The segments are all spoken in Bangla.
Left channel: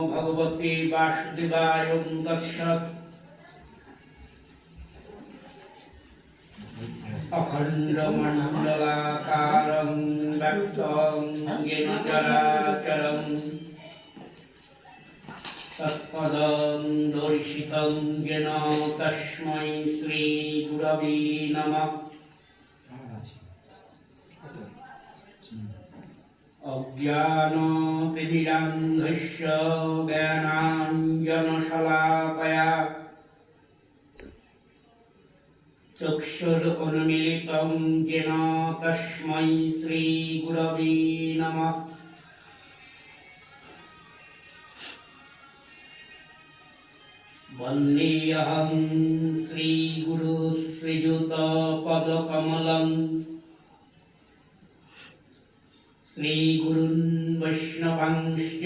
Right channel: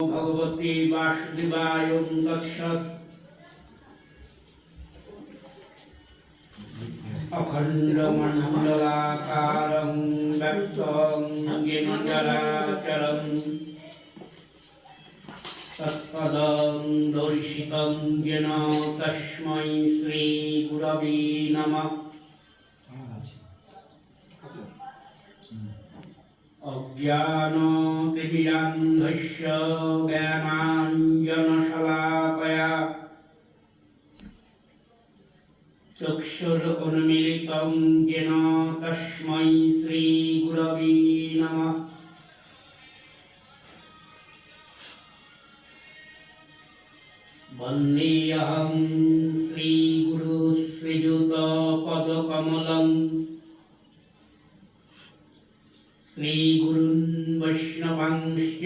भगवते वासुदेवाय तत्सत् अखण्डमण्डलाकारं व्याप्तं येन चराचरं तत्पदं दर्शितं येन तस्मै श्रीगुरवे नमः। अज्ञानतिमिरान्धस्य ज्ञानाञ्जनशलाकया चक्षुरुन्मीलितं येन तस्मै श्रीगुरवे नमः। वन्देऽहं श्रीगुरुश्रीयुतपदकमलं श्रीगुरून् वैष्णवांश्च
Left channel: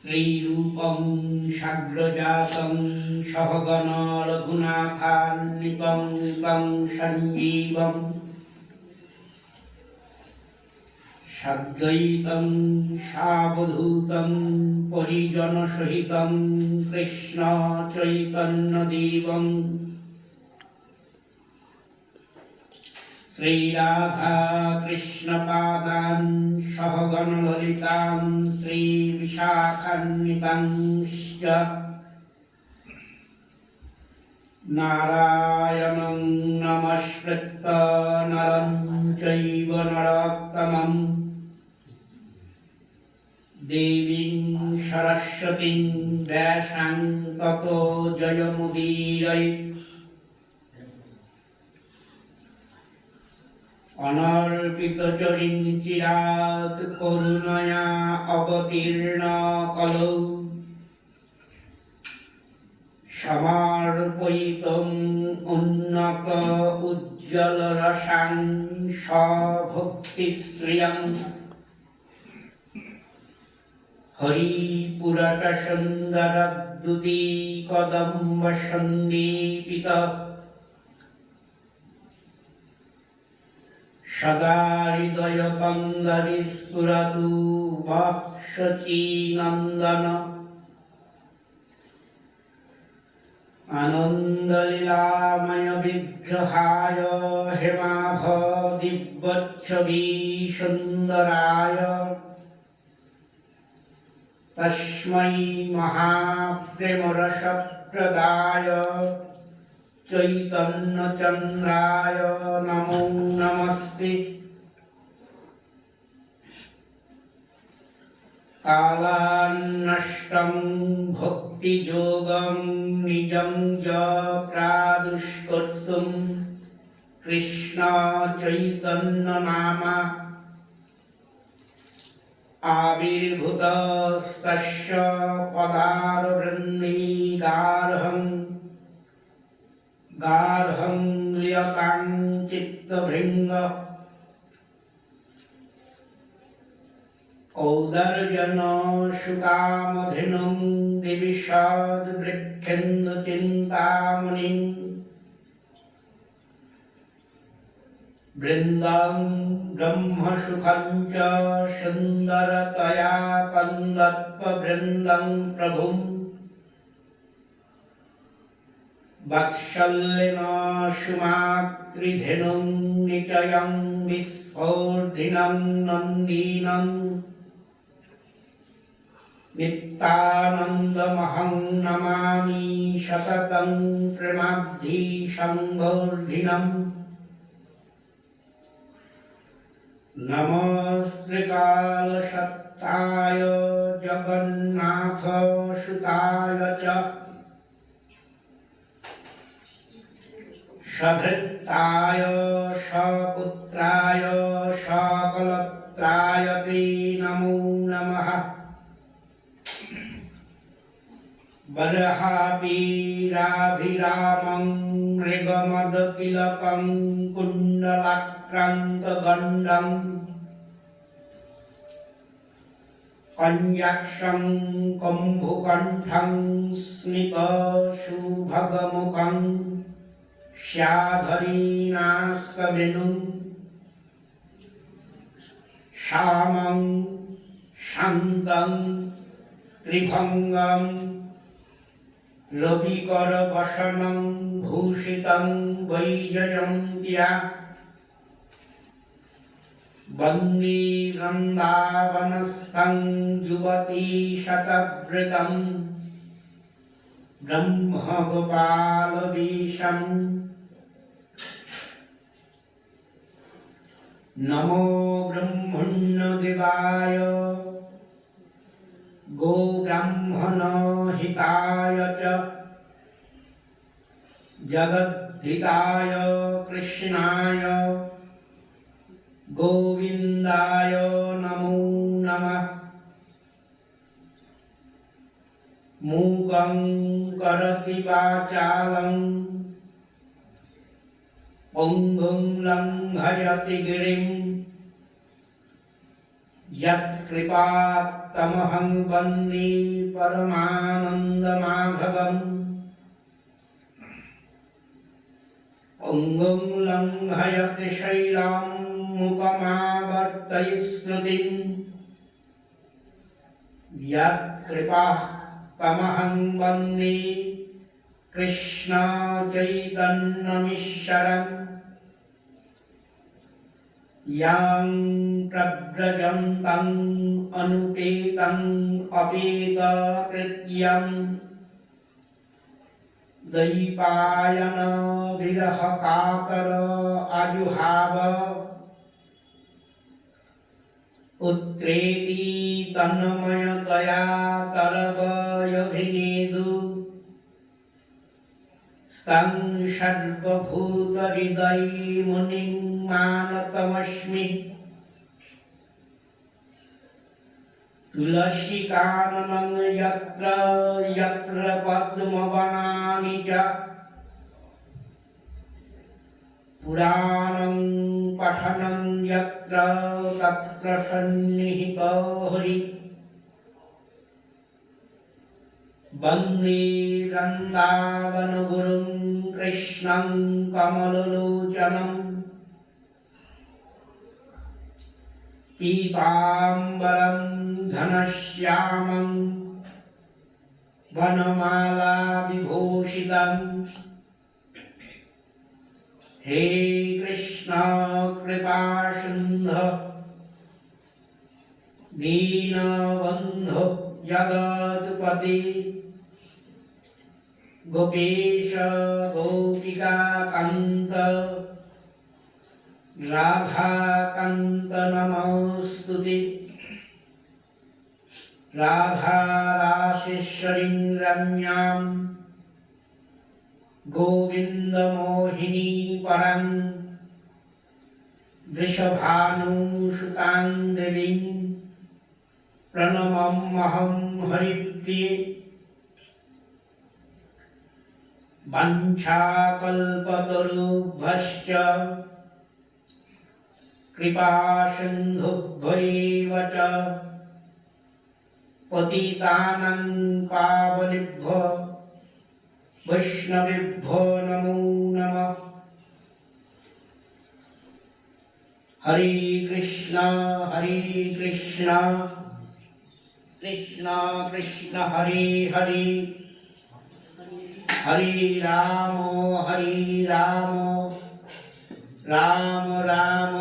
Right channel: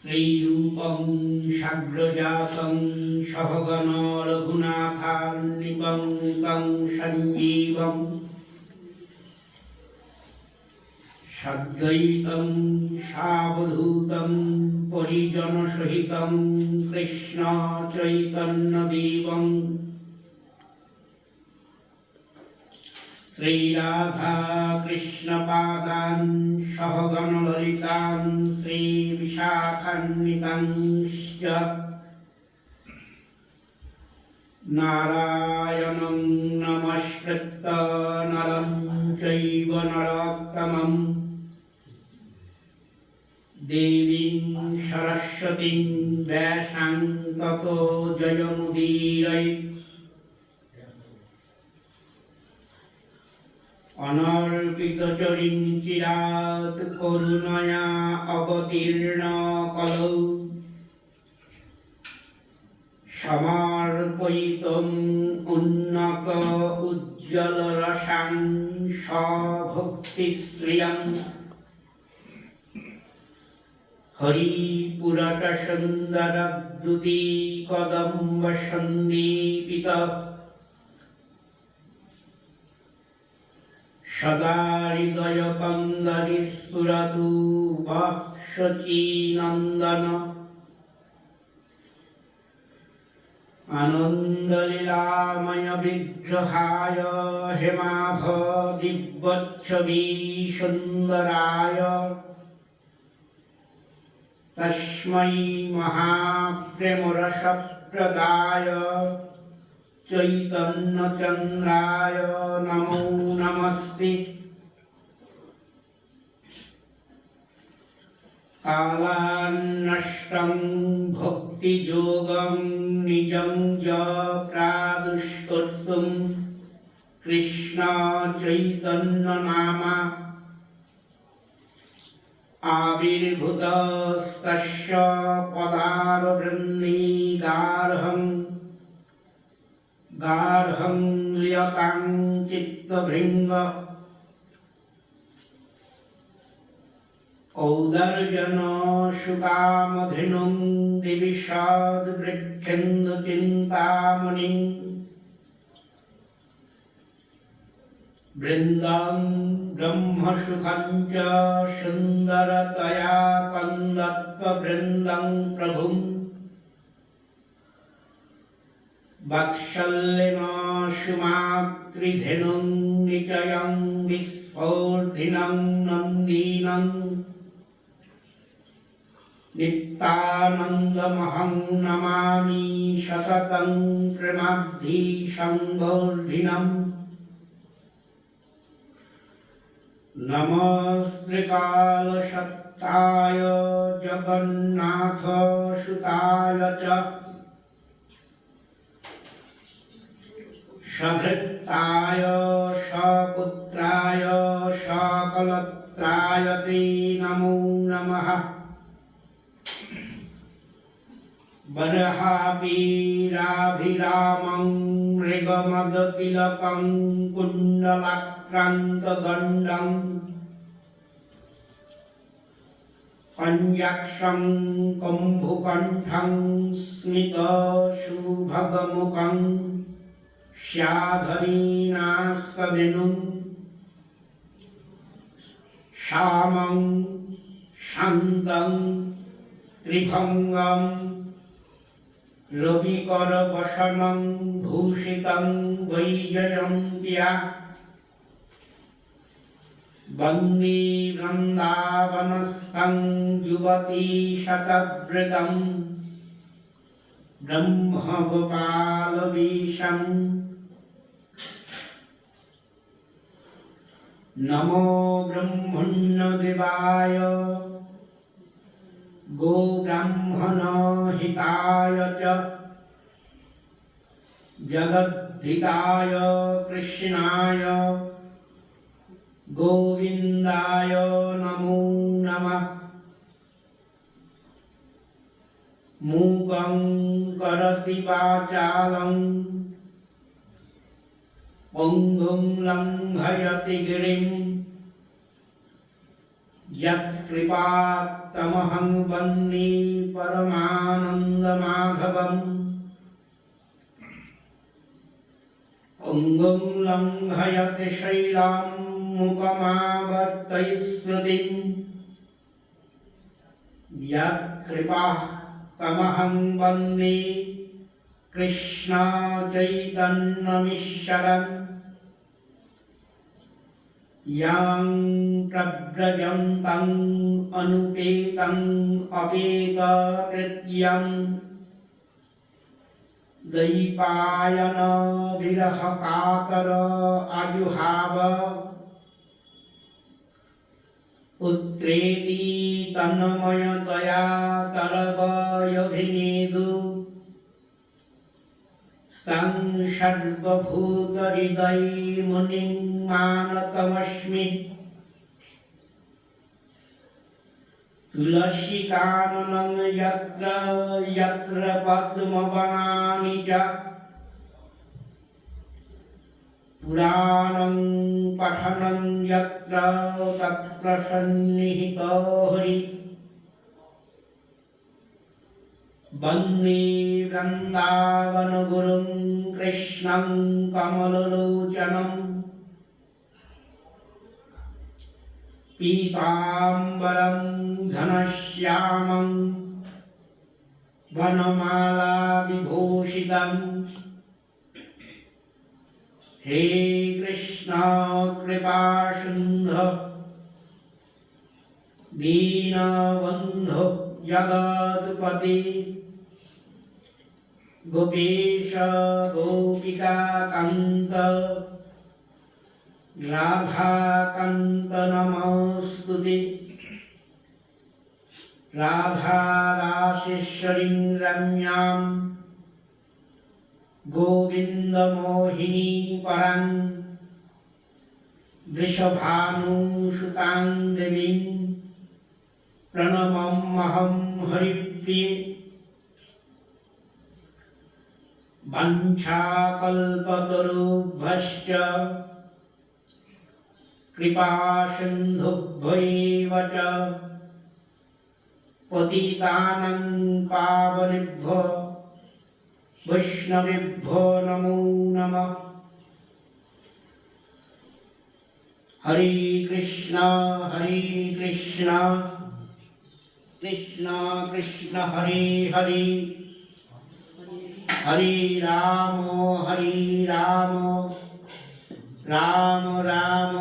श्रीरूपं साग्रजातं सहगण रघुनाथान्वितं तं सञ्जीवं सद्वैतं सावधूतं परिजनसहितं कृष्ण चैतन्यदेवं श्रीराधा कृष्णपादान् सहगण ललितां श्रीविशाखान्वितांश्च नारायणं नमस्कृत्य नरं चैव नरोत्तमं देवीं सरस्वतीं व्यासां ततो जयमुदीरयेत्। अनर्पितचरिञ्चिरात् करुणया अवतीर्ण कलौ समर्पयितुम् उन्नत उज्ज्वलरसां सभक्तिश्रियम् हरिपुरटसुन्दरद्युति कदम्बसन्दीपित सदा हृदयकन्दरि स्फुरतु वक्षचिनन्दन आनन्दलीलामय विग्रहाय हेमाभ दिव्यच्छवी सुन्दराय तस्मै महाप्रेमरसप्रदाय चैतन्यचन्द्राय नमो नमस्ते। कालान्नष्टं भक्तियोगं निजं च प्रादुष्कर्तुं कृष्ण चैतन्यनामा आविर्भूतस्तस्य पदारवृन्दी गार्हं लियतां चित्तभृङ्ग औदर्जन शुकामधेनुं दिविषद्वृक्षेन्दुचिन्तामणिं वृन्दं ब्रह्मसुखं च सुन्दरतया कन्दर्पवृन्दं प्रभुम् वात्सल्येन सुमातृधेनुं निचयं विस्फोर्धिनं नन्दीनं नित्यानन्दमहं नमामि सततं प्रेमाब्धि संवर्धिनम्। नमस्त्रिकालसत्ताय जगन्नाथसुताय च सभृताय सपुत्राय सकलत्राय ते नमो नमः। बर्हापीराभिरामं मृगमदतिलकं कुण्डलाक्रान्तगण्डं कञ्जाक्षं कम्भुकण्ठं स्मितसुभगमुखं स्याधरीनास्कवेणुं श्यामं शान्तं त्रिभंगं रविकरवसनं भूषितं वैजयन्त्या वन्दे वृन्दावनस्थं युवतीशतवृतं ब्रह्मगोपालवेशम् नमो ब्रह्मण्यदेवाय गोब्राह्मणहिताय च जगद्धिताय कृष्णाय गोविन्दाय नमो नमः। मूकं करोति वाचालं पङ्गुं लङ्घयति गिरिं यत्कृपात्तमहं वन्दे परमानन्दमाधवम्। पङ्गुं लङ्घयति शैलं मुखमावर्तयिष्यतिं यत्कृपात्तमहं वन्दे कृष्ण चैतन्यमीश्वरम्। यं प्रव्रजन्तं अनुपेतं अपेतकृत्यं दैपायन विरह कातर आजुहाव पुत्रेति तन्मयतया तरवयभिनेदु तं सर्वभूतहृदयमुनिं मानतमस्मि। तुलसीकाननं यत्र यत्र पद्मवनानि च पुराणं पठनं यत्र तत्र सन्निहितो हरिः। वन्दे वृन्दावनगुरुं कृष्णं कमललोचनं पीताम्बरं घनश्यामं वनमालाविभूषितं। हे कृष्ण कृपासिन्धु दीनबन्धो जगत्पते गोपेश गोपिकान्त राधाकान्त नमोऽस्तुते। राधारासेश्वरीं रम्यां गोविन्दमोहिनी परां वृषभानुसुतां देवीं प्रणमम्यहं हरिप्रिये। वञ्छाकल्पतरुभ्यश्च कृपासिन्धुभ्यैव च पतितानां पावनेभ्यो वैष्णवेभ्यो नमो नमः। हरे कृष्ण कृष्ण कृष्ण हरे हरे हरे राम राम राम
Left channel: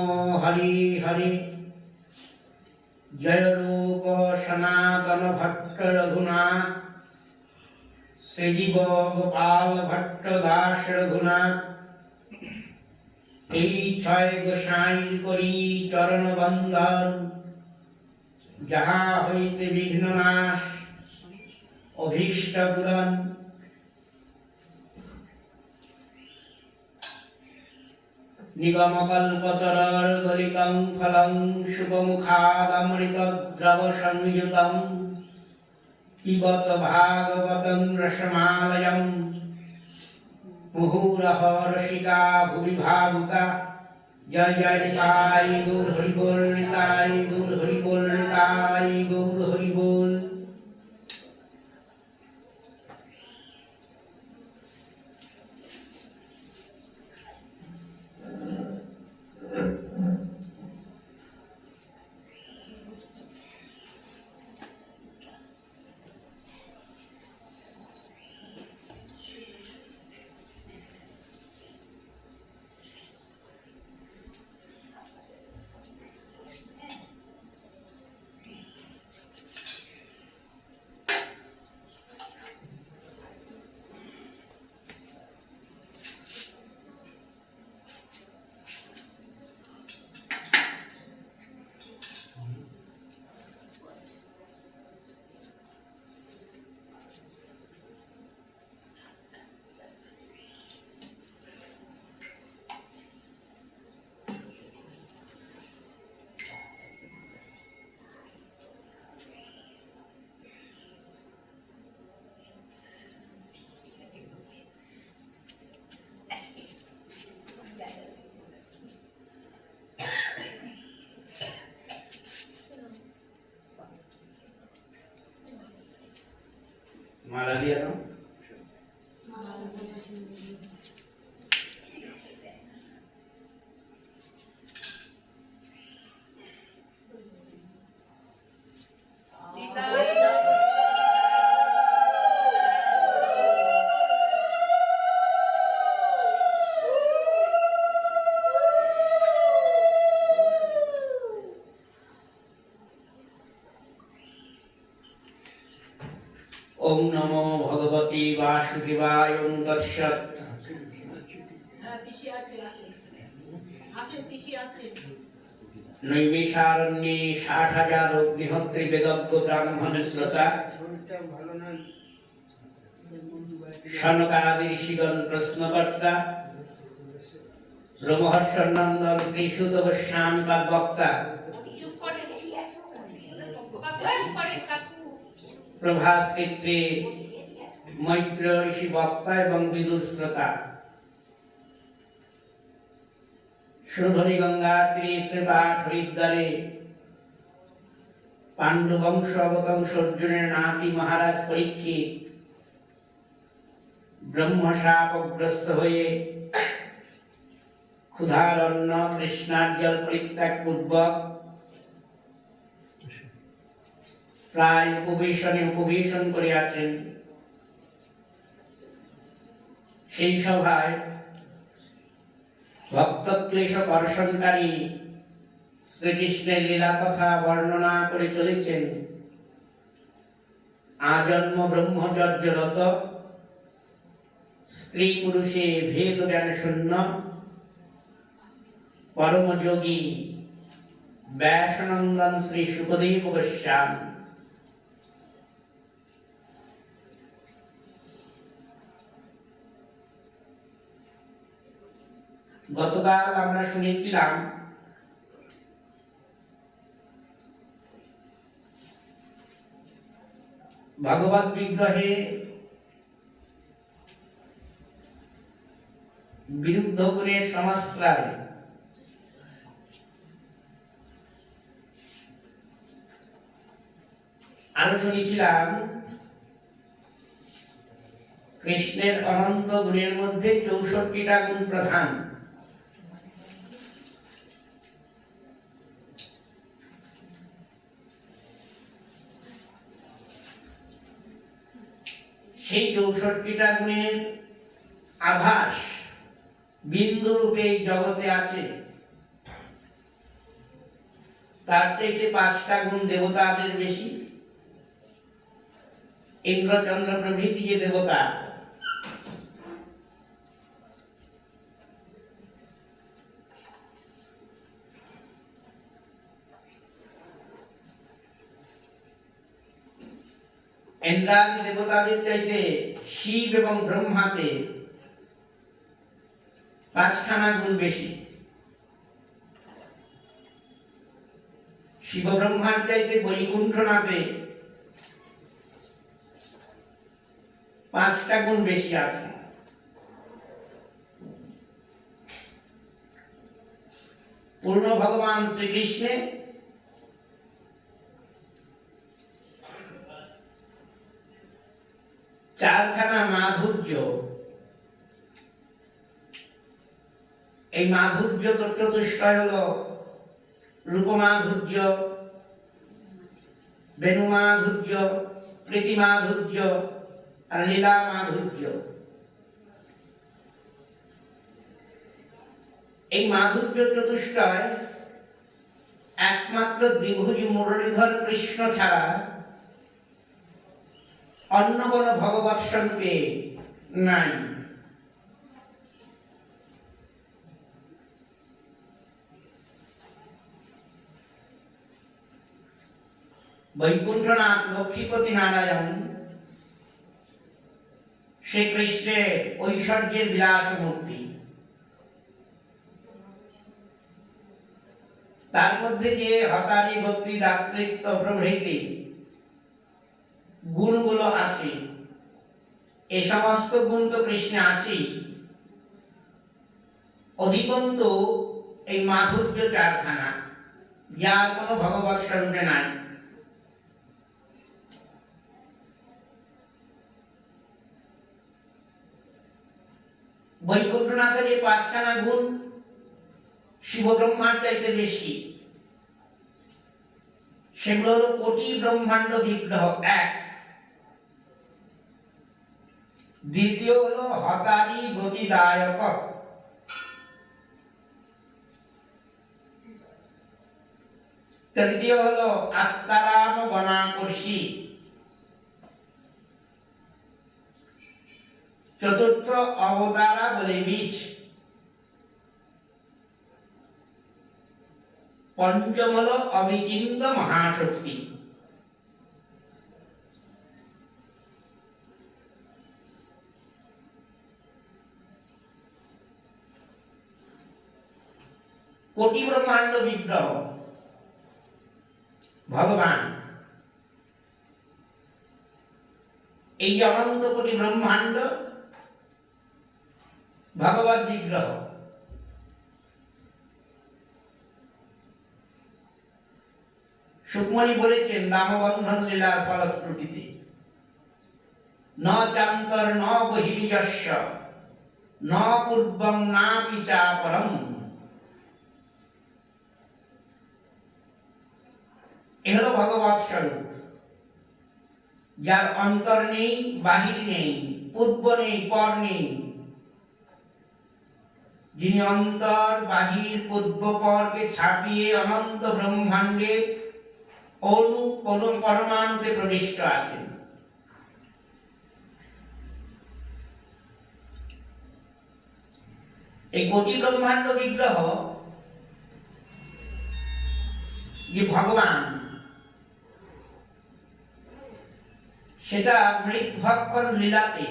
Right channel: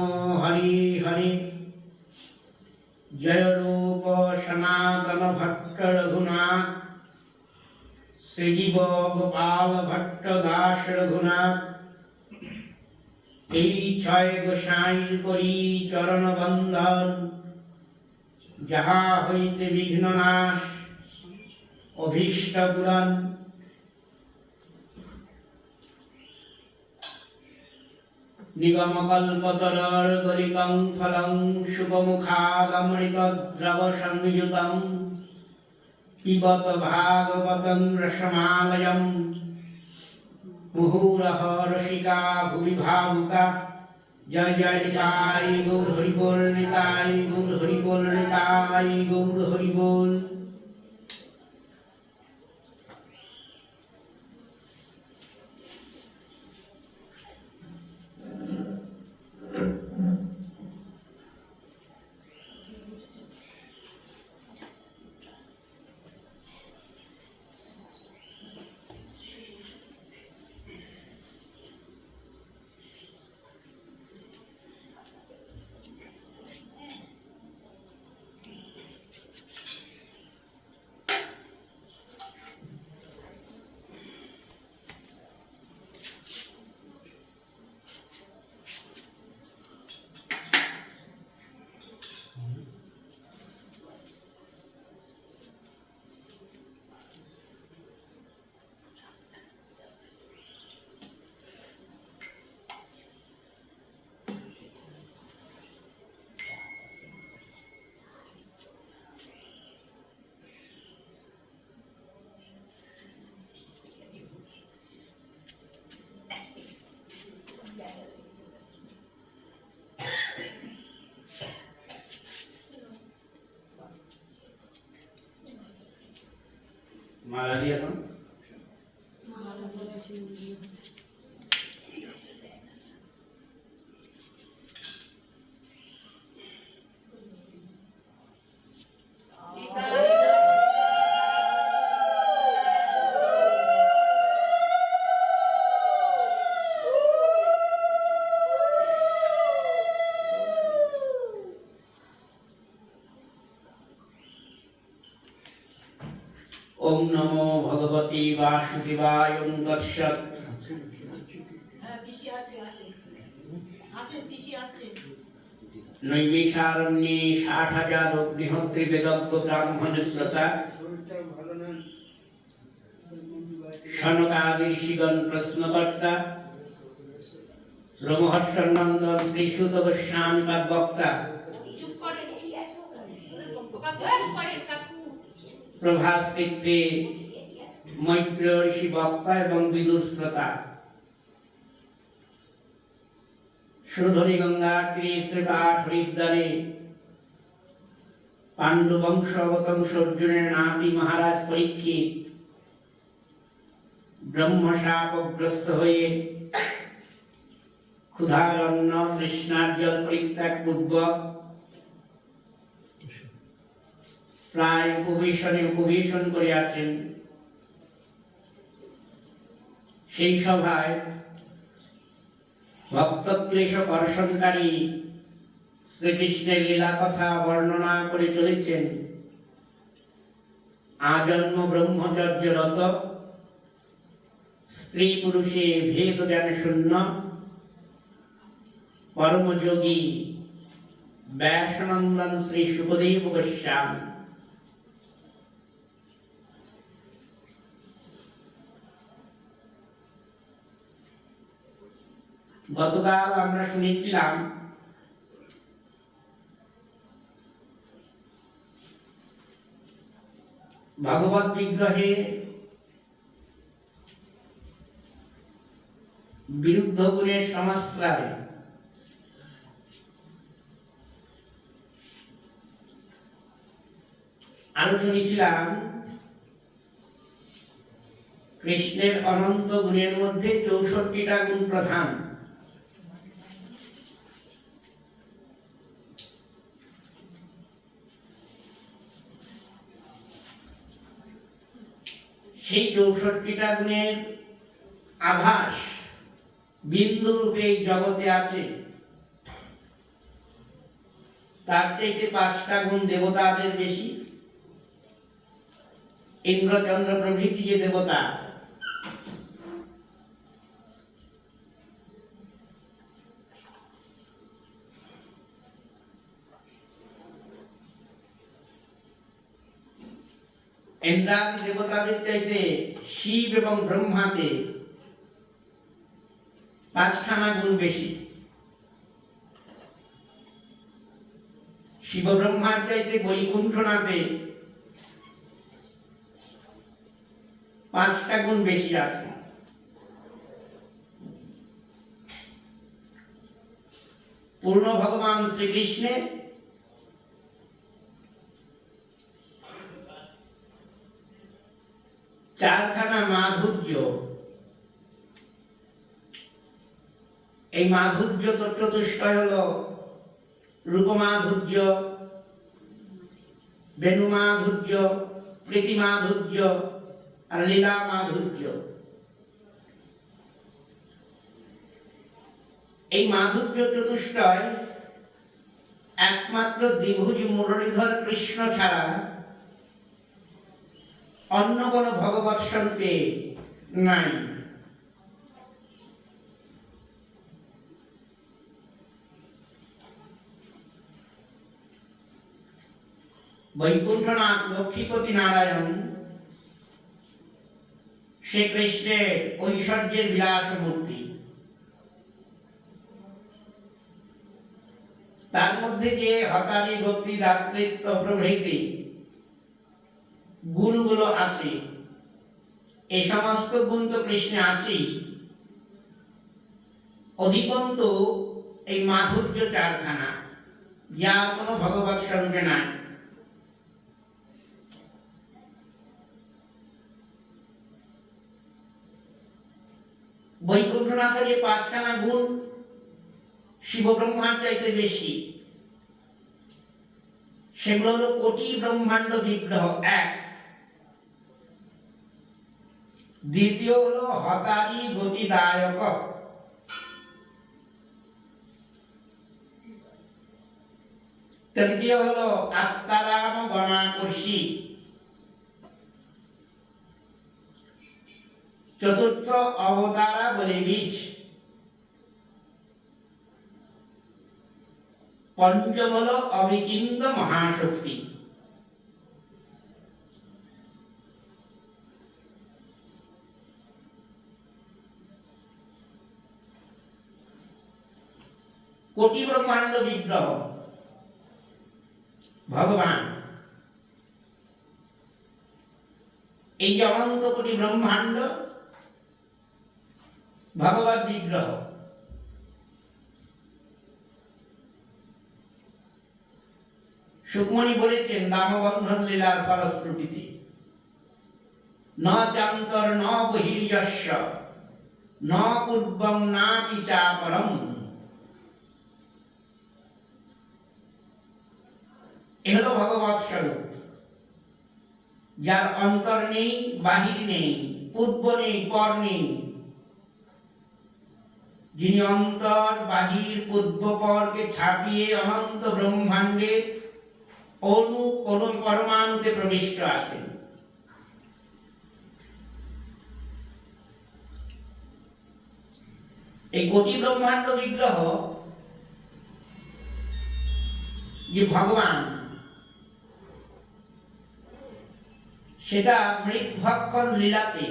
हरे हरे। जय रूप सनातन भट्ट रघुनाथ श्रीजीव गोपाल भट्ट दास रघुनाथ। এই ছয় গোসাইর করি চরণ বন্দন, যাহা হইতে বিঘ্ন নাশ অভীষ্ট পূরণ। নিগমকল্পতরর্গলিतं ফলং শুকমুখাদমৃতদ্রব সংযুতং পিবত ভাগবतं রসমালয়ং। মুহুরহ রসিকা ভুবি ভাবুকা। জয় জয় নিতাই গৌর হরি বল, নিতাই গৌর হরি বল, নিতাই গৌর হরি বল। মালা দিয়ে দাও। ओम नमो भगवती वासुदेवाय ओम तत्सत्। नैमिषारण्ये 60,000 अग्निहोत्री वेदज्ञ ब्राह्मण श्रोता शनकादि ऋषिगण प्रश्नकर्ता रोमहर्षनंदन श्रीसुत गोस्वामी वक्ता प्रभास्तित्रे मैत्र ऋषि वक्ता एवं विदुर श्रोता सुरधरी गंगा तीरे श्रीपाठ हरिद्वारे पांडु वंश अवतंश अर्जुनेर नाती महाराज परीक्षित ब्रह्मशापग्रस्त हुए क्षुधार अन्न तृष्णार जल परित्याग पूर्वक प्राय उपवेशन करे आছেন। সেই সভায় ভক্তক্লেশ কর্ষণকারী শ্রীকৃষ্ণের লীলা কথা বর্ণনা করে চলেছেন। আজন্ম ব্রহ্মচর্যরত স্ত্রী পুরুষে ভেদ জ্ঞান শূন্য পরমযোগী ব্যাসনন্দন শ্রী সুখদেব গোস্বামী। গতকাল আমরা শুনেছিলাম ভগবত বিগ্রহে বিরুদ্ধ গুণের সমাশ্রয় আরো শুনেছিলাম কৃষ্ণের অনন্ত গুণের মধ্যে 64টা গুণ প্রধান। সেই 64টা গুণের আভাস বিন্দু রূপে এই জগতে আছে। তার চাইতে 5টা গুণ দেবতাদের বেশি। ইন্দ্র চন্দ্র প্রভৃতি যে দেবতা ইন্দ্রাদি দেবতাদের চাইতে শিব এবং ব্রহ্মাতে 5খানা গুণ বেশি। শিব ব্রহ্মার চাইতে বৈকুণ্ঠনাথে 5টা গুণ বেশি আছে। পূর্ণ ভগবান শ্রীকৃষ্ণে 4খানা মাধুর্য। এই মাধুর্য চতুষ্টয় হলো রূপমাধুর্য, বেণুমাধুর্য, প্রীতিমাধুর্য আর লীলা মাধুর্য। এই মাধুর্য চতুষ্টয় একমাত্র দ্বিভুজ মুরলীধর কৃষ্ণ ছাড়া অন্য কোন ভগবৎ স্বরূপে নাই। বৈকুণ্ঠনাথ লক্ষ্মীপতি নারায়ণ শ্রীকৃষ্ণের ঐশ্বর্যের বিলাস মূর্তি। তার মধ্যে যে হতারি গতি দাতৃত্ব প্রভৃতি গুণগুলো আছে, এই সমস্ত গুণ তো কৃষ্ণে আছেই, অধিকন্তু এই মাধুর্য 4খানা যার কোনো ভগবৎ স্বরূপে নাই। বৈকুণ্ঠনাথের যে 5খানা গুণ শিব ব্রহ্মার চাইতে বেশি, সেগুলো হলো কোটি ব্রহ্মাণ্ড বিগ্রহ এক, দ্বিতীয় হলো হতারি গতিদায়ক, তৃতীয় হলো আত্মারাম গণাকর্ষী, চতুর্থ অবতারা বলে বীজ, পঞ্চম হলো অবিচিন্ত মহাশক্তি। কোটি ব্রহ্মাণ্ড বিগ্রহ ভগবান, এই যে অনন্ত কোটি ব্রহ্মাণ্ড ভগবত বিগ্রহ। সুকমণি বলেছেন দামবন্ধন লীলার ফলশ্রুতিতে, ন চান্তর ন বহির্যস্য ন পূর্বং নাপি চাপরম। এ হলো ভগবৎ স্বরূপ, যার অন্তর নেই, বাহির নেই, পূর্ব নেই, পর নেই। যিনি অন্তর বাহির পূর্ব পরকে ছাপিয়ে অনন্ত ব্রহ্মাণ্ডের অণু পরমাণুতে প্রবিষ্ট আছেন। এই কোটি ব্রহ্মাণ্ড বিগ্রহ যে ভগবান, সেটা মৃৎভক্ষণ লীলাতে,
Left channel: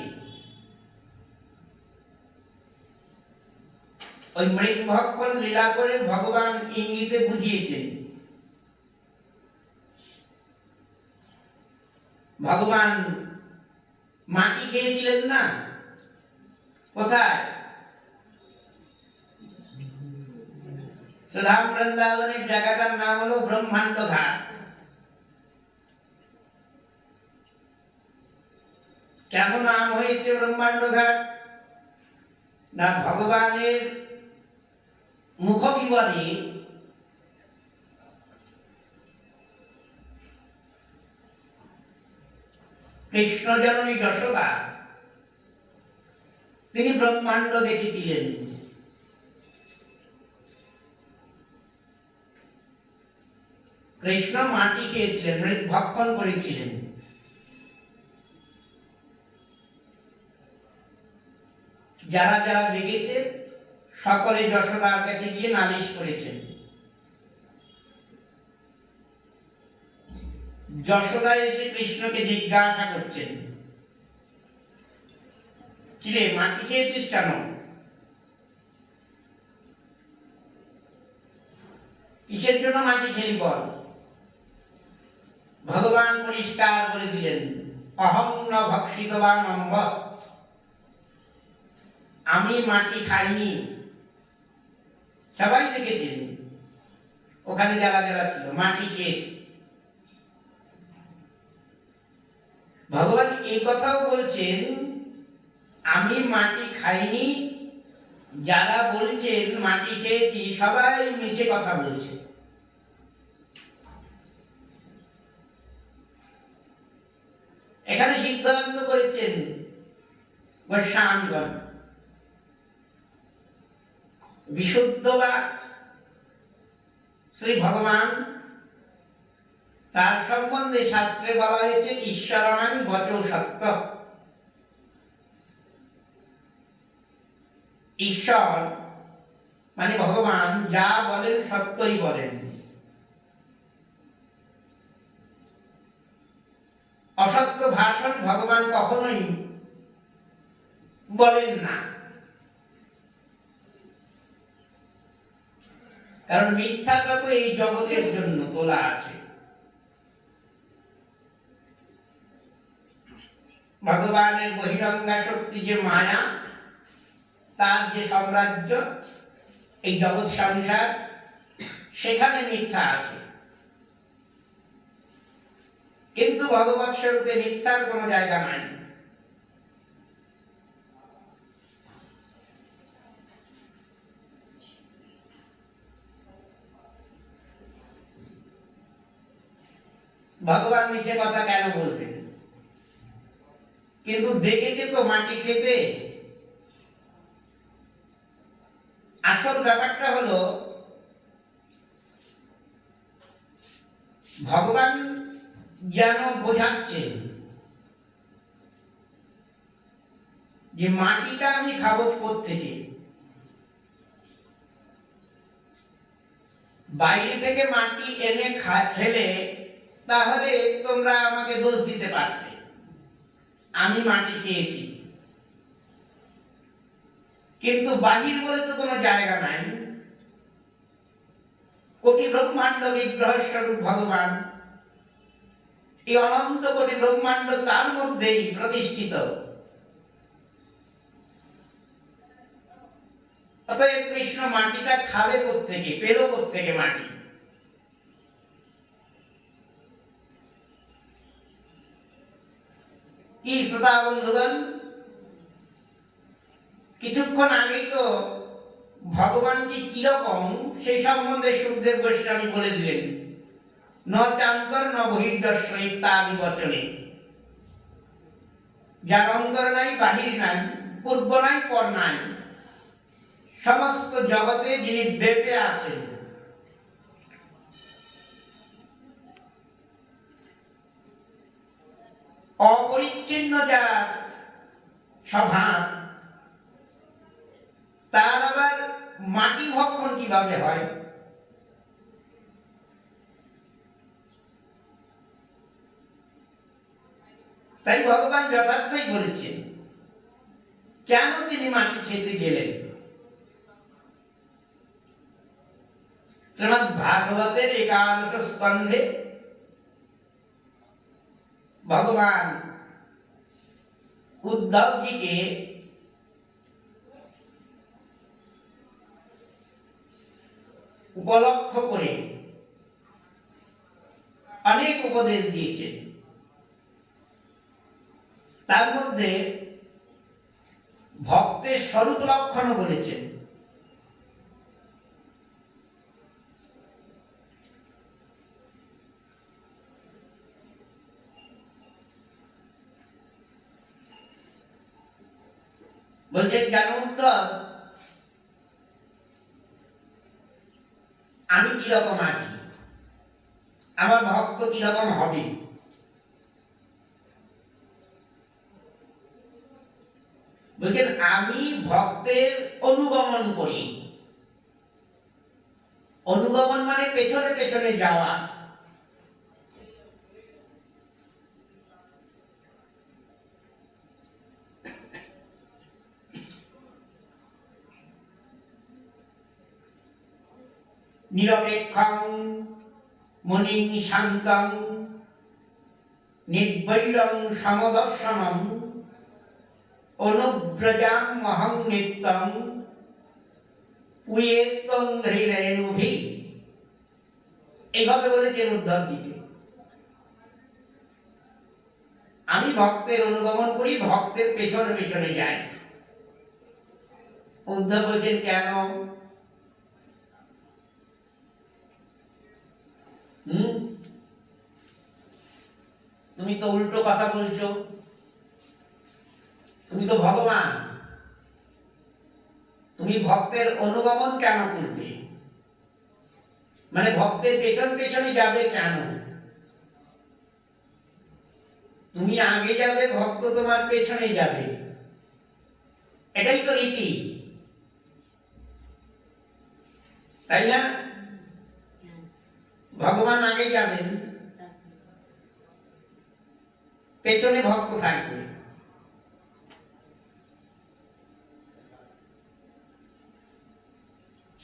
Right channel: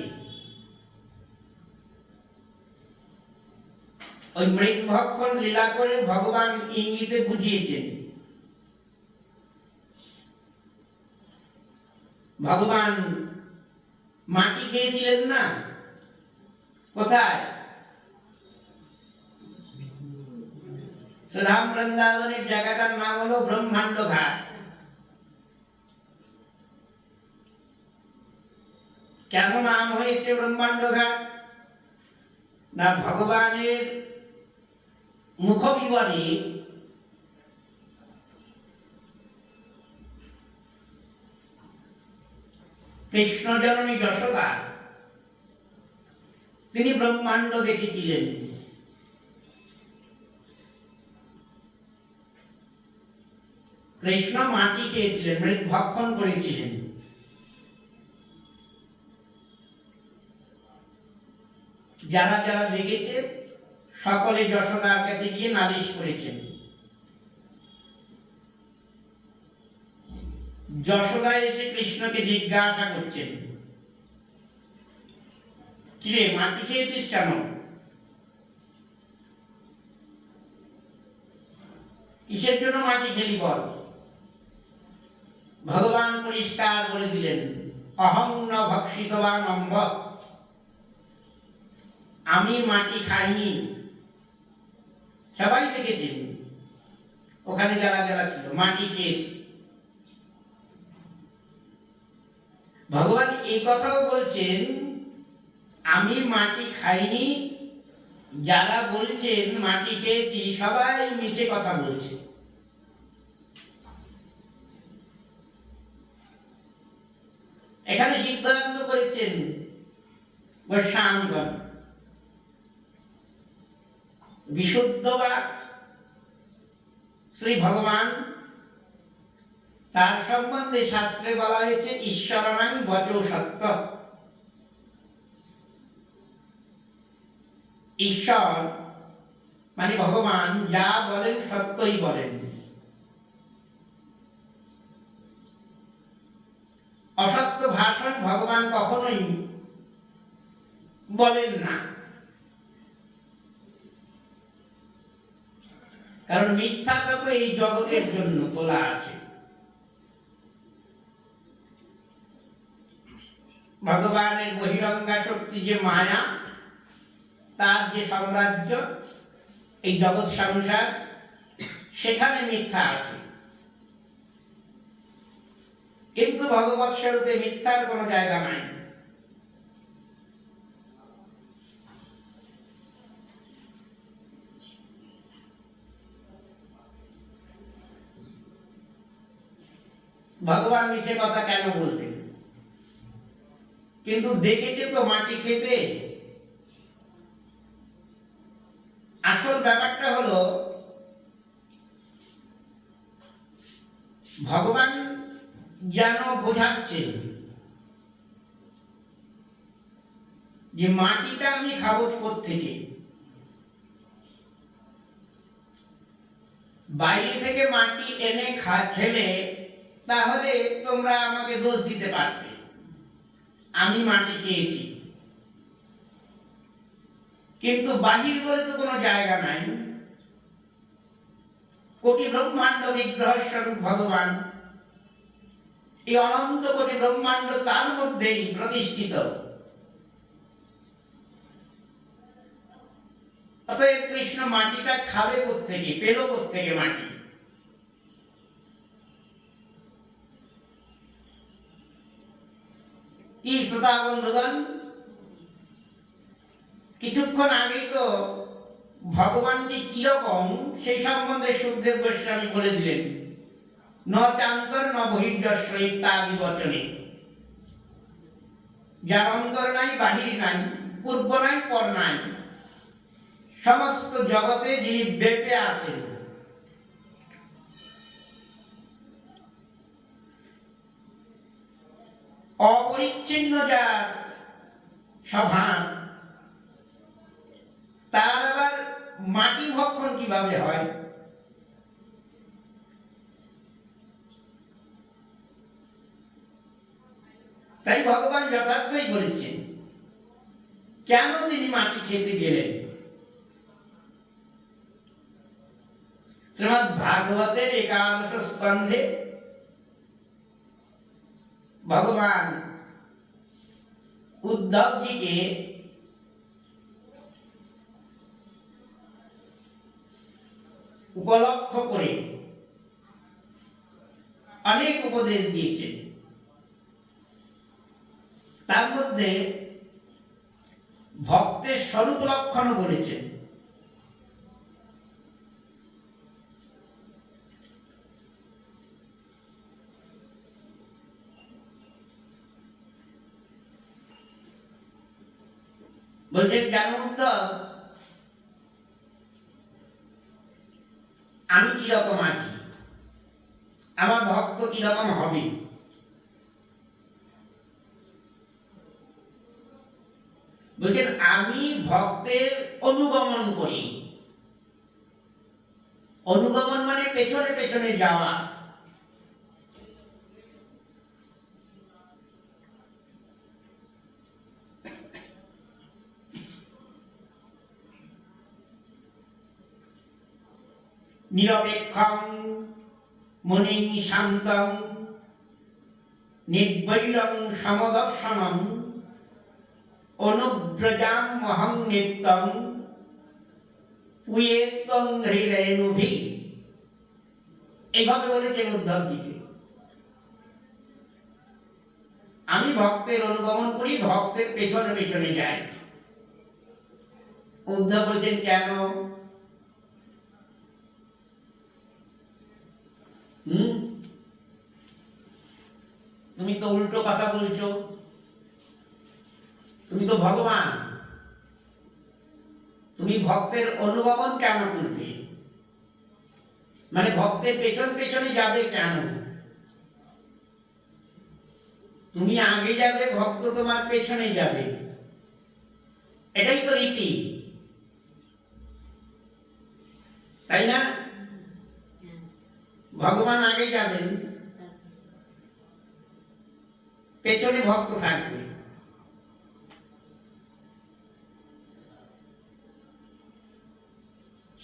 ওই মৃৎভক্ষণ লীলা করে ভগবান ইঙ্গিতে বুঝিয়েছেন। ভগবান মাটি খেয়েছিলেন না? কোথায়? সুধাম বৃন্দাবনের জায়গাটার নাম হলো ব্রহ্মাণ্ড ঘাট। কেন নাম হয়েছে ব্রহ্মাণ্ড ঘাট? না, ভগবানের মুখবিবরে কৃষ্ণ জননী যশোদা তিনি ব্রহ্মাণ্ড দেখেছিলেন। কৃষ্ণ মাটি খেয়েছিলেন, মৃৎভক্ষণ করেছিলেন। যারা যারা দেখেছে সকলে যশোদার কাছে গিয়ে নালিশ করেছেন। যশোদা এসে কৃষ্ণকে জিজ্ঞাসা করছেন, কিরে মাটি খেয়েছিস কেন? কিসের জন্য মাটি খেলি বল? ভগবান পরিষ্কার বলে দিলেন, অহং ন ভক্ষিতবান অম্ব, আমি মাটি খাইনি। সবাই দেখেছেন ওখানে যারা যারা ছিল, মাটি খেয়েছে। ভগবান এই কথাও বলছেন, আমি মাটি খাইনি। যারা বলছেন মাটি খেয়েছি, সবাই মিছে কথা বলছে। এখানে সিদ্ধান্ত করেছেন গোস্বামীগণ, বিশুদ্ধবাদ শ্রী ভগবান, তার সম্বন্ধে শাস্ত্রে বলা হয়েছে ঈশ্বরাং বচো সত্য। ঈশ্বর মানে ভগবান যা বলেন সত্যই বলেন। অসত্য ভাষণ ভগবান কখনোই বলেন না, কারণ মিথ্যাটা তো এই জগতের জন্য তোলা আছে। ভগবানের বহিরঙ্গা শক্তি যে মায়া, তার যে সাম্রাজ্য, এই জগৎ সংসার, সেখানে মিথ্যা আছে। কিন্তু ভগবৎ স্বরূপে মিথ্যার কোনো জায়গা নাই। ভগবান মিছে কথা কেন বলবেন? কিন্তু দেখেছে তো মাটি খেতে। আসল ব্যাপারটা হলো ভগবান যেন বোঝাচ্ছেন যে মাটিটা আমি খাবো কোত্থেকে? বাইরে থেকে মাটি এনে খেলে তাহলে তোমরা আমাকে দোষ দিতে পারতে, আমি মাটি খেয়েছি। কিন্তু বাহির বলে তো কোনো জায়গা নাই। কোটি ব্রহ্মাণ্ড বিগ্রহ স্বরূপ ভগবান, এই অনন্ত কোটি ব্রহ্মাণ্ড তার মধ্যেই প্রতিষ্ঠিত। অতএব কৃষ্ণ মাটিটা খাবে কোত্থেকে, পেল কোত্থেকে মাটি? কি শ্রোতা বন্ধুগণ, কিছুক্ষণ আগেই তো ভগবানটি কিরকম সেই সম্বন্ধে সুখদেব গোস্বামী বলে দিলেন। ন চান্তর ন বহির্যস্য ইত্যাদি বচনে। যার অন্তর নাই, বাহির নাই, পূর্ব নাই, পর নাই, সমস্ত জগতে যিনি ব্যাপে আছেন, অপরিচ্ছিন্ন যার স্বভাব, তার আবার মাটি ভক্ষণ কিভাবে হয়? তাই ভগবান যথার্থই বলেছেন, কেন তিনি মাটি খেতে গেলেন? শ্রীমদ্ ভাগবতের 11 স্কন্ধে ভগবান উদ্ধবজিকে উপলক্ষ করে অনেক উপদেশ দিয়েছেন। তার মধ্যে ভক্তের স্বরূপ লক্ষণ বলেছেন। বলছেন, জানো উদ্ধব, আমি কিরকম আছি, আমার ভক্ত কিরকম হবে? বলছেন, আমি ভক্তের অনুগমন করি। অনুগমন মানে পেছনে পেছনে যাওয়া। নিরপেক্ষং মুনিং শান্তং নির্বৈরং সমদর্শনং অনুব্রজাম মহং নিত্যং পুয়েত্তং হৃদয়নুভি। এইভাবে বলেছেন উদ্ধবজিকে। আমি ভক্তের অনুগমন করি, ভক্তের পেছনে পেছনে যাই। উদ্ধব বলছেন, কেন? তুমি তো উল্টো কথা বলছো। তুমি তো ভগবান, তুমি ভক্তের অনুগমন কেন করবে? মানে ভক্তের পেছন পেছনে যাবে কেন? তুমি আগে যাবে, ভক্ত তোমার পেছনে যাবে, এটাই তো রীতি, তাই না? ভগবান আগে যাবেন, পেছনে ভক্ত থাকবে।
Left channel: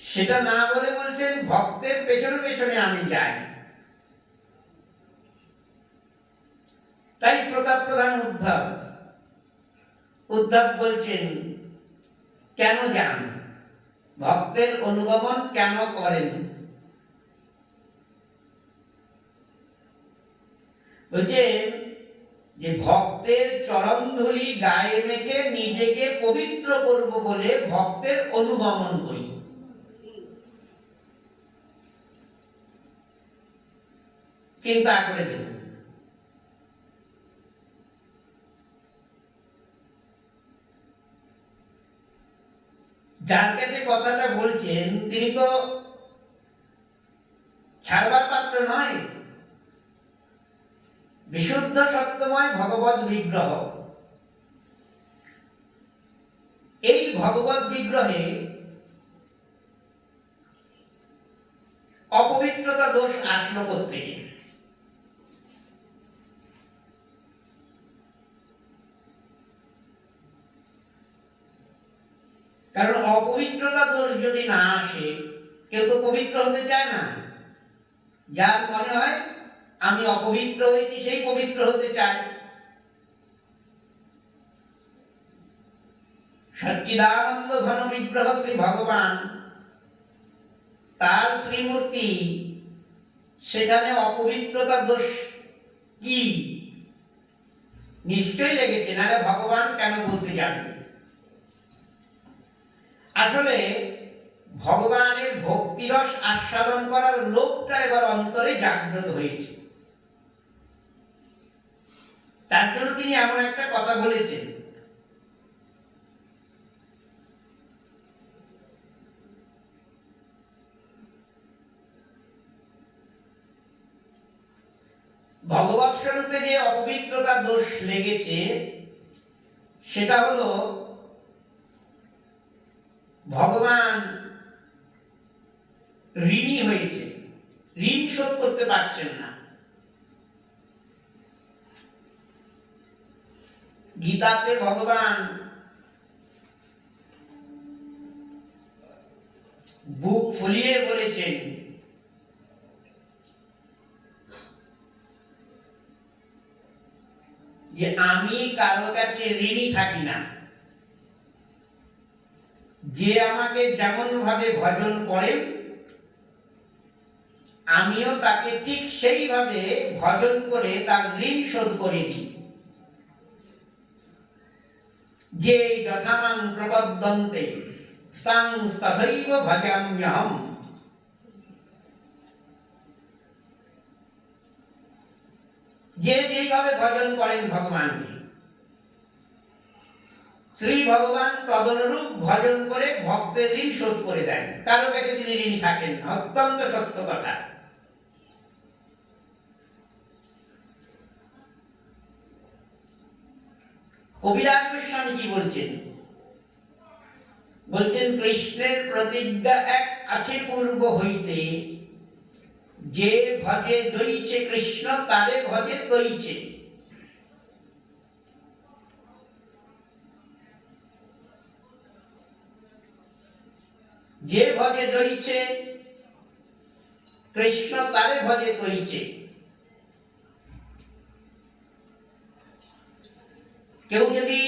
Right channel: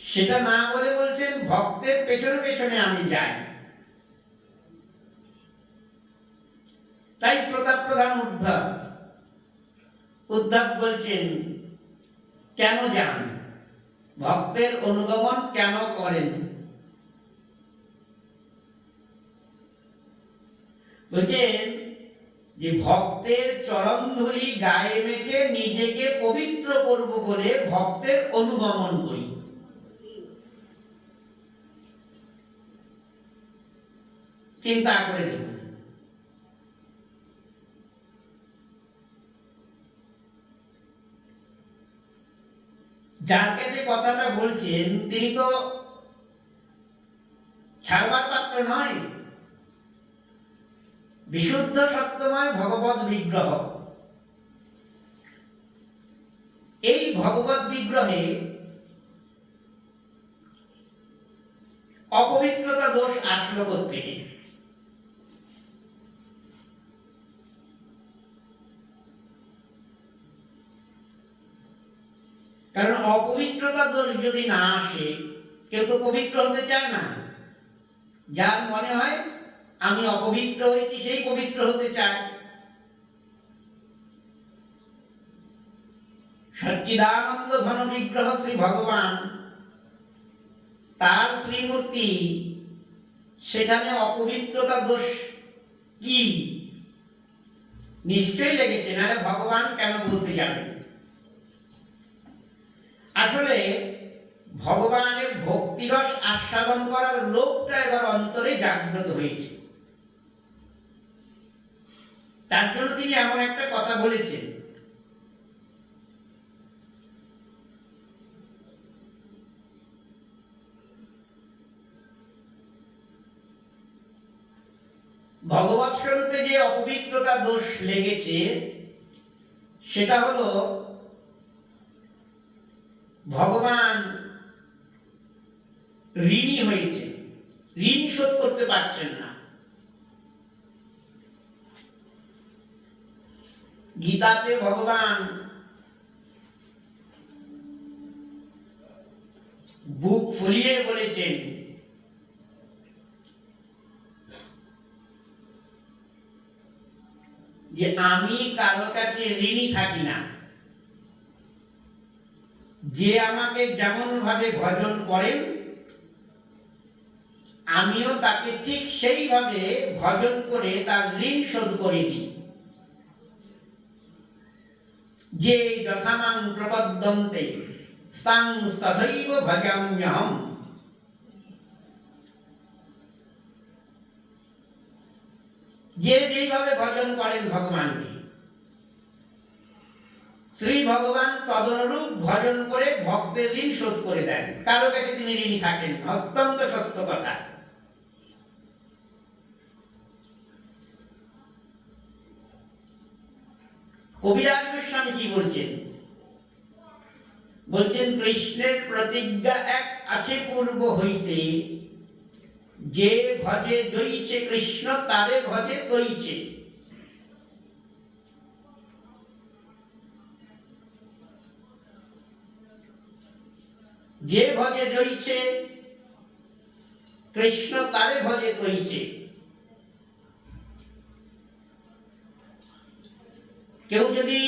সেটা না বলে বলছেন, ভক্তের পেছনে পেছনে আমি যাই। তাই শ্রোতা প্রধান উদ্ধব বলছেন, কেন যান, ভক্তের অনুগমন কেন করেন? বলছেন যে ভক্তের চরণধূলি গায়ে মেখে নিজেকে পবিত্র করব বলে ভক্তের অনুগমন করি। চিন্তা করে দেখুন, যার কাছে কথাটা বলছেন তিনি তো ছাড়বার পাত্র নয়, বিশুদ্ধ সত্যময় ভগবৎ বিগ্রহ। এই ভগবৎ বিগ্রহে অপবিত্রতা দোষ আসলো কোত্থেকে? কারণ অপবিত্রতা দোষ যদি না আসে, কেউ তো পবিত্র হতে চায় না। যার মনে হয় আমি অপবিত্র হয়েছি সেই পবিত্র হতে চায়। সচ্চিদানন্দ ঘন বিগ্রহ শ্রী ভগবান, তার শ্রীমূর্তি, সেখানে অপবিত্রতা দোষ কি? নিশ্চয়ই লেগেছে, নাহলে ভগবান কেন বলতে যাবেন? আসলে ভগবানের ভক্তিরস আস্বাদন করার লোকটা এবার অন্তরে জাগ্রত হয়েছে। তার জন্য তিনি এমন একটা কথা বলেছেন, ভগবৎ স্বরূপে যে অপবিত্রতা দোষ লেগেছে সেটা হলো ভগবান ঋণী হয়েছে, ঋণ শোধ করতে পারছেন না। গীতাতে ভগবান বুক ফুলিয়ে বলেছেন যে আমি কারো কাছে ঋণী থাকি না। যে আমাকে যেমন ভাবে ভজন করেন আমিও তাকে ঠিক সেইভাবে ভজন করে তার ঋণ শোধ করে দিই। যে যথামাং প্রপদ্যন্তে তাং তথৈব ভজাম্যহম। যে যেভাবে ভজন করেন ভগবানকে, শ্রী ভগবান তদনুরূপ ভজন করে ভক্তের ঋণ শোধ করে দেন। কারো কাছে তিনি ঋণী থাকেন, অত্যন্ত সত্য কথা। কবিরাজ গোস্বামী কি বলছেন? বলছেন কৃষ্ণের প্রতিজ্ঞা এক আছে পূর্ব হইতে, যে ভজে দইছে কৃষ্ণ তারে ভজে তৈছে। যে ভজে দইছে কৃষ্ণ তারে ভজে তৈছে। কেউ যদি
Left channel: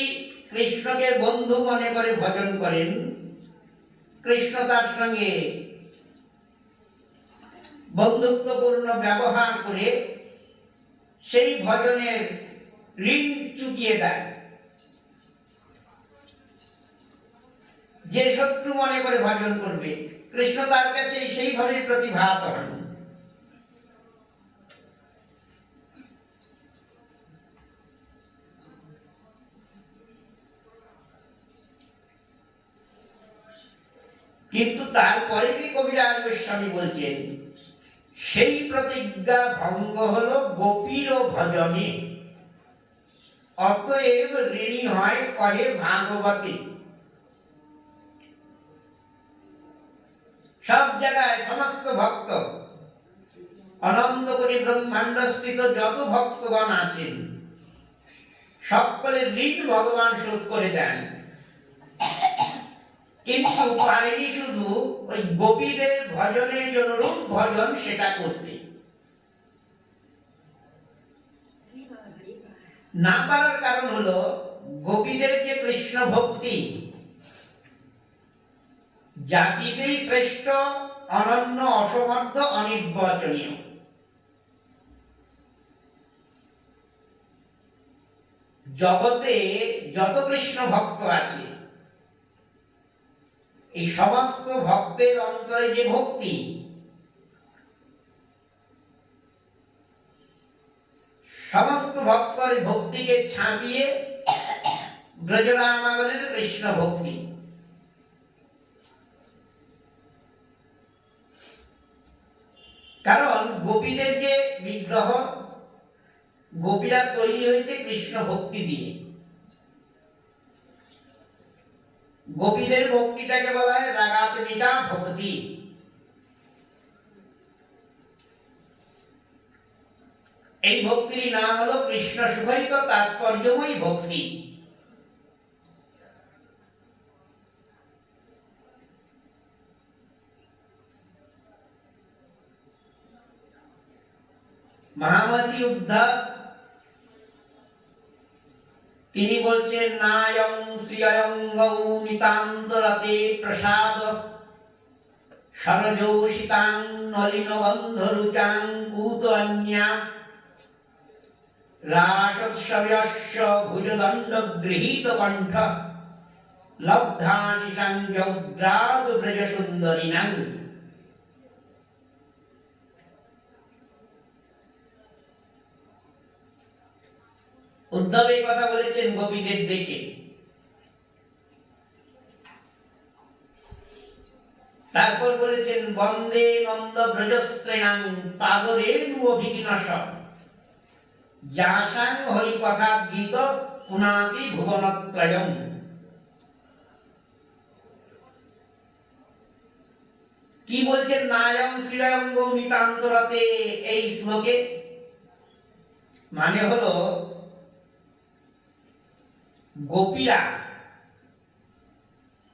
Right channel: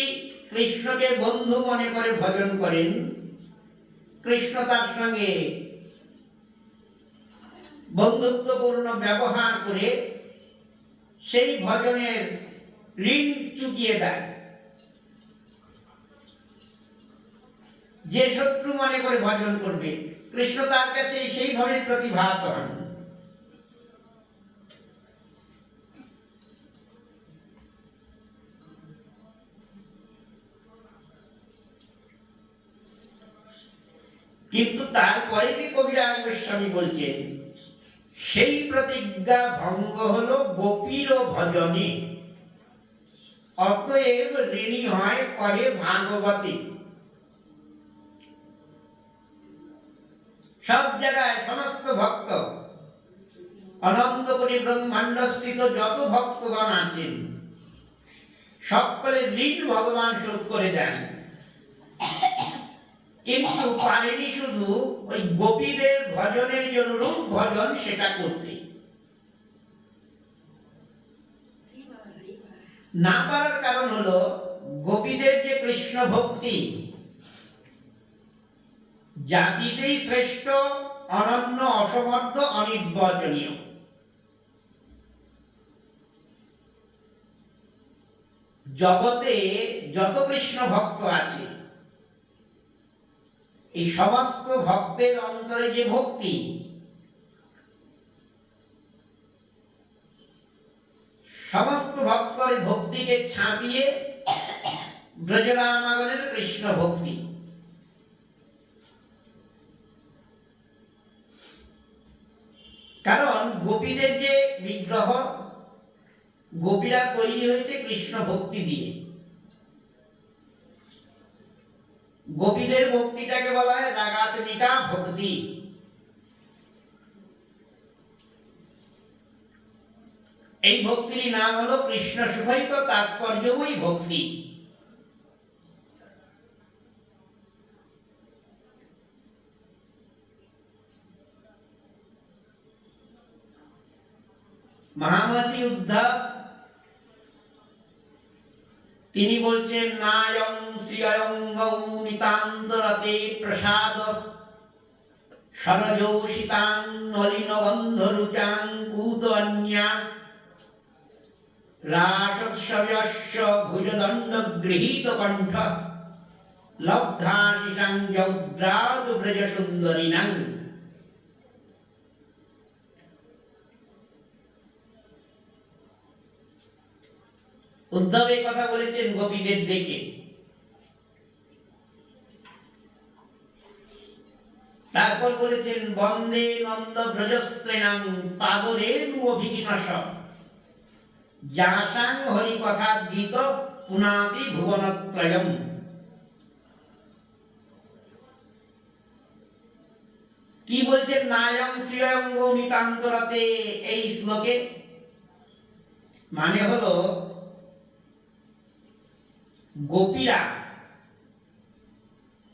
কৃষ্ণকে বন্ধু মনে করে ভজন করেন, কৃষ্ণ তার সঙ্গে বন্ধুত্বপূর্ণ ব্যবহার করে সেই ভজনের ঋণ চুকিয়ে দেয়। যে শত্রু মনে করে ভজন করবে, কৃষ্ণ তার কাছে সেইভাবে প্রতিভাত হন। কিন্তু তারপরে কি কবিরাজ গোস্বামী বলছেন, সেই প্রতিজ্ঞা ভঙ্গ হলো গোপীর ভজনে, অতএব ঋণী হয় কহে ভাগবতী। সব জায়গায় সমস্ত ভক্ত, অনন্ত কোটি ব্রহ্মাণ্ড স্থিত যত ভক্তগণ আছেন, সকলের ঋণ ভগবান শোধ করে দেন। কিন্তু পারেনি শুধু ওই গোপীদের ভজনের জন্য রূপ ভজন সেটা করতে। না পারার কারণ হলো গোপীদের যে কৃষ্ণ ভক্তি জাতিতেই শ্রেষ্ঠ, অনন্য, অসমর্থ, অনির্বচনীয়। জগতে যত কৃষ্ণ ভক্ত আছে, এই সমস্ত ভক্তের অন্তরে যে ভক্তি, সমস্ত ভক্তের ভক্তিকে ছাপিয়ে ব্রজরামাগণের কৃষ্ণ ভক্তি। গোপীদের যে বিগ্রহ, গোপীরা তৈরি হয়েছে কৃষ্ণ ভক্তি দিয়ে। গোপীদের ভক্তিটাকে বলা হয় রাগাত্মিকা ভক্তি। এই ভক্তির নাম হলো কৃষ্ণ সুখৈক তাৎপর্যময়ী ভক্তি। মহামতি উদ্ধব তিনি বলছেন, নায়ং শ্রিয়ং গৌ নিতান্তরতে প্রসাদ সরজৌষিতাং নলিন গন্ধ রুচাং কূতন্যা রাসোৎসব্যস্য ভুজদণ্ড গৃহীত কণ্ঠ লব্ধাশিষাং যৌদ্রাদ ব্রজ সুন্দরিণাং। উদ্ধব এই কথা বলেছেন গোপীদের দেখে। তারপর বলেছেন, বন্দে নন্দ ব্রজস্ত্রীণাং পাদরেণু অভিঘ্নস যাসাং হরি কথা গীত পুনাতি ভুবনত্রয়ম। কি বলছেন নায়ং শ্রিয়ং গৌ নিতান্তরতে এই শ্লোকে? মানে হলো গোপীরা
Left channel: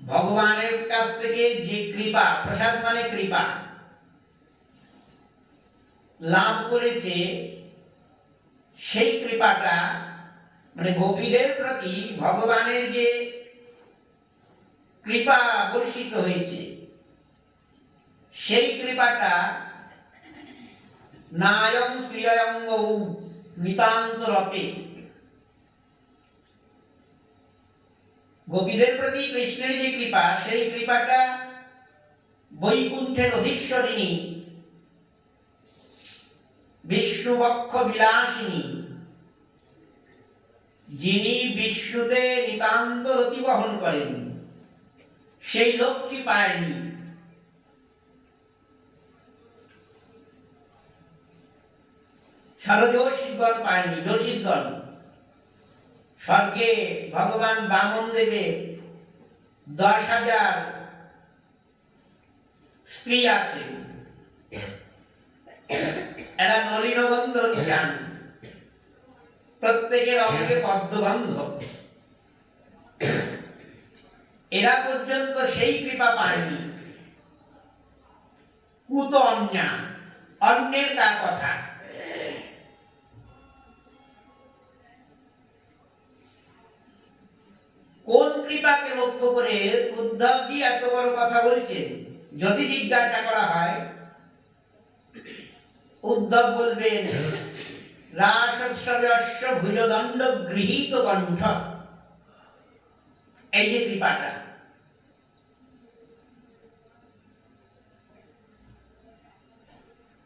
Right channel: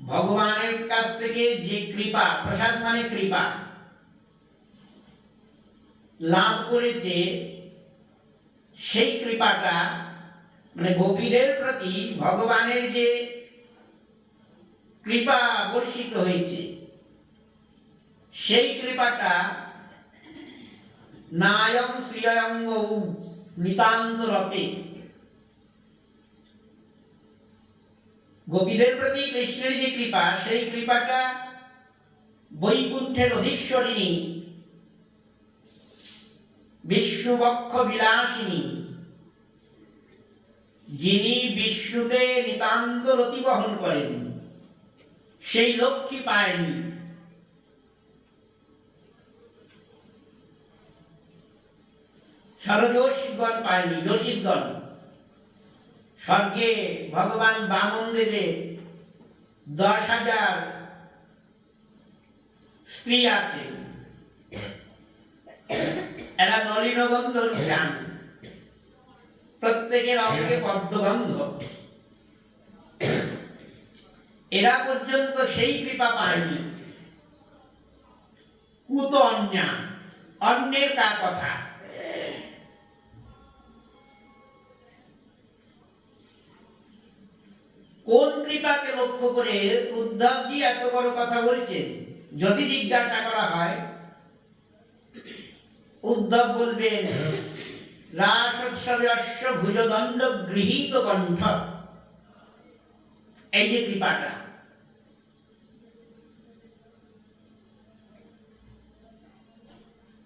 ভগবানের কাছ থেকে যে কৃপা, প্রসাদ মানে কৃপা, লাভ করেছে, সেই কৃপাটা মানে গোপীদের প্রতি ভগবানের যে কৃপা বর্ষিত হয়েছে, সেই কৃপাটা নায়ং শ্রিয়ং গৌ নিতান্তরতে, গোপীদের প্রতি কৃষ্ণের যে কৃপা, সেই কৃপাটা বৈকুণ্ঠের অধীশ্বরিণী বিষ্ণুবক্ষ বিলাসিনী, যিনি বিষ্ণুতে নিতান্ত রতি বহন করেন, সেই লক্ষ্মী পায়নি। সরযোষিতগণ পায়নি। যোষিতগণ স্বর্গে ভগবান বামন দেবে 10,000 স্ত্রী আছে, এরা নলিনগন্ধ চান, প্রত্যেকের অঙ্গে পদ্মগন্ধ, এরা পর্যন্ত সেই কৃপা পায়নি। কুত অন্যা, অন্যের তার কথা। কোন কৃপাকে লক্ষ্য করে উদ্ধবজি এত বড় কথা বলছেন? যদি জিজ্ঞাসা করা হয়, উদ্ধব বলবেন রাসোৎসব্যস্য ভুজদণ্ড গৃহীত কণ্ঠ। এই যে কৃপাটা,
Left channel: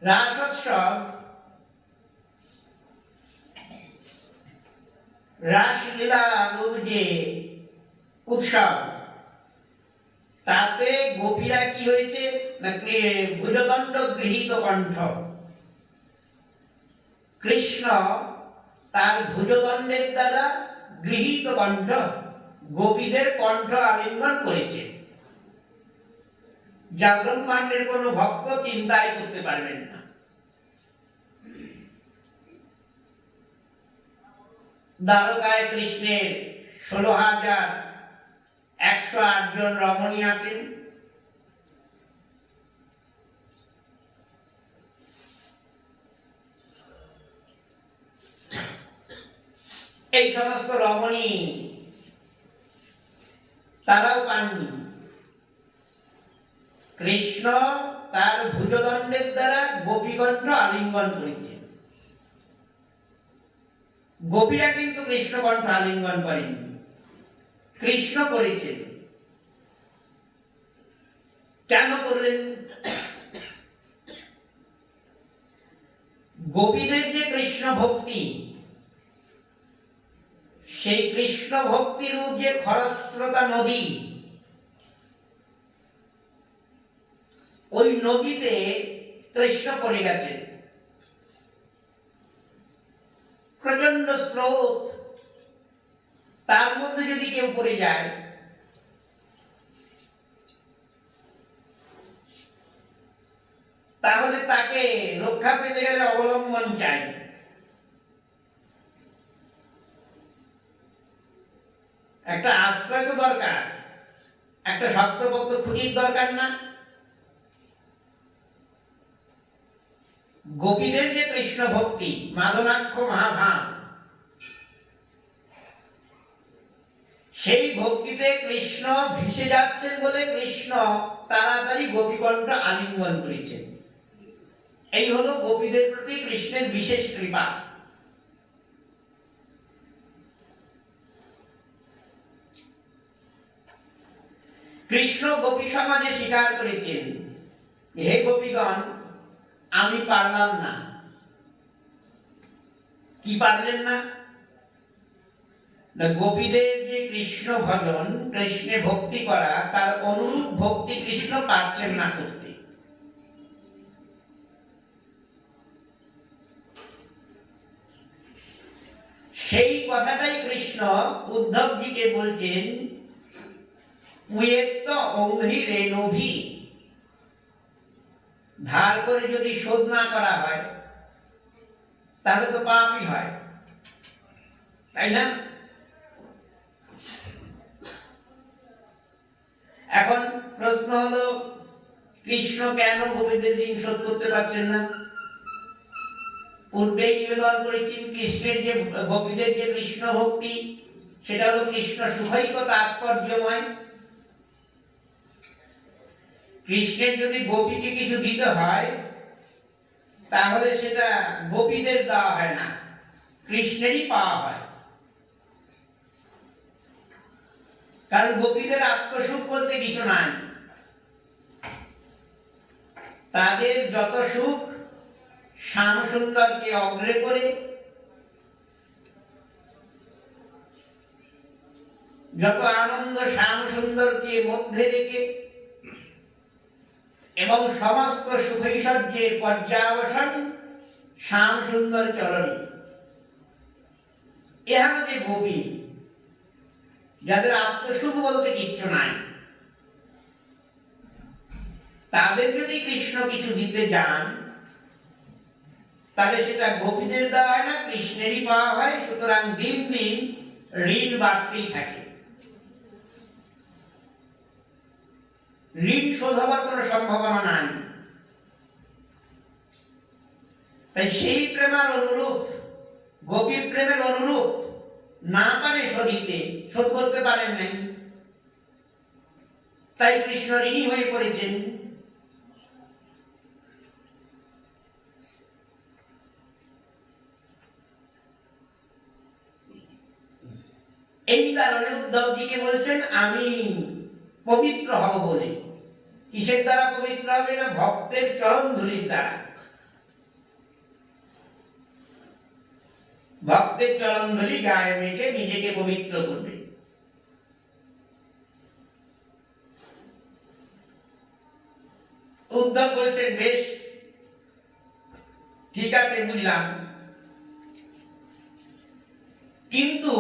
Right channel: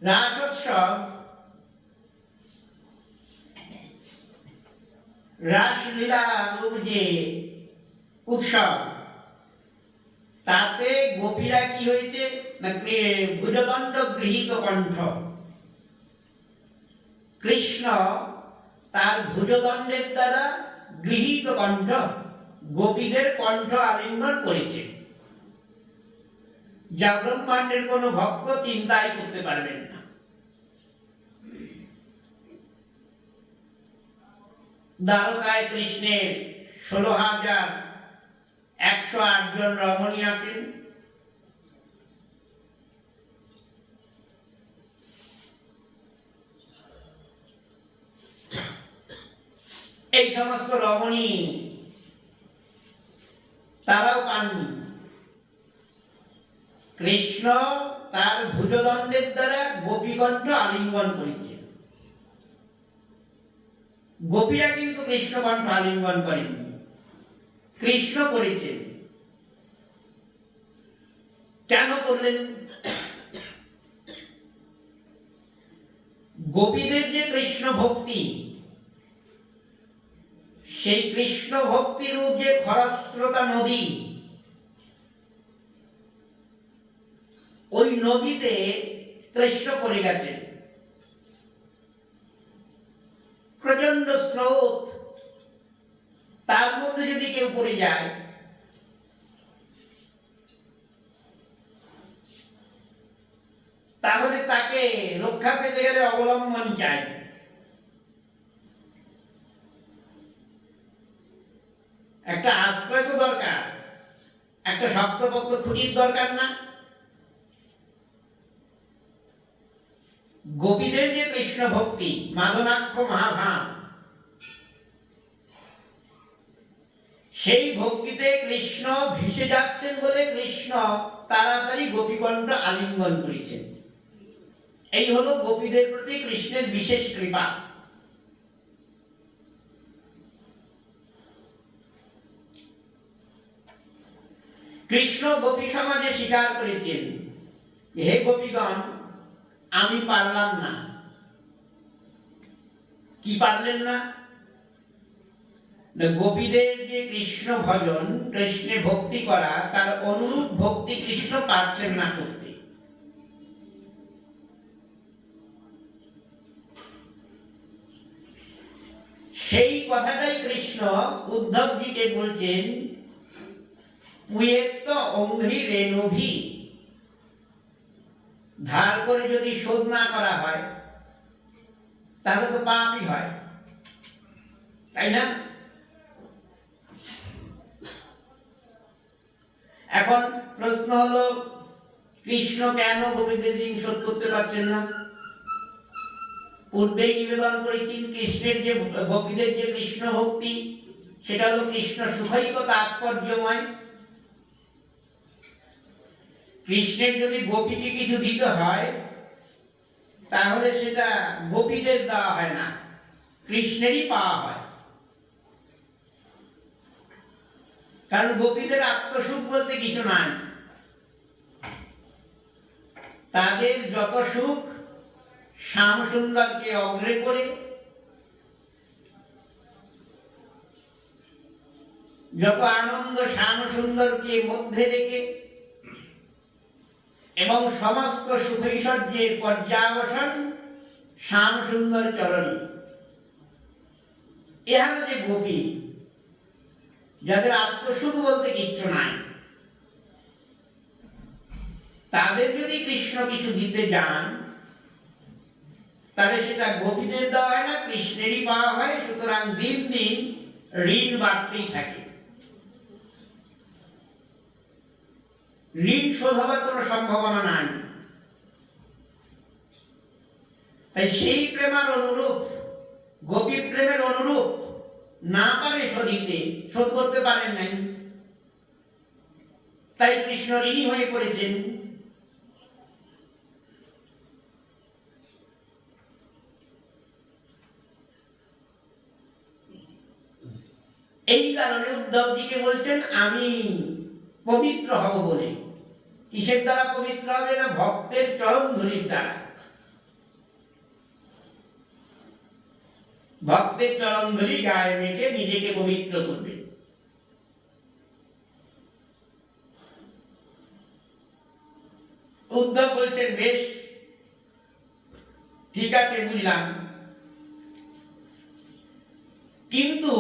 রাসোৎসব, রাসলীলা যে উৎসব, তাতে গোপীরা কি হয়েছে না ভুজদণ্ড গৃহীত কণ্ঠ। কৃষ্ণ তার ভুজদণ্ডের দ্বারা গৃহীত কণ্ঠ, গোপীদের কণ্ঠ আলিঙ্গন করেছে, যা ব্রহ্মাণ্ডের কোনো ভক্ত চিন্তাই করতে পারবেন না। দ্বারকায় কৃষ্ণের 16,108 জন রমণী আছেন। এই সমস্ত রমণী তারাও পাননি। কৃষ্ণ তার ভুজদণ্ডের দ্বারা গোপীকণ্ঠ আলিঙ্গন করেছে, গোপীরা কিন্তু কৃষ্ণকণ্ঠ আলিঙ্গন করেনি, কৃষ্ণ করেছেন। কেন করলেন? গোপীদের যে কৃষ্ণ ভক্তি, সেই কৃষ্ণ ভক্তির যে খরস্রোতা নদী, ওই নদীতে কৃষ্ণ পড়ে গেছেন। প্রচন্ড স্রোত, তার মধ্যে যদি কেউ পড়ে যায়, তাহলে তাকে রক্ষা পেতে গেলে অবলম্বন চাই। একটা আশ্রয় তো দরকার, একটা শক্তপোক্ত খুঁটির দরকার না? গোপীদের যে কৃষ্ণ ভক্তি, মাদনাক্ষ মহাভাব, সেই ভক্তিতে কৃষ্ণ ভেসে যাচ্ছেন বলে কৃষ্ণ তাড়াতাড়ি গোপীকণ্ঠ আলিঙ্গন করেছেন। এই হলো গোপীদের প্রতি কৃষ্ণের বিশেষ কৃপা। কৃষ্ণ গোপী সমাজে স্বীকার করেছেন, হে গোপীগণ, আমি পারলাম না। কি পারলেন না? গোপীদের যে কৃষ্ণ ভজন, কৃষ্ণে ভক্তি করা, তার অনুরূপ ভক্তি কৃষ্ণ পারছেন না করতে। সেই কথাটাই কৃষ্ণ উদ্ধবজিকে বলছেন, পুয়েত্ত অঙ্ঘ্রি রেণুভি, ধার করে যদি শোধ না করা হয় তাহলে তো পাপই হয়, তাই না? এখন প্রশ্ন হলো, কৃষ্ণ কেন গোপীদের ঋণ শোধ করতে পারছেন না? পূর্বেই নিবেদন করেছেন, কৃষ্ণের যে গোপীদের যে কৃষ্ণ ভক্তি, সেটা হলো কৃষ্ণ সুখৈক তাৎপর্যময়। কৃষ্ণের যদি গোপীকে কিছু দিতে হয়, তাহলে সেটা গোপীদের দেওয়া হয় না, কৃষ্ণেরই পাওয়া হয়। কারণ গোপীদের আত্মসুখ বলতে কিছু নাই। তাদের যত সুখ শ্যাম সুন্দরকে অগ্রে করে, যত আনন্দ শ্যাম সুন্দরকে মধ্যে রেখে, এবং সমস্ত সুখৈশ্বর্যের পর্যাবসান শ্যাম সুন্দর চরণে। এরা যে গোপী, যাদের আত্মসুখ বলতে কিচ্ছু নাই, তাদের যদি কৃষ্ণ কিছু দিতে যান, তাহলে সেটা গোপীদের দেওয়া হয় না, কৃষ্ণেরই পাওয়া হয়। সুতরাং দিন দিন ঋণ বাড়তেই থাকে, ঋণ শোধ হবার কোনো সম্ভাবনা নাই। তাই সেই প্রেমার অনুরূপ, গোপী প্রেমের অনুরূপ না পারে শোধিতে, শোধ করতে পারেন নাই, তাই কৃষ্ণ ঋণী হয়ে পড়েছেন। এই কারণে উদ্ধবজিকে বলছেন, আমি পবিত্র হব বলে। কিসের দ্বারা পবিত্র হবে? না, ভক্তের চরণ ধূলির দ্বারা। ভক্তের চরণ ধরি গায়ে মেখে নিজেকে পবিত্র করবে। উদ্ধব বলছেন, বেশ ঠিক আছে, বুঝলাম, কিন্তু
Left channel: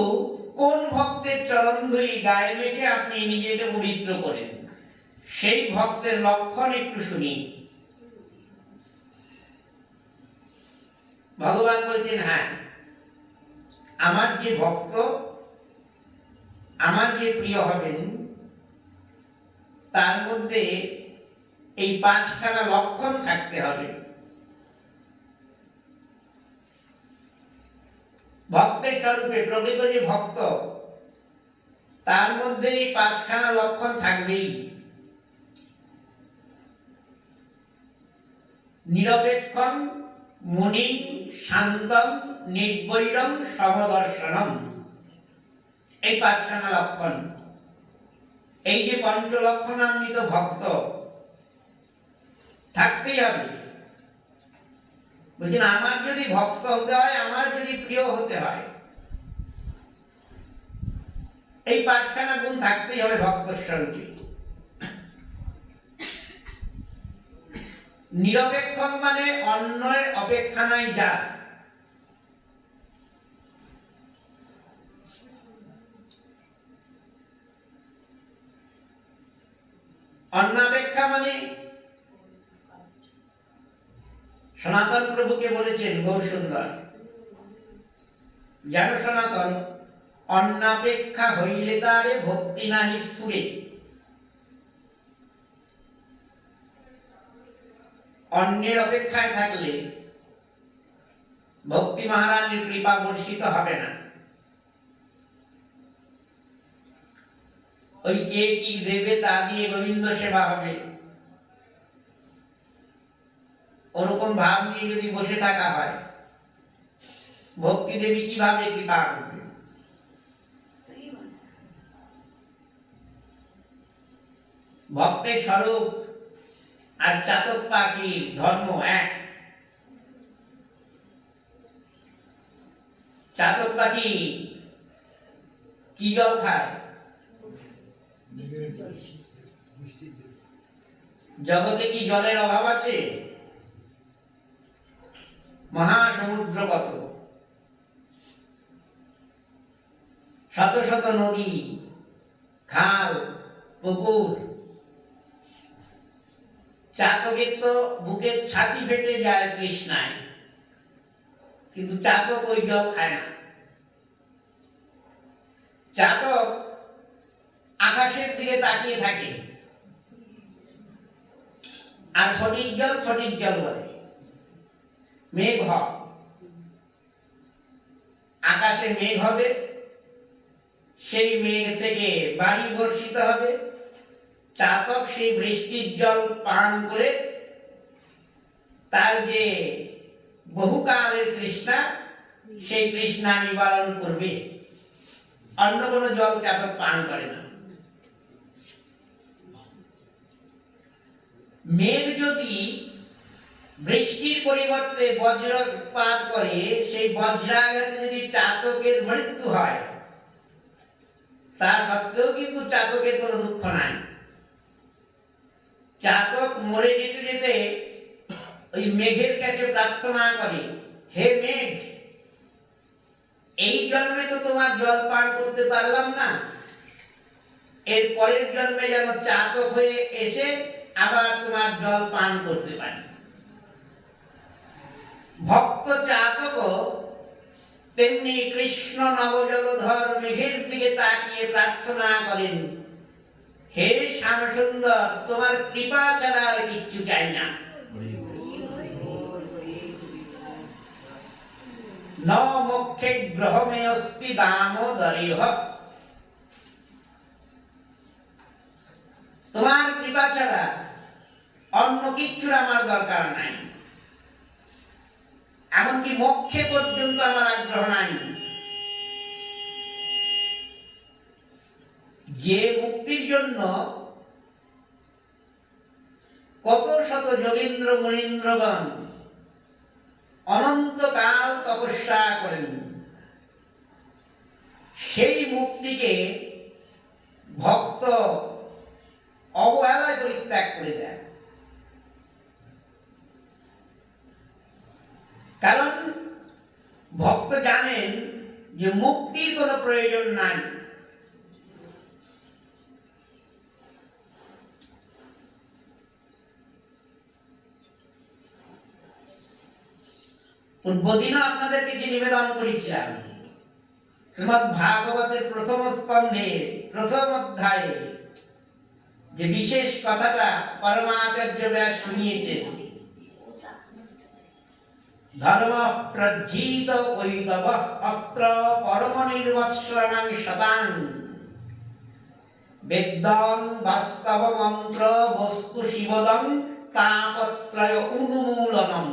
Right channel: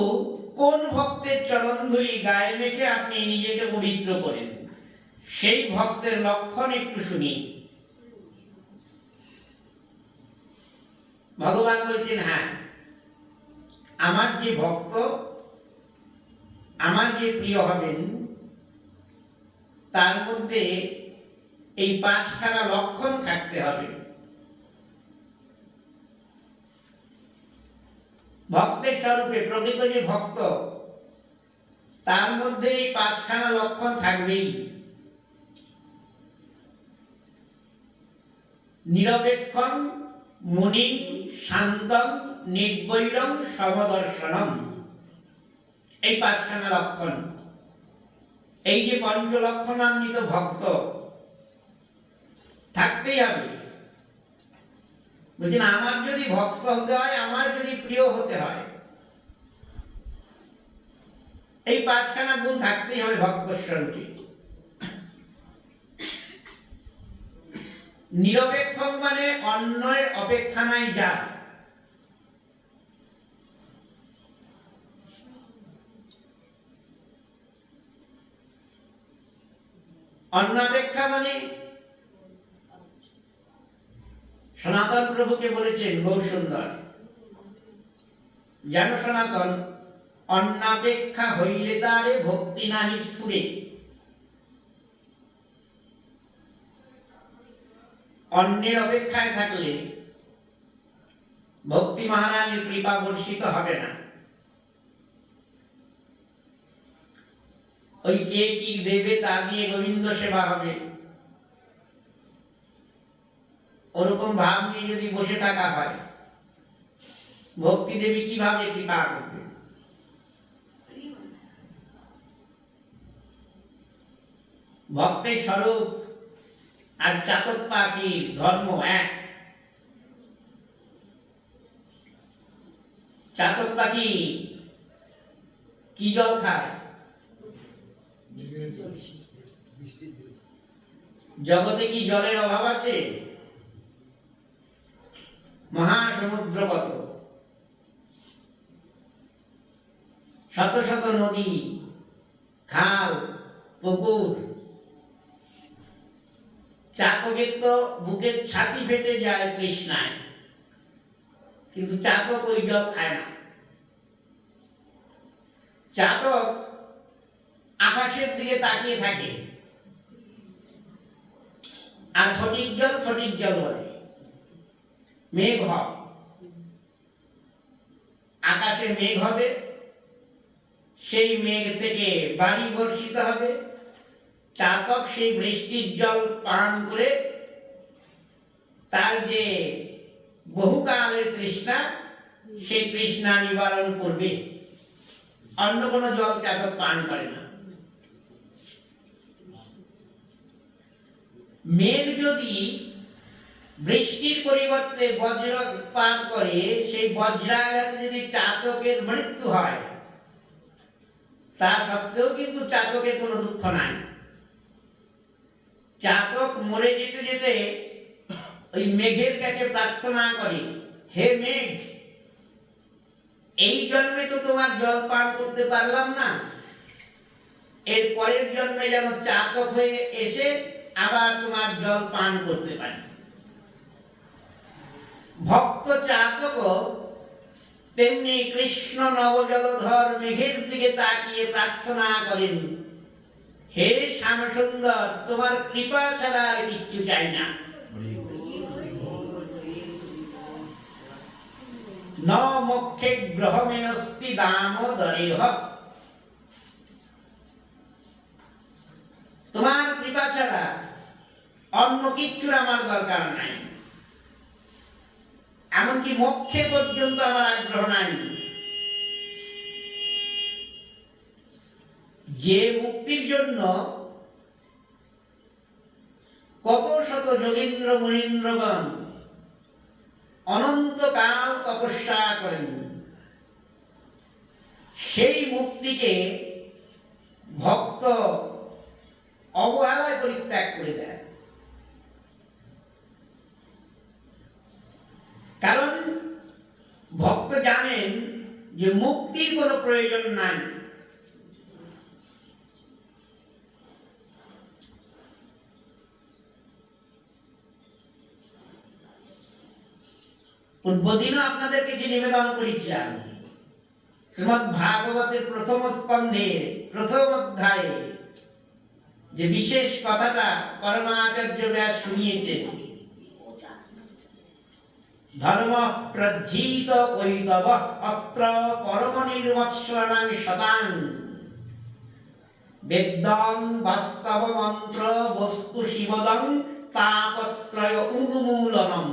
কোন ভক্তের চরণ ধরি গায়ে মেখে আপনি নিজেকে পবিত্র করেন, সেই ভক্তের লক্ষণ একটু শুনি। ভগবান বলছেন, হ্যাঁ, আমার যে ভক্ত, আমার যে প্রিয় হবেন, তার মধ্যে এই 5খানা লক্ষণ থাকতে হবে। ভক্তের স্বরূপে প্রকৃত যে ভক্ত, তার মধ্যে এই 5খানা লক্ষণ থাকবেই। নিরপেক্ষম মুনিম শান্তম নির্বৈরম সমদর্শনম, এই 5খানা লক্ষণ। এই যে পঞ্চলক্ষণান্বিত ভক্ত থাকতেই হবে। বলছেন, আমার যদি ভক্ত হতে হয়, আমার যদি প্রিয় হতে হয়, এই 5খানা গুণ থাকতেই হবে ভক্ত স্বরূপে। নিরপেক্ষ মানে অন্যের অপেক্ষা নাই যার, অন্নাপেক্ষা মানে সনাতন প্রভুকে বলেছেন বহু সুন্দর, জানো সনাতন, অন্নাপেক্ষা হইলে তারে ভক্তি নাহি স্ফুরে। অন্যের অপেক্ষায় থাকলে ভক্তি মহারানীর কৃপা বর্ষিত হবে না। ওই কে কি দেবে তা দিয়ে গোবিন্দ সেবা হবে, ওরকম ভাব নিয়ে যদি বসে থাকা হয়, ভক্তি দেবী কিভাবে কৃপা করবে? ভক্তের স্বরূপ আর চাতক পাখির ধর্ম এক। চাতক পাখি কি জল খায়? জগতে কি জলের অভাব আছে? মহাসমুদ্র কত, শত শত নদী, খাল, পুকুর। চাতকের তো বুকের ছাতি ফেটে যায় তৃষ্ণায়, কিন্তু চাতক ওই জল খায় না। চাতক আকাশের দিকে তাকিয়ে থাকে, আর সঠিক জল বলে। মেঘ হয়, আকাশে মেঘ হবে, সেই মেঘ থেকে বাড়ি বর্ষিত হবে। চাতক সেই বৃষ্টির জল পান করে তার যে বহুকালের তৃষ্ণা, সেই তৃষ্ণা নিবারণ করবে। অন্য কোনো জল চাতক পান করে না। মেঘ যদি বৃষ্টির পরিবর্তে বজ্রপাত করে, সেই বজ্রাঘাতে যদি চাতকের মৃত্যু হয়, তা সত্ত্বেও কিন্তু চাতকের কোনো দুঃখ নাই। চাতক মরে যেতে যেতে ওই মেঘের কাছে প্রার্থনা করে, হে মেঘ, এই জন্মে তো তোমার জল পান করতে পারলাম না, এর পরের জন্মে যেন চাতক হয়ে এসে আবার তোমার জল পান করতে পারি। ভক্ত চাতক তেমনি কৃষ্ণ নবজলধর মেঘের দিকে তাকিয়ে প্রার্থনা করেন, হে শ্যামসুন্দর, তোমার কৃপা ছাড়া আর কিচ্ছু চাই না। ন মোক্ষে গ্রহমে অস্তি দামোদরেহ, তোমার কৃপা ছাড়া অন্য কিচ্ছুর আমার দরকার নাই, এমনকি মোক্ষে পর্যন্ত আমার আগ্রহ নাই। যে মুক্তির জন্য কত শত যোগীন্দ্র মুনীন্দ্রগণ অনন্তকাল তপস্যা করেন, সেই মুক্তিকে ভক্ত অবহেলায় পরিত্যাগ করে দেয়। কারণ ভক্ত জানেন যে মুক্তির কোনো প্রয়োজন নাই। পূর্বদিনও আপনাদের কিছু নিবেদন করেছিলাম, শ্রীমদ্ ভাগবতের প্রথম স্কন্ধের প্রথম অধ্যায়ে যে বিশেষ কথাটা পরমাচার্য ব্যাস শুনিয়েছেন, ধর্ম প্রজ্জিত কৈতব অত্র পরম নির্মৎসরণং শতাং বেদং বাস্তব মন্ত্র বস্তু শিবদং তাপত্রয় উন্মূলনম।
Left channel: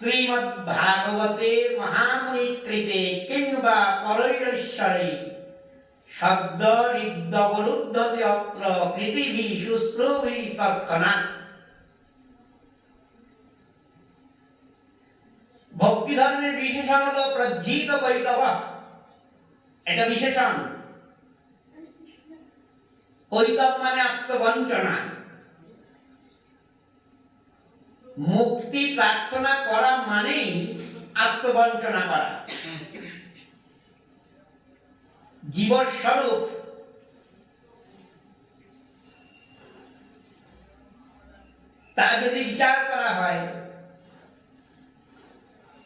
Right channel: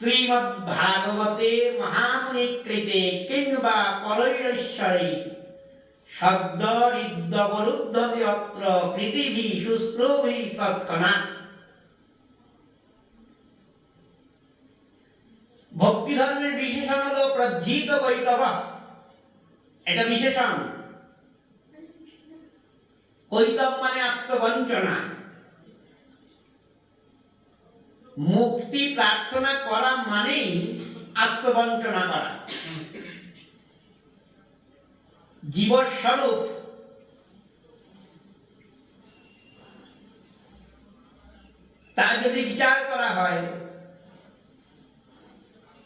শ্রীমদ্ ভাগবতে মহামুনি কৃতে কিংবা পরৈশ্বরে শব্দ ঋদ্ধবরুদ্ধতে অত্র পৃথিবী শুশ্রুভি তৎক্ষণাৎ। ভক্তি ধর্মের বিশেষণ হল প্রজ্জিত কৈতব, এটা বিশেষণ। কৈতব মানে আত্মবঞ্চনা। মুক্তি প্রার্থনা করা মানেই আত্মবঞ্চনা করা। জীবস্বরূপ তা যদি বিচার করা হয়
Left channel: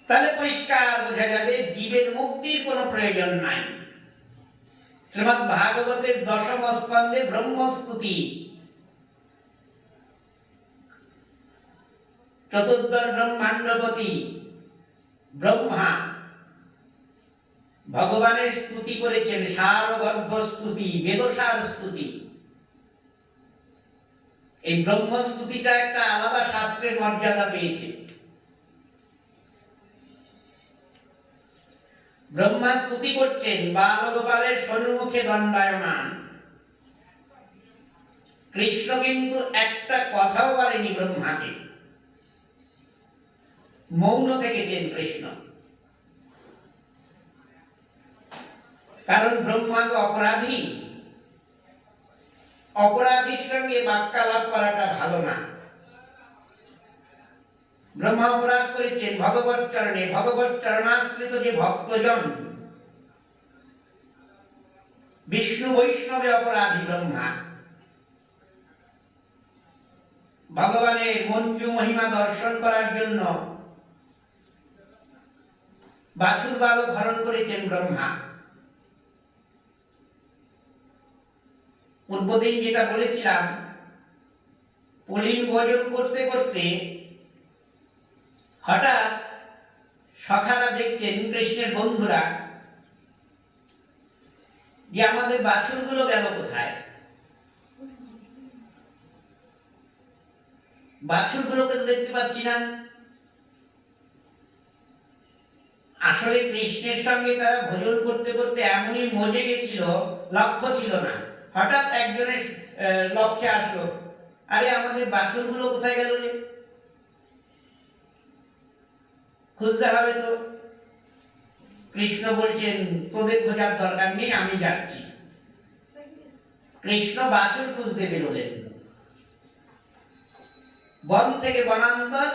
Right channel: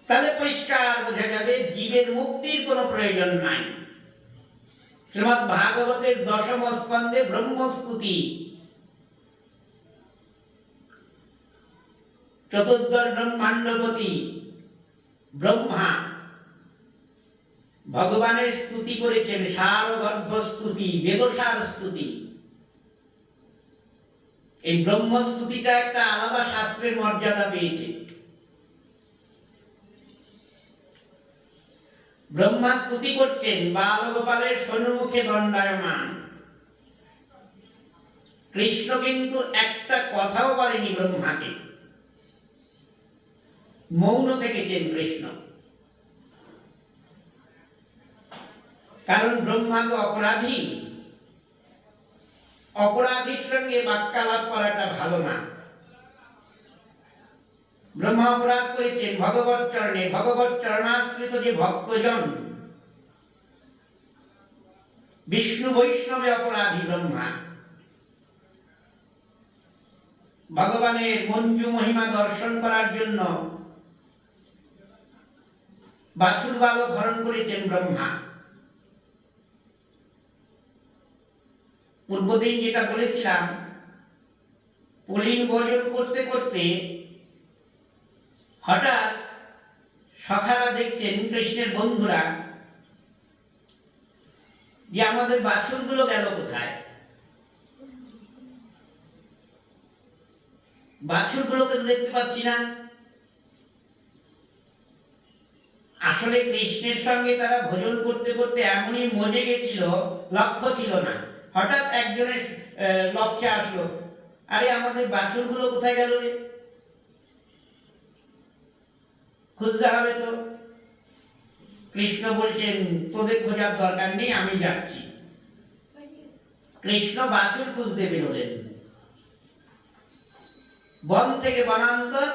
তাহলে পরিষ্কার বোঝা যাবে জীবের মুক্তির কোনো প্রয়োজন নাই। শ্রীমদ্ ভাগবতের দশম স্কন্ধে ব্রহ্মস্তুতি চতুর্দশ ব্রহ্মাণ্ডপতি ব্রহ্মা ভগবানের স্তুতি করেছেন, সারগর্ভ স্তুতি, বেদসার স্তুতি। এই ব্রহ্মস্তুতিটা একটা আলাদা শাস্ত্রের মর্যাদা পেয়েছে। ব্রহ্মা স্তুতি করছেন বালগোপালের সম্মুখে দণ্ডায়মান। কৃষ্ণ কিন্তু একটা কথাও বলেনি ব্রহ্মাকে, মৌন থেকেছেন কৃষ্ণ। কারণ ব্রহ্মা তো অপরাধী, অপরাধীর সঙ্গে বাক্যালাপ করাটা ভালো না। ব্রহ্মা অপরাধ করেছেন ভগবৎ চরণে, ভগবৎ চরণাশ্রিত যে ভক্তজন, বিষ্ণু বৈষ্ণবে অপরাধী ব্রহ্মা। ভগবানের মঞ্জু মহিমা দর্শন করার জন্য বাছুর বালক হরণ করেছেন ব্রহ্মা। পূর্বদিন যেটা বলেছিলাম, পুলিন ভোজন করতে করতে হঠাৎ সখারা দেখছেন, কৃষ্ণের বন্ধুরা, যে আমাদের বাছুরগুলো গেল কোথায়। বাছুরগুলোকে তো দেখতে পাচ্ছি না। আসলে কৃষ্ণের সঙ্গে তারা ভোজন করতে করতে এমনই মজে গেছিল, লক্ষ্য ছিল না। হঠাৎ একজনের লক্ষ্যে আসলো, আরে আমাদের বাছুরগুলো কোথায় গেল রে, খুঁজতে হবে তো। কৃষ্ণ বলছেন, তোদের খোঁজার দরকার নেই, আমি যাচ্ছি। কৃষ্ণ বাছুর খুঁজতে বেরোলেন। বন থেকে বনান্তর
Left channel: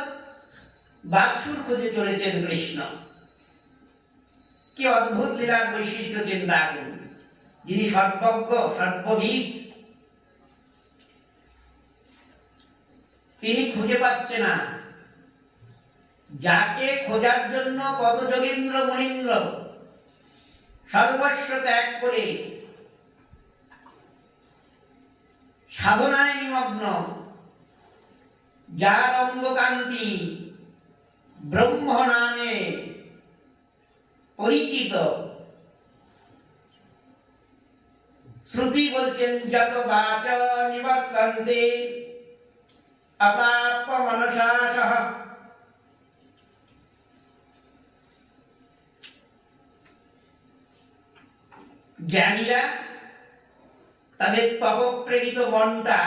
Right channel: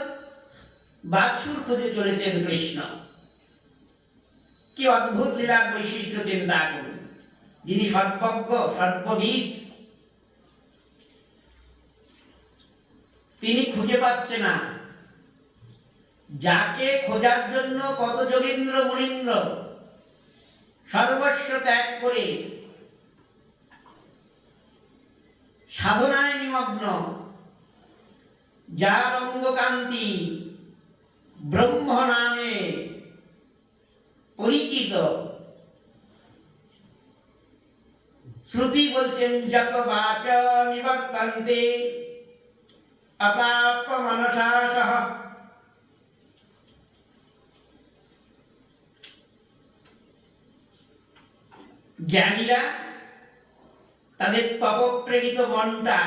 বাছুর খুঁজে চলেছেন কৃষ্ণ। কি অদ্ভুত লীলার বৈশিষ্ট্য চিন্তা করুন। যিনি সর্বজ্ঞ, সর্ববিদ, তিনি খুঁজে পাচ্ছে না। যাকে খোঁজার জন্য কত যোগীন্দ্র মুনীন্দ্র সর্বস্ব ত্যাগ করে সাধনায় নিমগ্ন, যার অঙ্গকান্তি ব্রহ্ম নামে পরিচিত, শ্রুতি বলছেন যত বাচ নিবর্তন্তে অপ্রাপ্য মনসা সহ। জ্ঞানীরা তাদের তপপ্রেরিত মনটা,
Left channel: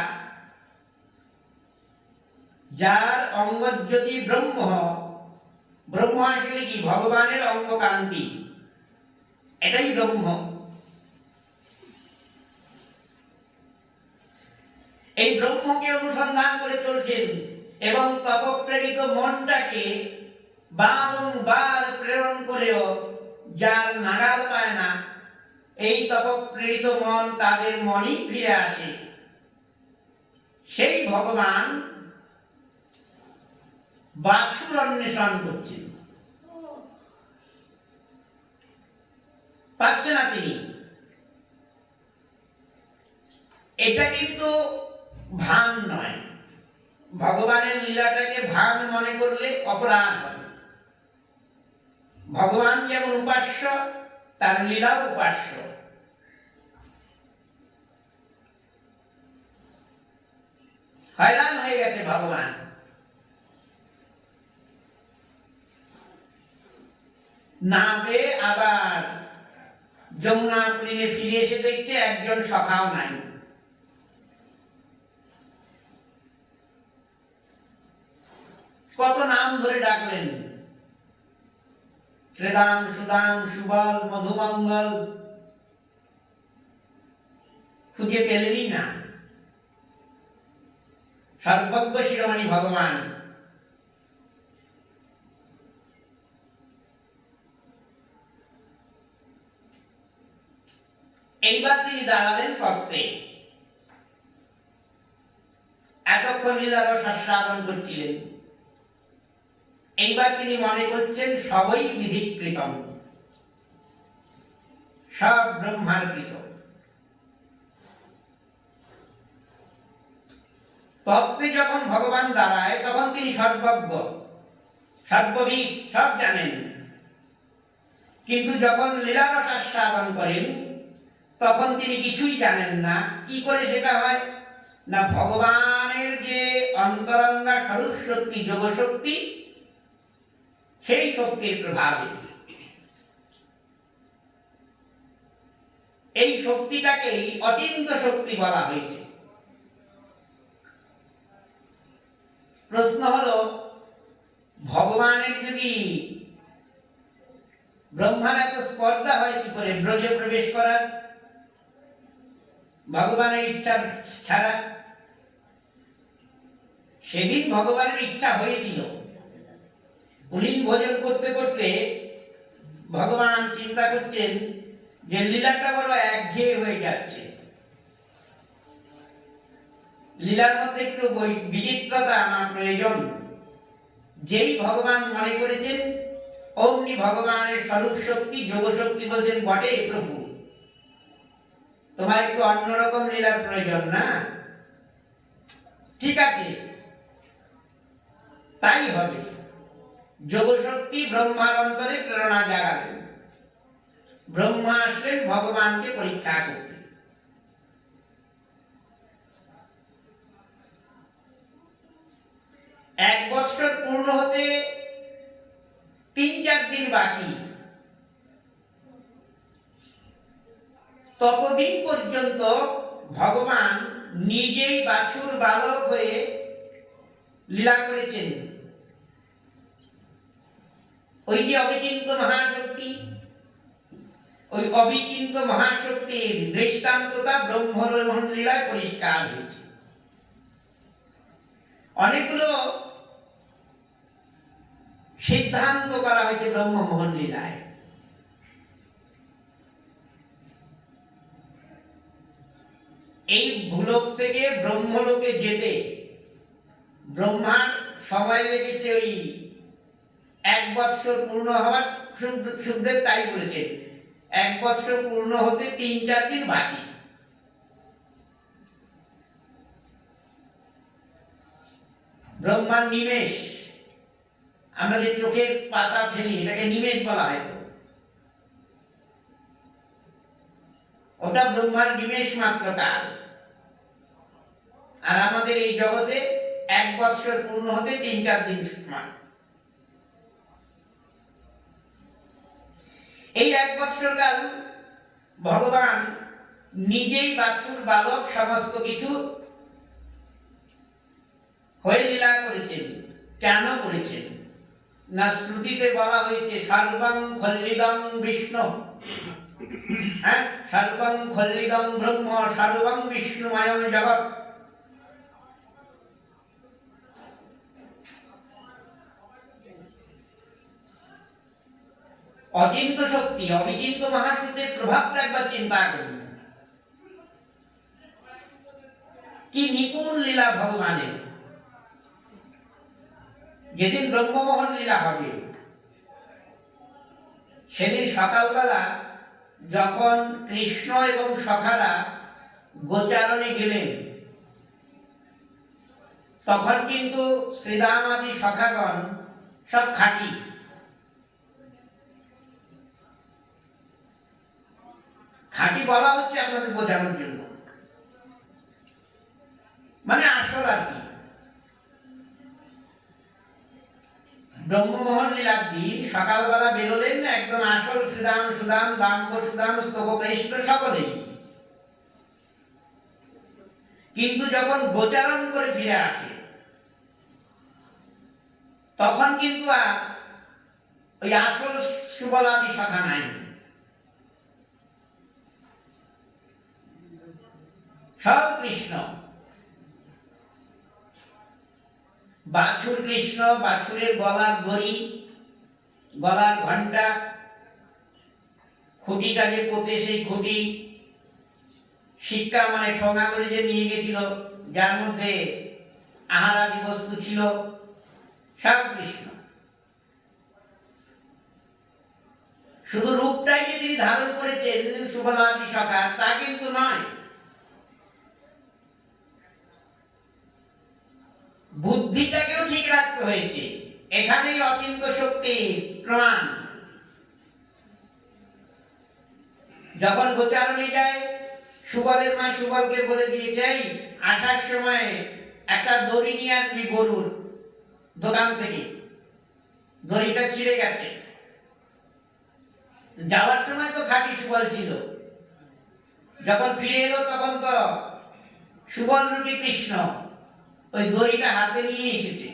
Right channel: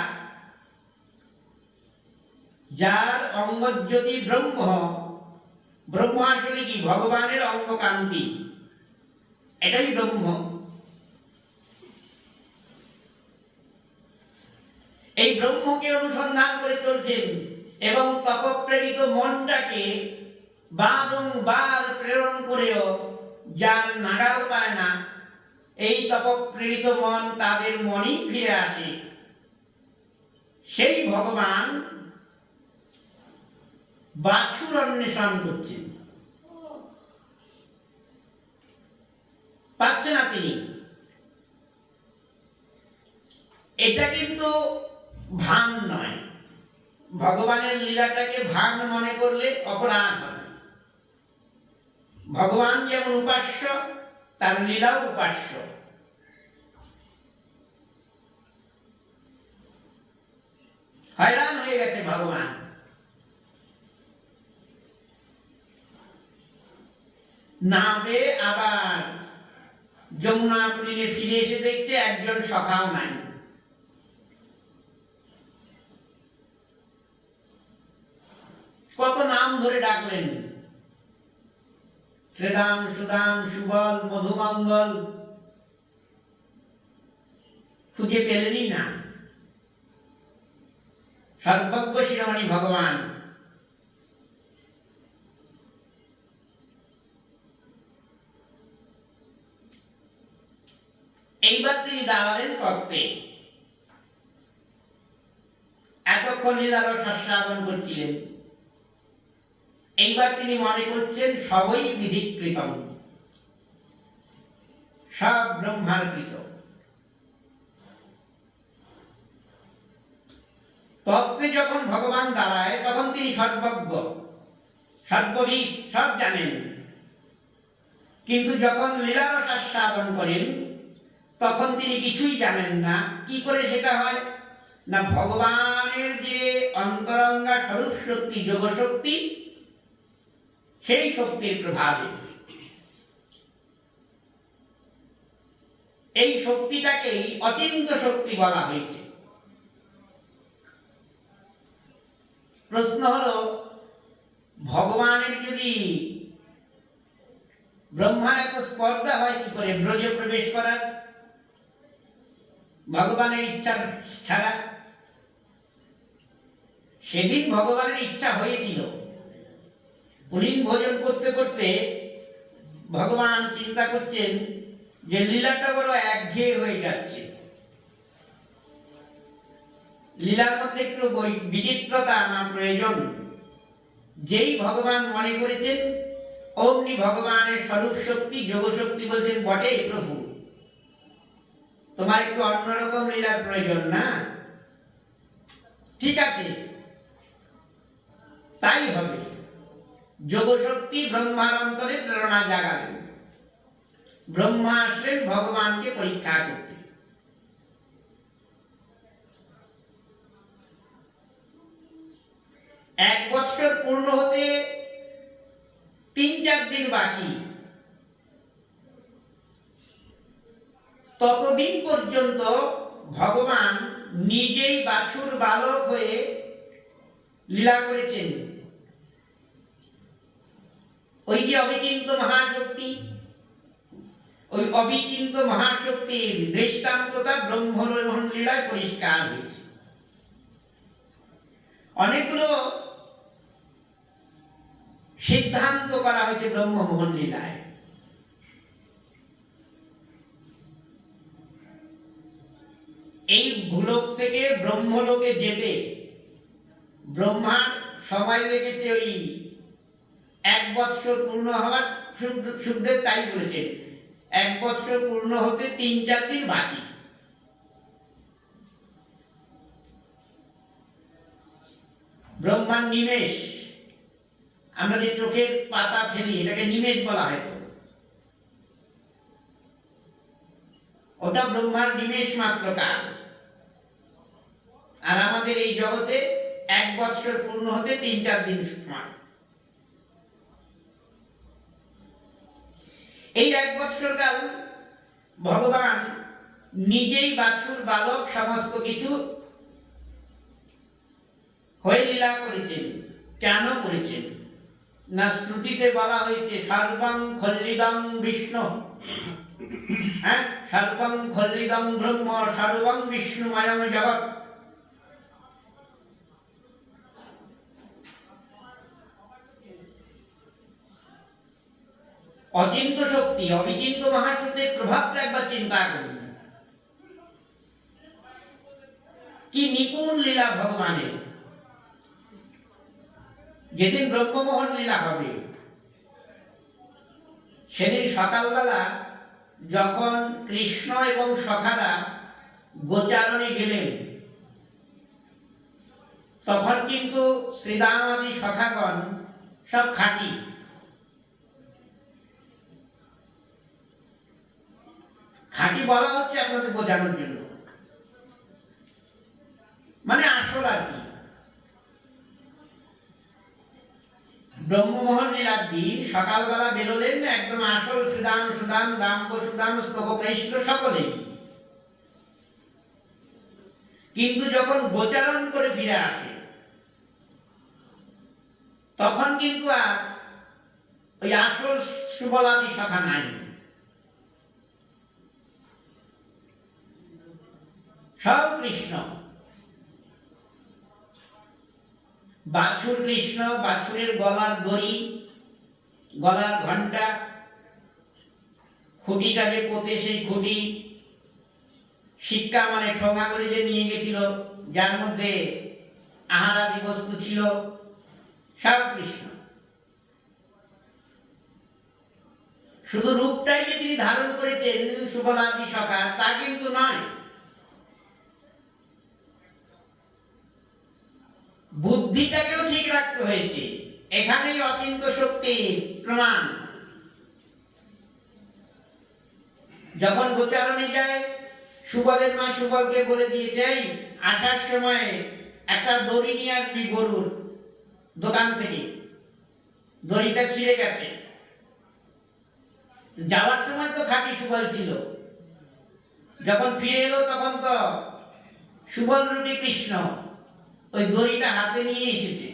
যার অঙ্গজ্যোতি ব্রহ্ম, ব্রহ্ম আসলে কি ভগবানের অঙ্গকান্তি, এটাই ব্রহ্ম। এই ব্রহ্মকে অনুসন্ধান করে চলছেন এবং তপপ্রেরিত মনটাকে বারংবার প্রেরণ করেও যার নাগাল পায় না, এই তপপ্রেরিত মন তাদের মনই ফিরে আসে। সেই ভগবান বাছুর অন্বেষণ করছেন, পাচ্ছে না তিনি। এটা কিন্তু ভান নয়। ভগবানের লীলাটাকে ভান মনে করলে অপরাধ হবে। ভগবান যেমন উপাস্য, তার লীলাও উপাস্য। হয়রান হয়ে গেছে ভগবান। না পেয়ে আবার যমুনা পুলিনে ফিরে এসে দেখছে একজন সখাও নাই। কত নাম ধরে ডাকলেন, শ্রীদাম, সুদাম, সুবল, মধুমঙ্গল, খুঁজে পেলেনই না। সর্বজ্ঞ শিরোমণি ভগবান এইবার তিনি দাঁড়ালেন তত্ত্বে। এতক্ষণ যখন লীলারস আস্বাদন করছিলেন, এইবার তিনি মনে করছেন সবই বিধিকৃতম, সব ব্রহ্মার কৃত। তত্ত্বে যখন ভগবান দাঁড়ায় তখন তিনি সর্বজ্ঞ, সর্ববিদ, সব জানেন। কিন্তু যখন লীলারস আস্বাদন করেন তখন তিনি কিছুই জানেন না। কি করে সেটা হয়? না, ভগবানের যে অন্তরঙ্গা স্বরূপ শক্তি, যোগ শক্তি, সেই শক্তির প্রভাবে। এই শক্তিটাকেই অচিন্ত শক্তি বলা হয়েছে। প্রশ্ন হলো, ভগবানের যদি ব্রহ্মার এত স্পর্ধা হয় কি করে ব্রজে প্রবেশ করার, ভগবানের ইচ্ছা ছাড়া? সেদিন ভগবানের ইচ্ছা হয়েছিল। পুলিন ভোজন করতে করতে ভগবান চিন্তা করছেন যে লীলাটা বড় একঘেয়ে হয়ে যাচ্ছে, লীলার মধ্যে একটু বিচিত্রতা আনা প্রয়োজন। যেই ভগবান মনে করেছেন অমনি ভগবানের স্বরূপ শক্তি, যোগ শক্তি বলছেন, বটে প্রভু, তোমার একটু অন্যরকম লীলার প্রয়োজন না? ঠিক আছে, তাই হবে। যোগ শক্তি ব্রহ্মার অন্তরে প্রেরণা জাগালেন। ব্রহ্মা আসলেন ভগবানকে পরীক্ষা করতে। এক বছর পূর্ণ হতে 3-4 দিন বাকি। ততদিন পর্যন্ত ভগবান নিজেই বাছুর বালক হয়ে লীলা করেছেন। ওই যে অবিচিন্ত মহাশক্তি, ওই অবিচিন্ত মহাশক্তির দৃষ্টান্ততা ব্রহ্মমোহন লীলায় পরিষ্কার হয়েছে। অনেকগুলো সিদ্ধান্ত করা হয়েছে ব্রহ্মমোহন লীলায়। এই ভূলোক থেকে ব্রহ্মলোকে যেতে ব্রহ্মার সময় লেগেছে ওই 1 বছর পূর্ণ হওয়ার। সুখদেব তাই বলেছেন, 1 বছর পূর্ণ হতে 3-4 দিন বাকি। ব্রহ্মার নিমেষ, আমরা যে চোখের পাতা ফেলি এটাকে নিমেষ বলা হয়, তো ওটা ব্রহ্মার নিমেষ মাত্র কাল। আর আমাদের এই জগতে 1 বছর পূর্ণ হতে 3-4 দিন সময়। এই 1 বছর কাল ভগবান নিজেই বাছুর বালক সমস্ত কিছু হয়ে লীলা করেছেন। কেন করেছেন? না, শ্রুতিতে বলা হয়েছে সর্বং খল্লিদং বিষ্ণু, হ্যাঁ, সর্বং খল্লিদং ব্রহ্ম সর্বং বিষ্ণুময়ং জগৎ। অচিন্ত শক্তি, অবিচিন্ত মহাশক্তির প্রভাবটা একবার চিন্তা করুন। কি নিপুণ লীলা ভগবানের। যেদিন ব্রহ্মমোহন লীলা হবে সেদিন সকালবেলা যখন কৃষ্ণ এবং সখারা গোচারণে গেলেন, তখন কিন্তু শ্রীদাম আদি সখাগণ সব খাঁটি। খাঁটি বলা হচ্ছে আপনাদের বোঝানোর জন্য, মানে আসল আর কি। ব্রহ্মমোহন লীলার দিন সকালবেলা বেরোলেন একদম আসল সুদাম, সুদাম, দাম্ব সুদাম, স্তবকৃষ্ণ সকলেই। কিন্তু যখন গোচারণ করে ফিরে আসে তখন কিন্তু আর ওই আসল সুবলাদি সখা নাই, সব কৃষ্ণ। বাছুর কৃষ্ণ, বাছুরের গলার দড়ি, গলার ঘণ্টা, খুঁটিটা যে পোতে সেই খুঁটি, শিক্ষা মানে ঠোঙা করে যে নিয়ে গেছিল, যার মধ্যে আহারাদি বস্তু ছিল সব কৃষ্ণ। শুধু রূপটাই যে তিনি ধারণ করেছেন সুবলাদি সখা তা কিন্তু নয়, বুদ্ধিটাকেও ঠিক রাখতে হয়েছে। এখানেই অচিন্ত শক্তির প্রমাণ। যখন গোচারণে যায়, সুবলের মা সুবলকে বলে দিয়েছে, এই আসার সময় একটা দড়ি নিয়ে আসবি গরুর দোকান থেকে, দড়িটা ছিঁড়ে গেছে। যাওয়ার সময় তো খাঁটি সুবল ছিল, যখন ফিরে এলো তখন তো সুবল রূপী কৃষ্ণ ওই দড়িটা হাতে নিয়ে এসেছে।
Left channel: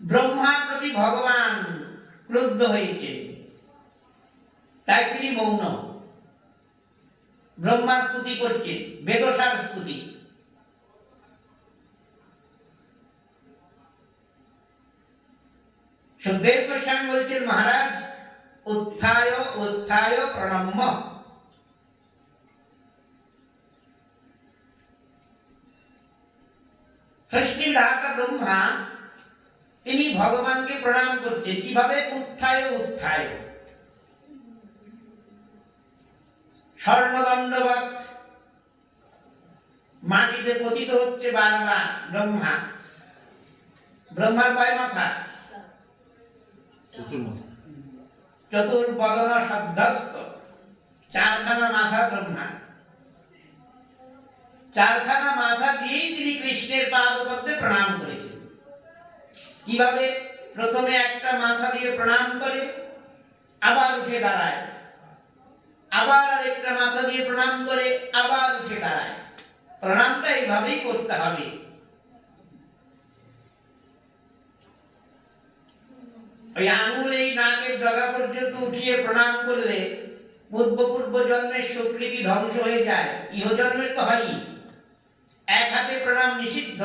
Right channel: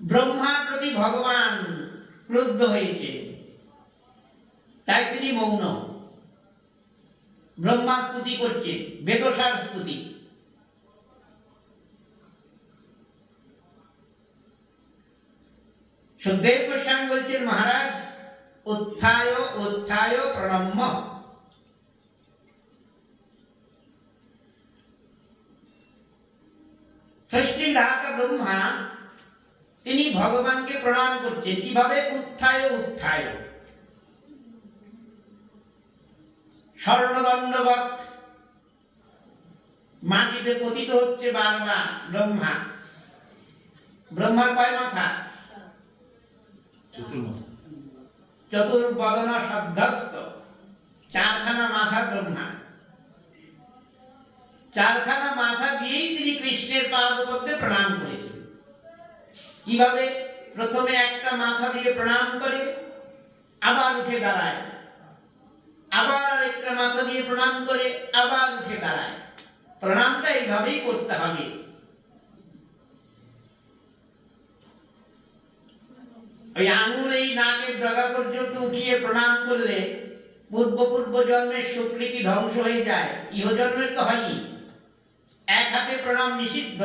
ব্রহ্মার প্রতি ভগবান ক্রুদ্ধ হয়েছে, তাই তিনি মৌন। ব্রহ্মা স্তুতি করছেন, বেদসার স্তুতি। সুখদেব গোস্বামী বলছেন, মহারাজ উত্থায় উত্থায় প্রণম্য। সৃষ্টির দাতা ব্রহ্মা তিনি ভগবানকে প্রণাম করছেন। কিভাবে? উত্থায় উত্থায়, স্বর্ণদণ্ডবৎ মাটিতে পতিত হচ্ছে বারবার ব্রহ্মা। ব্রহ্মার কয় মাথা? চতুর্বদন শব্দস্থ, চারখানা মাথা ব্রহ্মা। চারখানা মাথা দিয়েই তিনি কৃষ্ণের পাদপদ্মে প্রণাম করেছেন। কিভাবে? প্রথমে একটা মাথা দিয়ে প্রণাম করে, আবার উঠে দাঁড়ায়, আবার আরেকটা মাথা দিয়ে প্রণাম করে, আবার উঠে দাঁড়ায়। প্রণামটা এইভাবেই করতে হবে। ওই আঙুল এই নাকের ডগা পর্যন্ত উঠিয়ে প্রণাম করলে পূর্ব জন্মের সুকৃতি ধ্বংস হয়ে যায়, ইহজন্মের তো হয়ই। এক হাতে প্রণাম নিষিদ্ধ।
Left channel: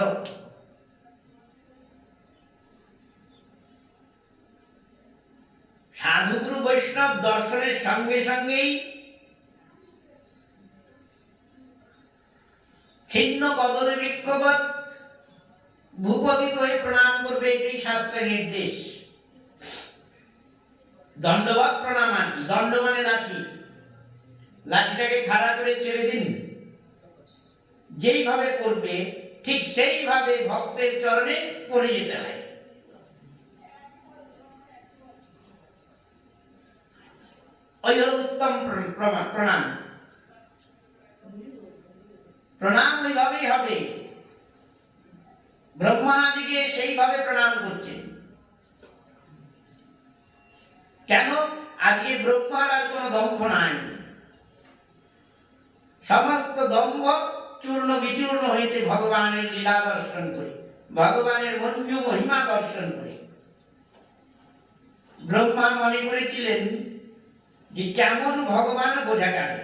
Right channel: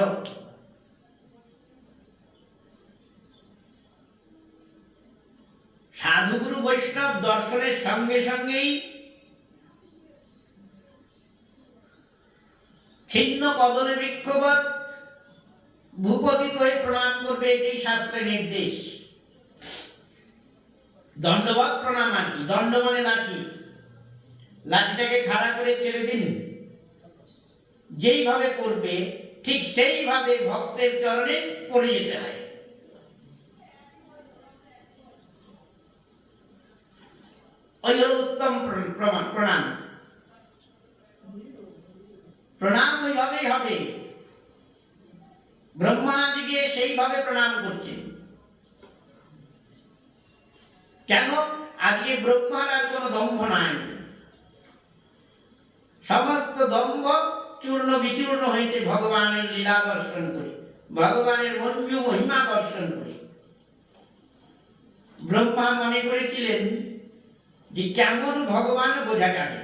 সাধুগুরু বৈষ্ণব দর্শনের সঙ্গে সঙ্গেই ছিন্ন কদলে বৃক্ষবৎ ভূপতিত হয়ে প্রণাম করবে, এটাই শাস্ত্রের নির্দেশ। দণ্ডবৎ প্রণাম। আর কি দণ্ড? মানে লাঠি। লাঠিটাকে খাড়া করে ছেড়ে দিন, যেইভাবে করবে ঠিক সেইভাবে ভক্তের চরণে পড়ে যেতে হয়। ওই হল উত্তম প্রণাম। প্রণাম ওইভাবেই হবে। ব্রহ্মাদিকে সেইভাবে প্রণাম করছেন। কেন? আজকে ব্রহ্মার আর কোন দম্ভ নাই। সমস্ত দম্ভ চূর্ণ বিচূর্ণ হয়েছে ভগবানের লীলা দর্শন করে, ভগবানের মঞ্জু মহিমা দর্শন করে। ব্রহ্মা মনে করেছিলেন যে কেমন ভগবান বোঝা যাবে।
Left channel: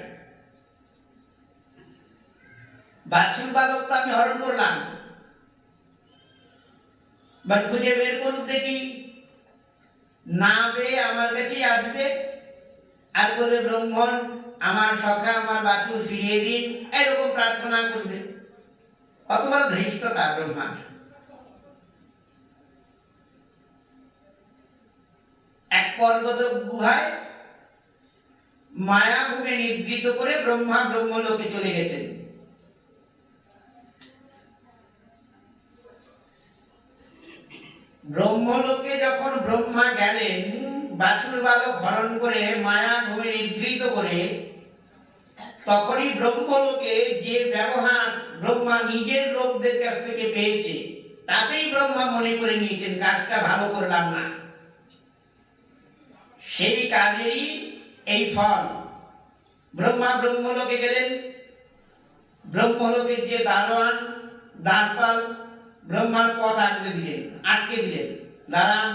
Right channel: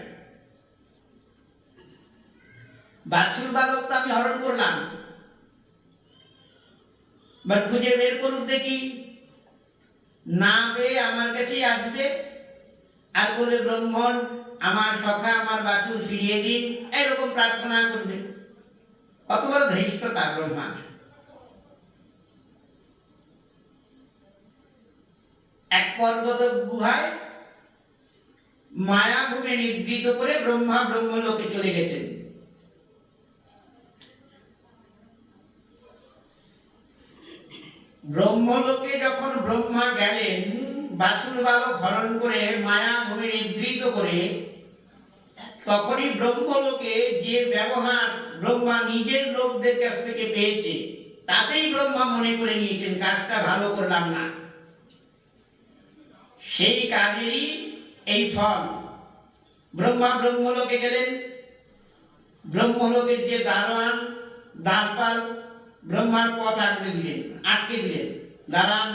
বাছুর বালক তো আমি হরণ করলাম, বা খুঁজে বের করুক দেখি, না পেয়ে আমার কাছেই আসবে আর বলে, ব্রহ্মণ আমার সখা আমার বাছুর ফিরিয়ে দিন, এরকম প্রার্থনা করবে। কত বড় ধৃষ্টতা ব্রহ্মার! এক পর্বত গুহায় মায়াভূমে নিদ্রিত করে ব্রহ্মা ব্রহ্মলোকে চলে গেছেন। ব্রহ্মলোকে যখন ব্রহ্মা গেলেন, বাছুর বালক হরণ করে মায়াভূমে নিদ্রিত করে, তখনই ব্রহ্মলোকে যে ব্যবহার ব্রহ্মা নিজের লোকদের কাছ থেকে পেয়েছে, তাতেই ব্রহ্মা মনে করে নিয়েছেন কাজটা ভালো করলাম না। সেই কাজেরই এই ফল। ব্রহ্মা ব্রহ্মলোকে গেলেন, ব্রহ্মলোকের যে দারোয়ান দ্বারপাল ব্রহ্মার পথ আটকে দিলেন। দাঁড়ান,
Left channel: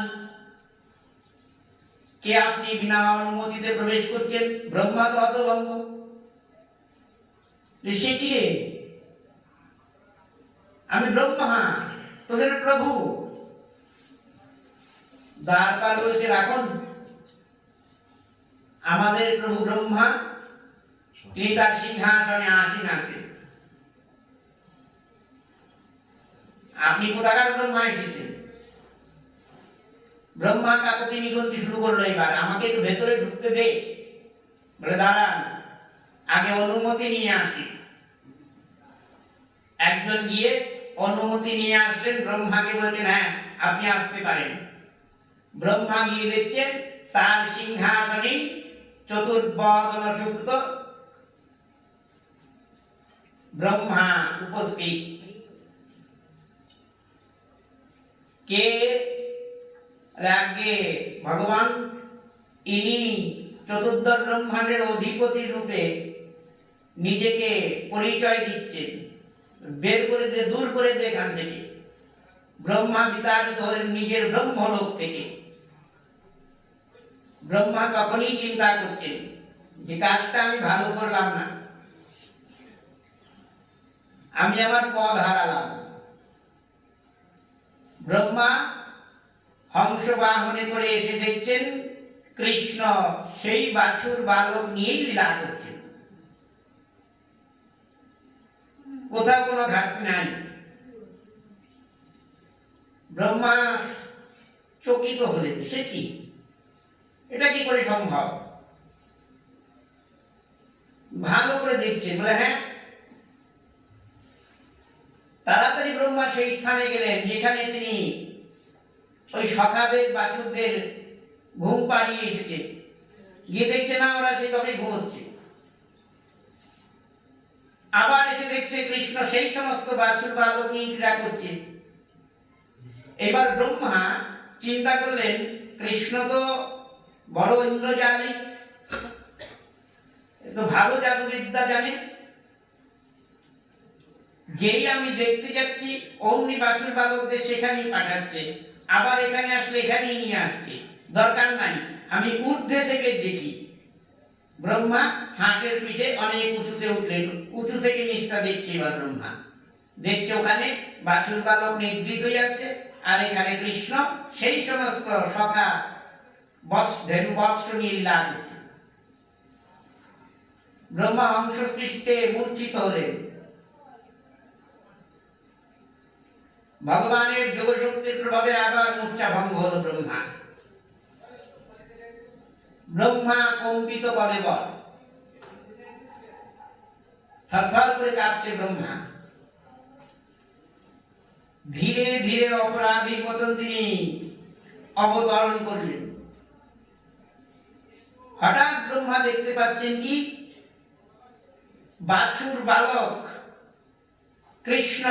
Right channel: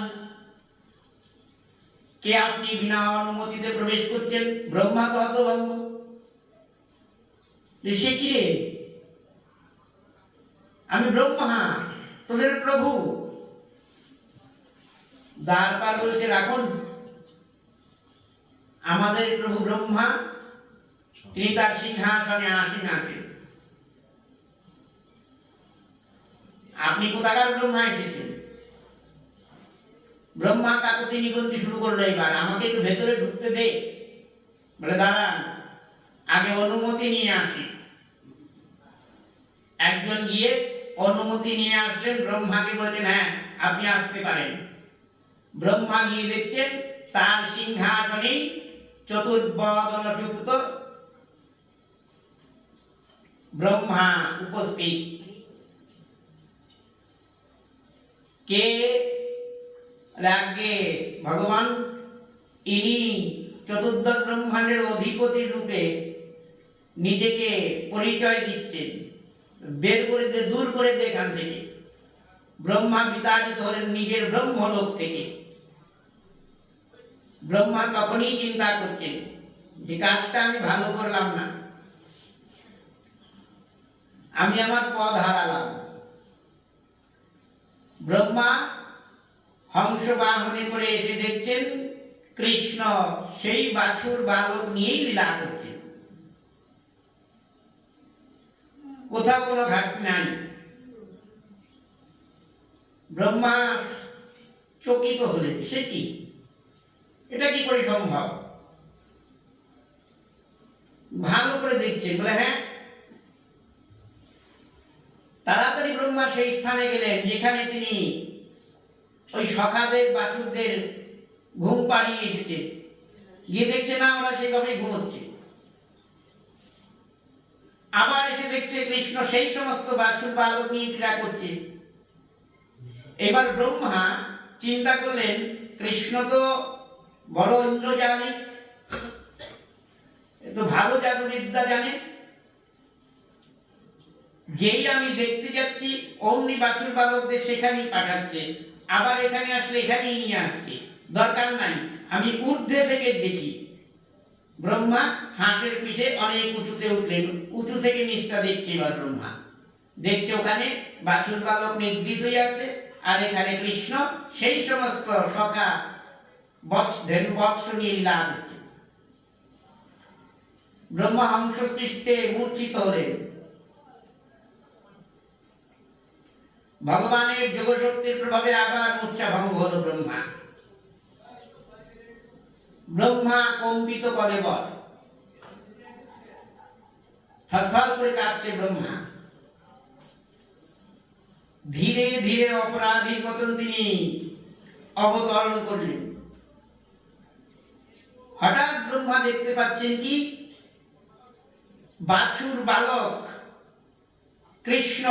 কে আপনি? বিনা অনুমতিতে প্রবেশ করছেন। ব্রহ্মা তো হতভম্ব, সে কি রে? আমি ব্রহ্মা, তোদের প্রভু। দ্বারপাল বলছে, রাখুন, আমাদের প্রভু ব্রহ্মা তিনি তার সিংহাসনে আসীন আছেন। আপনি কোথাকার ব্রহ্মা এসেছেন? ব্রহ্মা কাকতি নিকুঞ্জি শুরু করলো, এবার আমাকে একটু ভেতরে ঢুকতে দে। বলে দাঁড়ান, আগে অনুমতি নিয়ে আসি। একজন গিয়ে অনুমতি নিয়ে আসলেন, ব্রহ্মাকে বলছেন হ্যাঁ আপনি আসতে পারেন। ব্রহ্মা গিয়ে দেখছেন তার সিংহাসনে চতুর্বদন যুক্ত ব্রহ্মা উপস্থিত। কে? আগে ভগবান, ইনি চতুর্দশ ব্রহ্মাণ্ডের অধিপতি রূপে নিজেকে পরিচয় দিচ্ছেন। বের করে দে, দূর করে দে এখান থেকে। ব্রহ্মা বিতাড়িত হলেন নিজের ব্রহ্মলোক থেকে। ব্রহ্মা তখনই চিন্তা করছেন যে কাজটা আমি ভালো করলাম না, আমি আমার পদ হারালাম। ব্রহ্মা হংস বাহনে করে এসে দেখছেন কৃষ্ণ সেই বাছুর বালক নিয়েই লীলা করছেন, কোথাও কোনো ঘাটতি নাই। ব্রহ্মা চকিত হলেন, সে কি, এটা কি করে সম্ভব? ভালো করে দেখছেন, বলে হ্যাঁ। তাড়াতাড়ি ব্রহ্মা সেই স্থানে গেলেন যেখানে তিনি ওই সখাদের বাছুরদের ঘুম পাড়িয়ে এসেছে। গিয়ে দেখছে না, ওরা সেভাবে ঘুমোচ্ছে। আবার এসে দেখছে কৃষ্ণ সেই সমস্ত বাছুর বালক নিয়ে ক্রীড়া করছে। এবার ব্রহ্মা চিন্তা করলেন কৃষ্ণ তো বড় ইন্দ্রজালিক, তো ভালো জাদুবিদ্যা জানে, যেই আমি দেখতে যাচ্ছি অমনি বাছুর বালকদের সেখানেই পাঠাচ্ছে, আবার এখানে আসলে এখানেই নিয়ে আসছে, দরকার নাই, আমি ঊর্ধ্বে থেকে দেখি। ব্রহ্মা হাঁসের পিঠে অনেক উঁচুতে উঠলেন, উঁচু থেকে নিচটা দেখছে। এবার ব্রহ্মা দেখছে ওখানে বাছুর বালক নিদ্রিত হয়ে আছে, আর এখানে কৃষ্ণ সেই সমস্ত সখা ধেনু বস্ত্র নিয়ে লীলা করছে। ব্রহ্মা হংস পৃষ্ঠে মূর্ছিত হলেন। ভগবানের যোগশক্তির প্রভাবে আবার মূর্ছা ভঙ্গ হলো ব্রহ্মা। ব্রহ্মা কম্পিত কলেবর, থরথর করে কাঁপছে ব্রহ্মা। ধীরে ধীরে অপরাধীর মতন তিনি অবতরণ করলেন। হঠাৎ ব্রহ্মা দেখতে পাচ্ছেন কি, বাছুর বালক কৃষ্ণ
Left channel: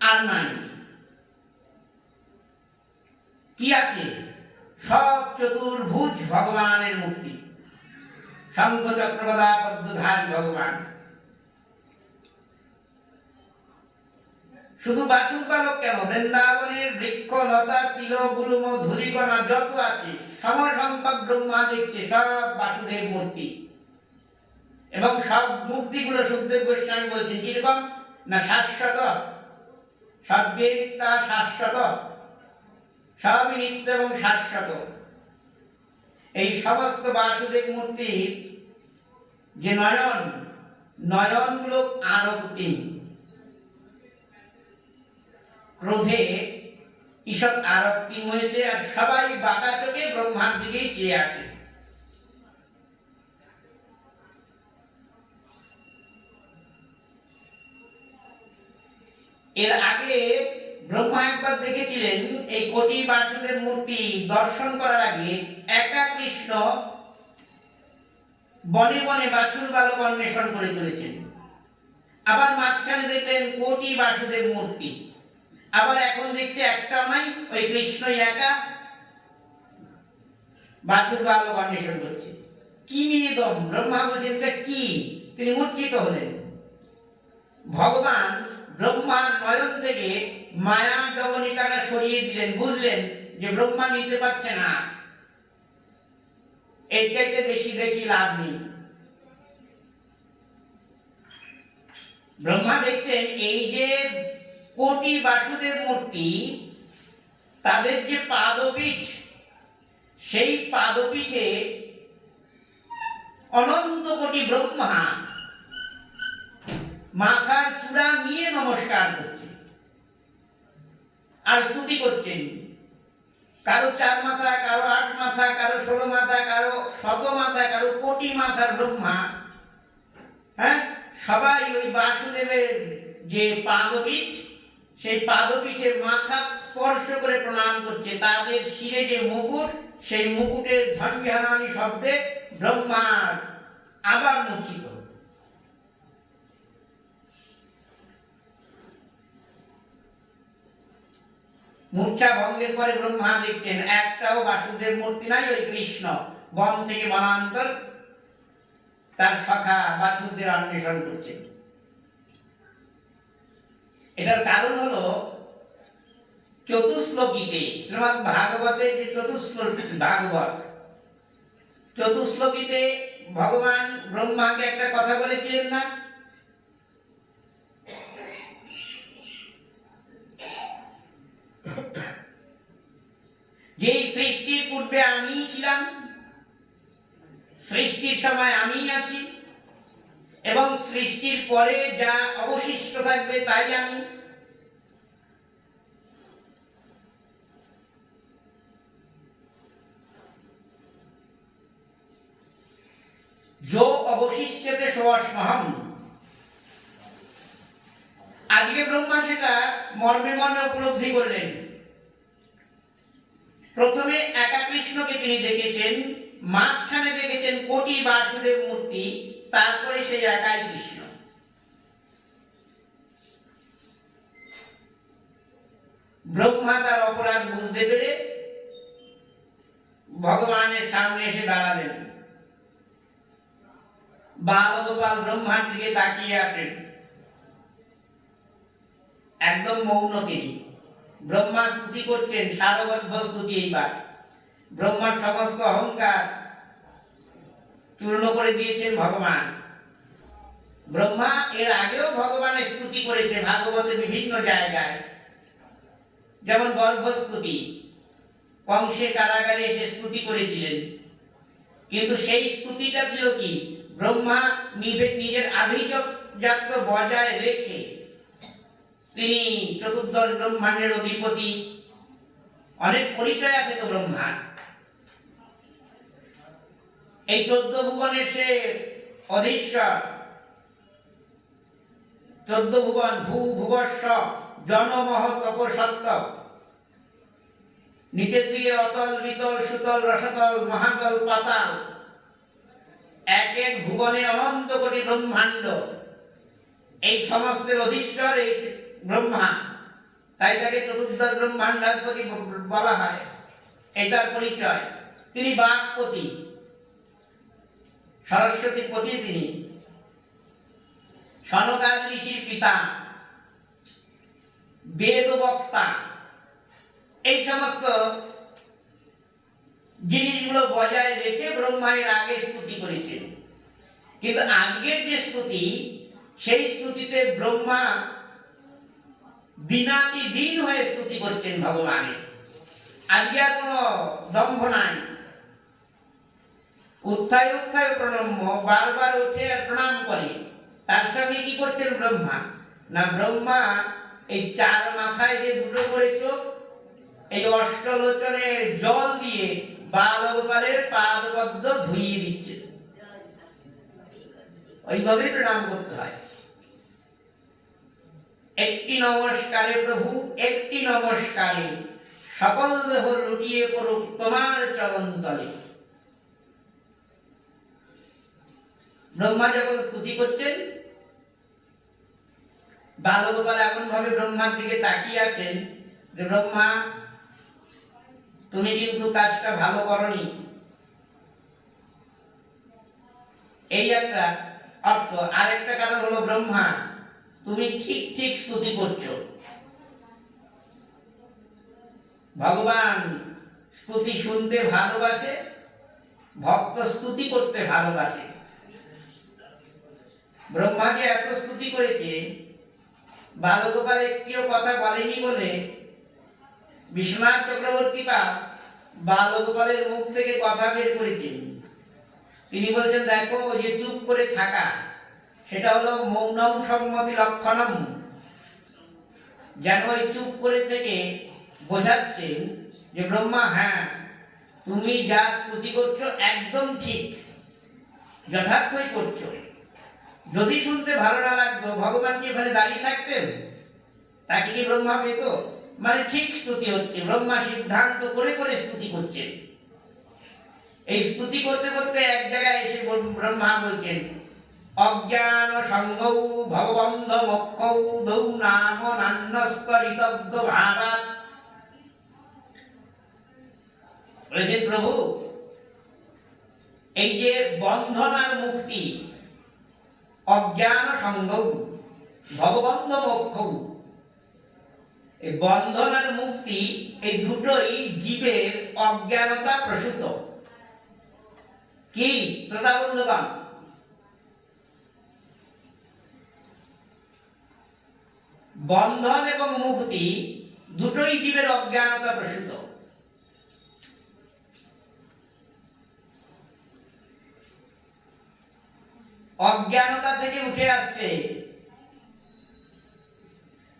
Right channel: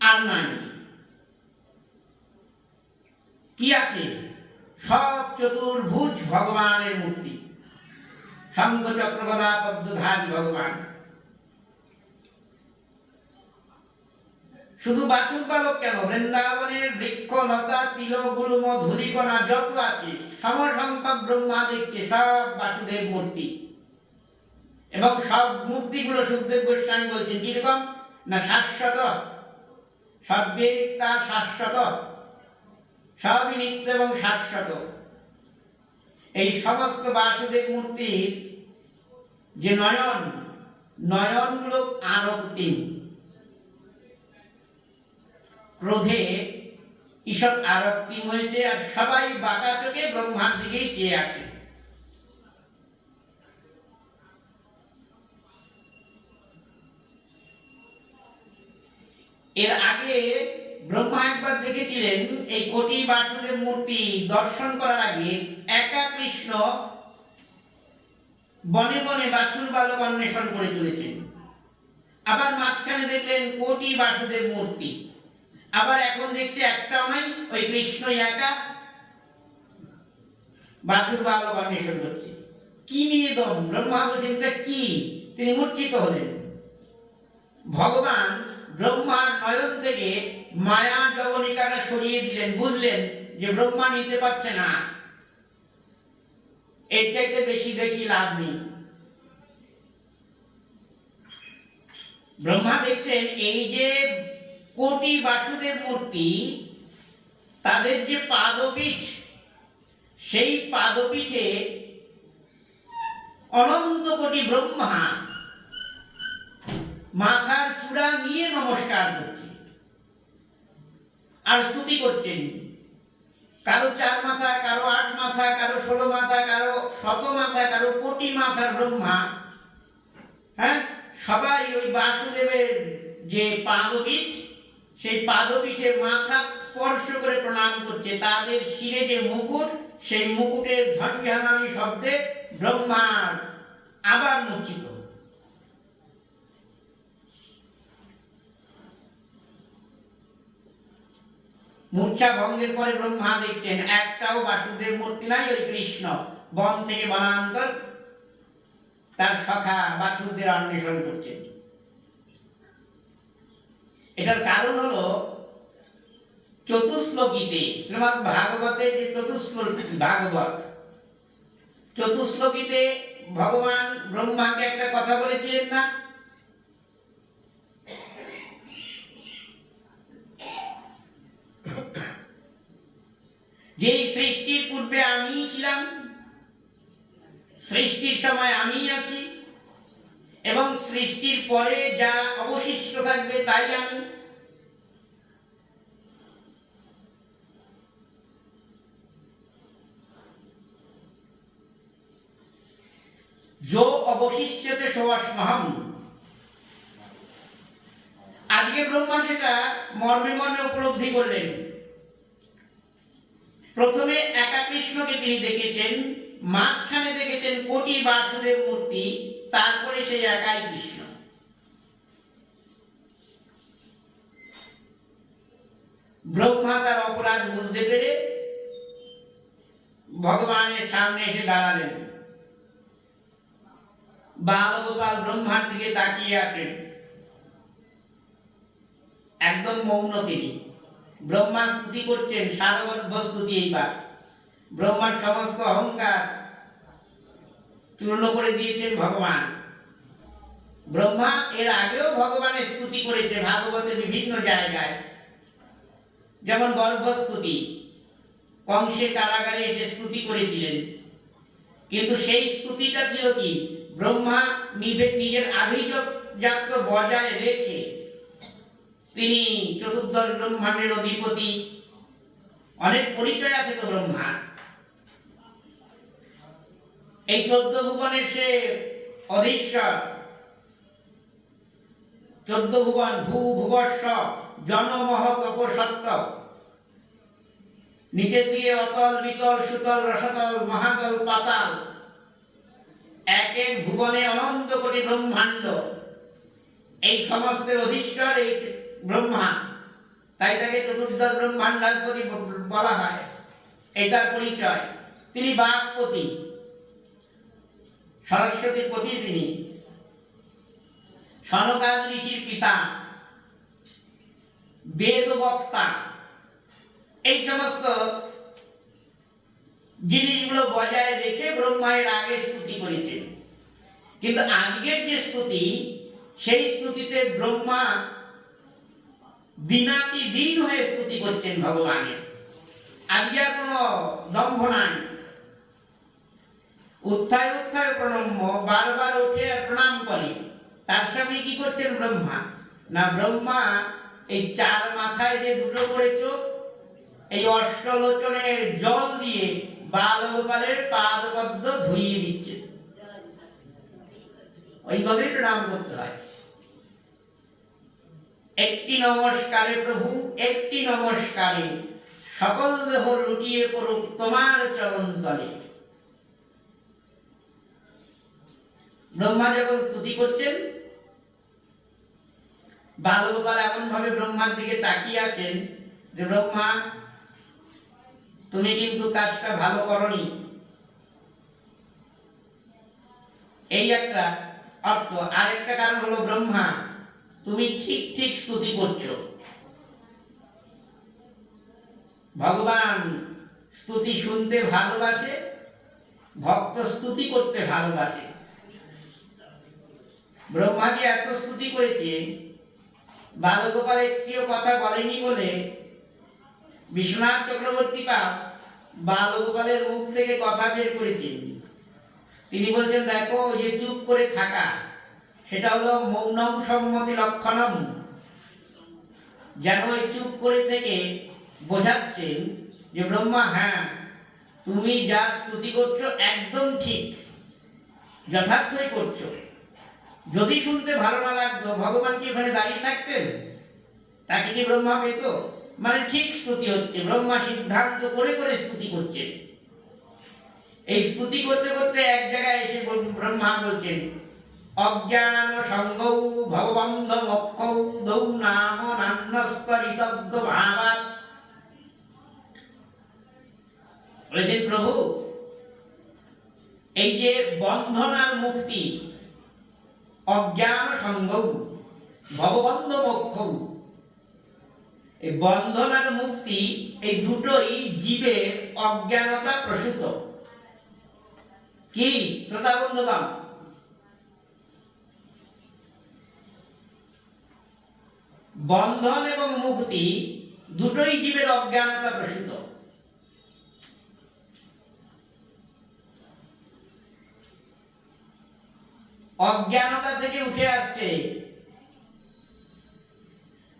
আর নাই। কি আছে? সব চতুর্ভুজ ভগবানের মূর্তি, শঙ্খ চক্র গদা পদ্মধারী ভগবান। শুধু বাছুর বালক কেন, বৃন্দাবনের বৃক্ষ লতা তিল গুল্ম ধূলিকণা যত আছে সমসংখ্যক ব্রহ্মা দেখছে সব বাসুদেব মূর্তি। এবং সব মূর্তিগুলো সুখদেব গোস্বামী বলছেন কিরকম না, শাশ্বত, সর্বে নিত্যা শাশ্বত, সবই নিত্য এবং শাশ্বত। এই সমস্ত বাসুদেব মূর্তির যে নয়ন, নয়নগুলো আরো তিন, ক্রোধে ঈষৎ আরক্তিম হয়েছে, আর সবাই বাঁকা চোখে ব্রহ্মার দিকেই চেয়ে আছে। এর আগে ব্রহ্মা একবার দেখেছিলেন এই কোটি বাসুদেব মূর্তি দর্শন করার আগে একা কৃষ্ণ বনে বনে বাছুর বালক অন্বেষণ করে চলেছেন। আবার মাঝখানে দেখলেন কোটি বাসুদেব মূর্তি, আবার এখন দেখছে একটাও নাই, ওই কৃষ্ণই একা বাছুর বালক অন্বেষণ করছে। কি নিয়ে দম? ব্রহ্মা বলছেন এটা কি? তিনি মূর্ছিত হলেন। ভগবান ব্রহ্মার নয়ন থেকে মায়া জবনিকাটা সরিয়ে দিলেন, বুঝলেন যে ব্রহ্মা নিতে পারছে না, এর চাইতে বেশি দেখি লাভ নেই। ব্রহ্মা দেখছেন এই যে কোটি বাসুদেব মূর্তি, তাদের যে পাদপীঠ, সেই পাদপীঠে অনন্ত কোটি ব্রহ্মা মাথার চূড়া নিয়ে নমস্কার করছে আর স্তুতি করছেন। কারো 4 মাথা, কারো 8 মাথা, কারো 16 মাথা, কারো 100 মাথা, কারো কোটি মাথার ব্রহ্মা, হ্যাঁ, সবাই ওই বাসুদেবের যে পাদপীঠ, সেই পাদপীঠে মাথা স্পর্শ করে প্রণাম করছে। তাদের শিরে যে মুকুট, সেই মুকুটের ঝঞ্ঝানানি শব্দে ব্রহ্মার আবার মূর্ছিত। মূর্ছা ভঙ্গের পরে ব্রহ্মা দেখছেন একটাও বাসুদেব মূর্তি নাই, ওই কৃষ্ণ বন থেকে বনান্তর তার সখা বাসুদেবের অন্বেষণ করছেন। এটার কারণ হলো চতুশ্লোকীতে, শ্রীমদ্ ভাগবতের যে ভাগবত চতুশ্লোকীতে ভগবান ব্রহ্মাকে একটা কথা বলেছিলেন না, যে সৃষ্টির পূর্বে আমিই ছিলাম, সৃষ্টির সময় আমিই আছি, এবং সৃষ্টির পরে যা অবশিষ্ট থাকবে তাই আমি। जो অবশিষ্যতে সোয়াস্মহম। আজকে ব্রহ্মা সেটা মর্মে মর্মে উপলব্ধি করলেন। প্রথমে একা কৃষ্ণকে তিনি দেখেছেন, মাঝখানে দেখেছেন কোটি বাসুদেব মূর্তি, তারপরে সেই একাই কৃষ্ণ। ব্রহ্মা তার অপরাধ বুঝতে পেরে ভগবানের সামনে এসে দাঁড়ালেন। বালগোপাল ব্রহ্মার দিকে তাকিয়ে আছেন, একদম মৌন তিনি। ব্রহ্মা স্তুতি করছেন, সারগর্ভ স্তুতি। এইবার ব্রহ্মার সমস্ত অহংকার চূর্ণ করে দিয়েছেন ভগবান। ব্রহ্মা এর আগেও ভগবানের স্তুতি করেছে ভাগবতের বিভিন্ন জায়গায়, যেমন গর্ভস্তুতি, কংসের কারাগারে এসে স্তুতি করেছিলেন। কিন্তু সেই স্তুতিটা ছিল কি, ব্রহ্মা নিজের আভিজাত্য বজায় রেখে, তিনি চতুর্দশ ব্রহ্মাণ্ডের অধিপতি, অনেক পরিচয় আছে তো ব্রহ্মার। এই 14 ভুবনের সে অধীশ্বর। 14 ভুবন, ভূ ভুবস্ব জনমহ তপসত্ব, নিচের দিকে অতল বিতল সুতল রসতল মহাতল পাতাল, এক এক ভুবনে অনন্ত কোটি ব্রহ্মাণ্ড। এই সমস্তের অধীশ্বর এই ব্রহ্মা, তাই তাকে চতুর্দশ ব্রহ্মাণ্ডাধিপতি বলা হয়। এটার পরিচয়। তিনি বাক্পতি, সরস্বতীর পতি তিনি, সনকাদি ঋষির পিতা, বেদ বক্তা। এই সমস্ত জিনিসগুলো বজায় রেখে ব্রহ্মা এর আগে স্তুতি করেছেন। কিন্তু আজকের যে স্তুতি, সেই স্তুতিতে ব্রহ্মা দিনাতি দিন হয়ে স্তুতি করছেন ভগবানের। আজকে আর কোনো দম্ভ নাই। উত্থায় উত্থায় প্রণম্য, বারবার ওঠে আর প্রণাম করে। তার সঙ্গে কি করছেন ব্রহ্মা না, ব্রহ্মা এই 4 মাথায় যে দুটো করে চোখ, এই অষ্টলোচনের জল দিয়ে বালগোপালের পাদপদ্ম ধুইয়ে দিচ্ছে। ওইভাবে প্রণাম করতে হয়। একটি নমস্কারে প্রভু, একটি নমস্কারে সকল দেহ লুটিয়ে পড়ুক তোমার চরণ তলে। ব্রহ্মা যখন স্তুতি করছেন, বালগোপাল এমন ভাবে ব্রহ্মার দিকে তাকিয়ে আছেন যে, ব্রহ্মা তুমি কিন্তু কাজটা ভালো করনি। এই একটা অর্থ। আর একটা কারণ হলো, ব্রহ্মা তুমি ঠিক ঠিক স্তুতি করছো। ভগবান স্তুতি শুনতে ভালোবাসে, ভক্ত স্তুতি করতে ভালোবাসে। ব্রহ্মা যে এত স্তুতি করেছে, বালগোপাল একটিও কথা বলেনি বলে বিশ্বনাথ চক্রবর্তী বালগোপালের মুখ থেকে কথা বের করেছেন। তিনি বলছেন দেখো ওই যে চুপ করে থাকা সেটা হলো মৌনম সম্মতি লক্ষণম, যেন ওই চুপ করে থেকে বোঝাচ্ছেন যে ব্রহ্মা হ্যাঁ তুমি যা স্তুতি করছো একদম ঠিক, যথার্থই করছো। যদি শুনতে ভালো না লাগতো ভগবান কি ওখানে দাঁড়িয়ে থাকতেন? তাকে কি ব্রহ্মা পেত? মানে ঠিক স্তুতি হচ্ছে, ব্রহ্মা সিদ্ধান্ত করে করে স্তুতি করছেন। এই স্তুতি করতে করতে এক জায়গায় এসে ব্রহ্মা বলছেন অজ্ঞান সঙ্গৌ ভববন্ধ মক্ষৌ দৌ নাম নান্যস্তরিতব্য ভাবাৎ। বলেছেন প্রভু এই যে বন্ধন আর মুক্তি, অজ্ঞান সঙ্গৌ ভববন্ধ মোক্ষৌ, এই বন্ধন আর মুক্তি এই দুটোই জীবের অজ্ঞানতা প্রসূত। কি শ্রোতা বন্ধুগণ, বন্ধন এবং মুক্তি দুটোই জীবের অজ্ঞানতা প্রসূত। অজ্ঞানতা থেকে উঠে আসছে,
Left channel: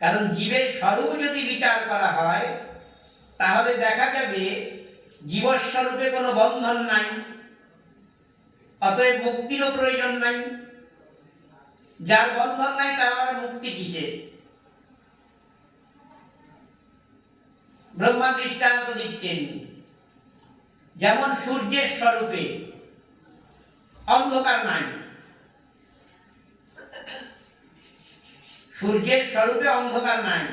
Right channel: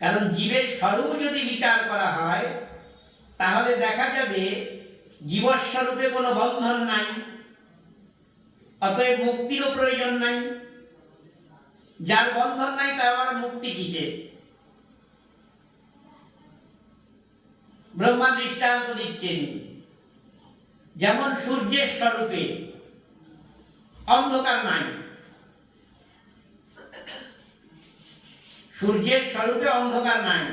কারণ জীবের স্বরূপ যদি বিচার করা হয় তাহলে দেখা যাবে জীবস্বরূপে কোনো বন্ধন নাই, অতএব মুক্তিরও প্রয়োজন নাই। যার বন্ধন নাই তার আবার মুক্তি কিসে? ব্রহ্মা দৃষ্টান্ত দিচ্ছেন, যেমন সূর্যের স্বরূপে অন্ধকার নাই, সূর্যের স্বরূপে অন্ধকার নাই,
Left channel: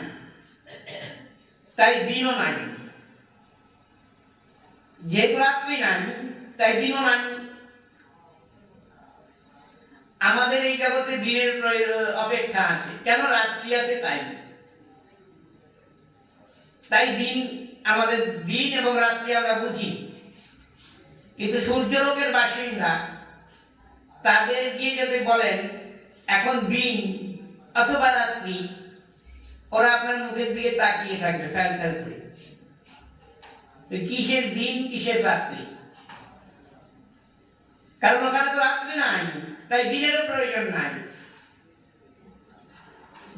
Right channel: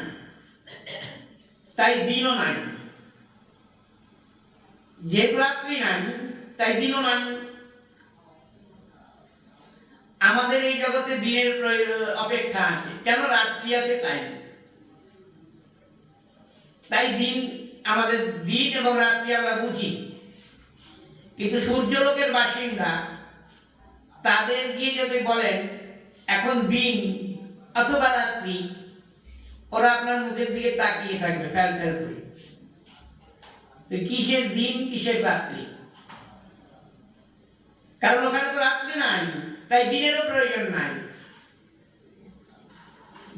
তাই দিনও নাই। যেহেতু রাত্রি নাই তাই দিনও নাই। আমাদের এই জগতে দিনের অপেক্ষা আছে, কেন? রাত্রি আছে তাই। তাই দিন, আমাদের দিন এবং রাত্রি আমরা বুঝি। কিন্তু সূর্যলোকের বাসিন্দা তাদের গিয়ে যদি বলেন এখন দিন অথবা রাত্রি, ওরা আপনার মুখের দিকে তাকিয়ে থাকবে ফ্যাল ফ্যাল করে। কিসের দিন কিসের রাত্রি? কারণ ওখানে তো রাত্রি নাই, তাই দিনেরও প্রয়োজন নাই।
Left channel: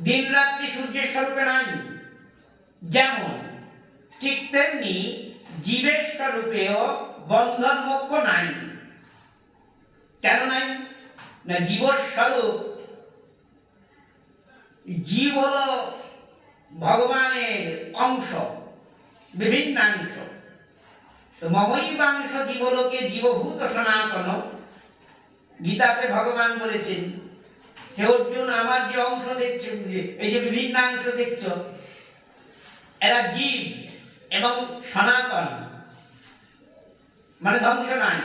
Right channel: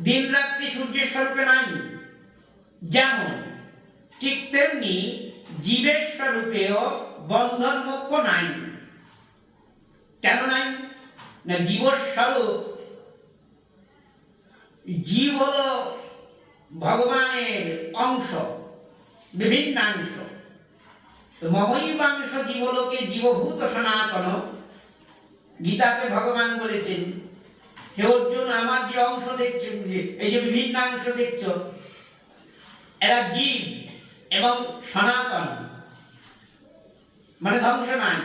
দিন রাত্রি সূর্যের স্বরূপে নাই, যেমন ঠিক তেমনি জীবের স্বরূপেও বন্ধন মোক্ষ নাই। কেন নাই? না জীবর স্বরূপ, জীব হলো ভগবানের অংশ, বিভিন্নাংশ। তো মমৈবাংশ জীবলোকে জীবভূত সনাতন, গীতাতে ভগবান বলেছেন হে অর্জুন আমার যে অংশ দেখছো, এই যে বিভিন্নাংশ দেখছো, এরা জীব এবং সনাতন, মানে ধ্বংস নাই।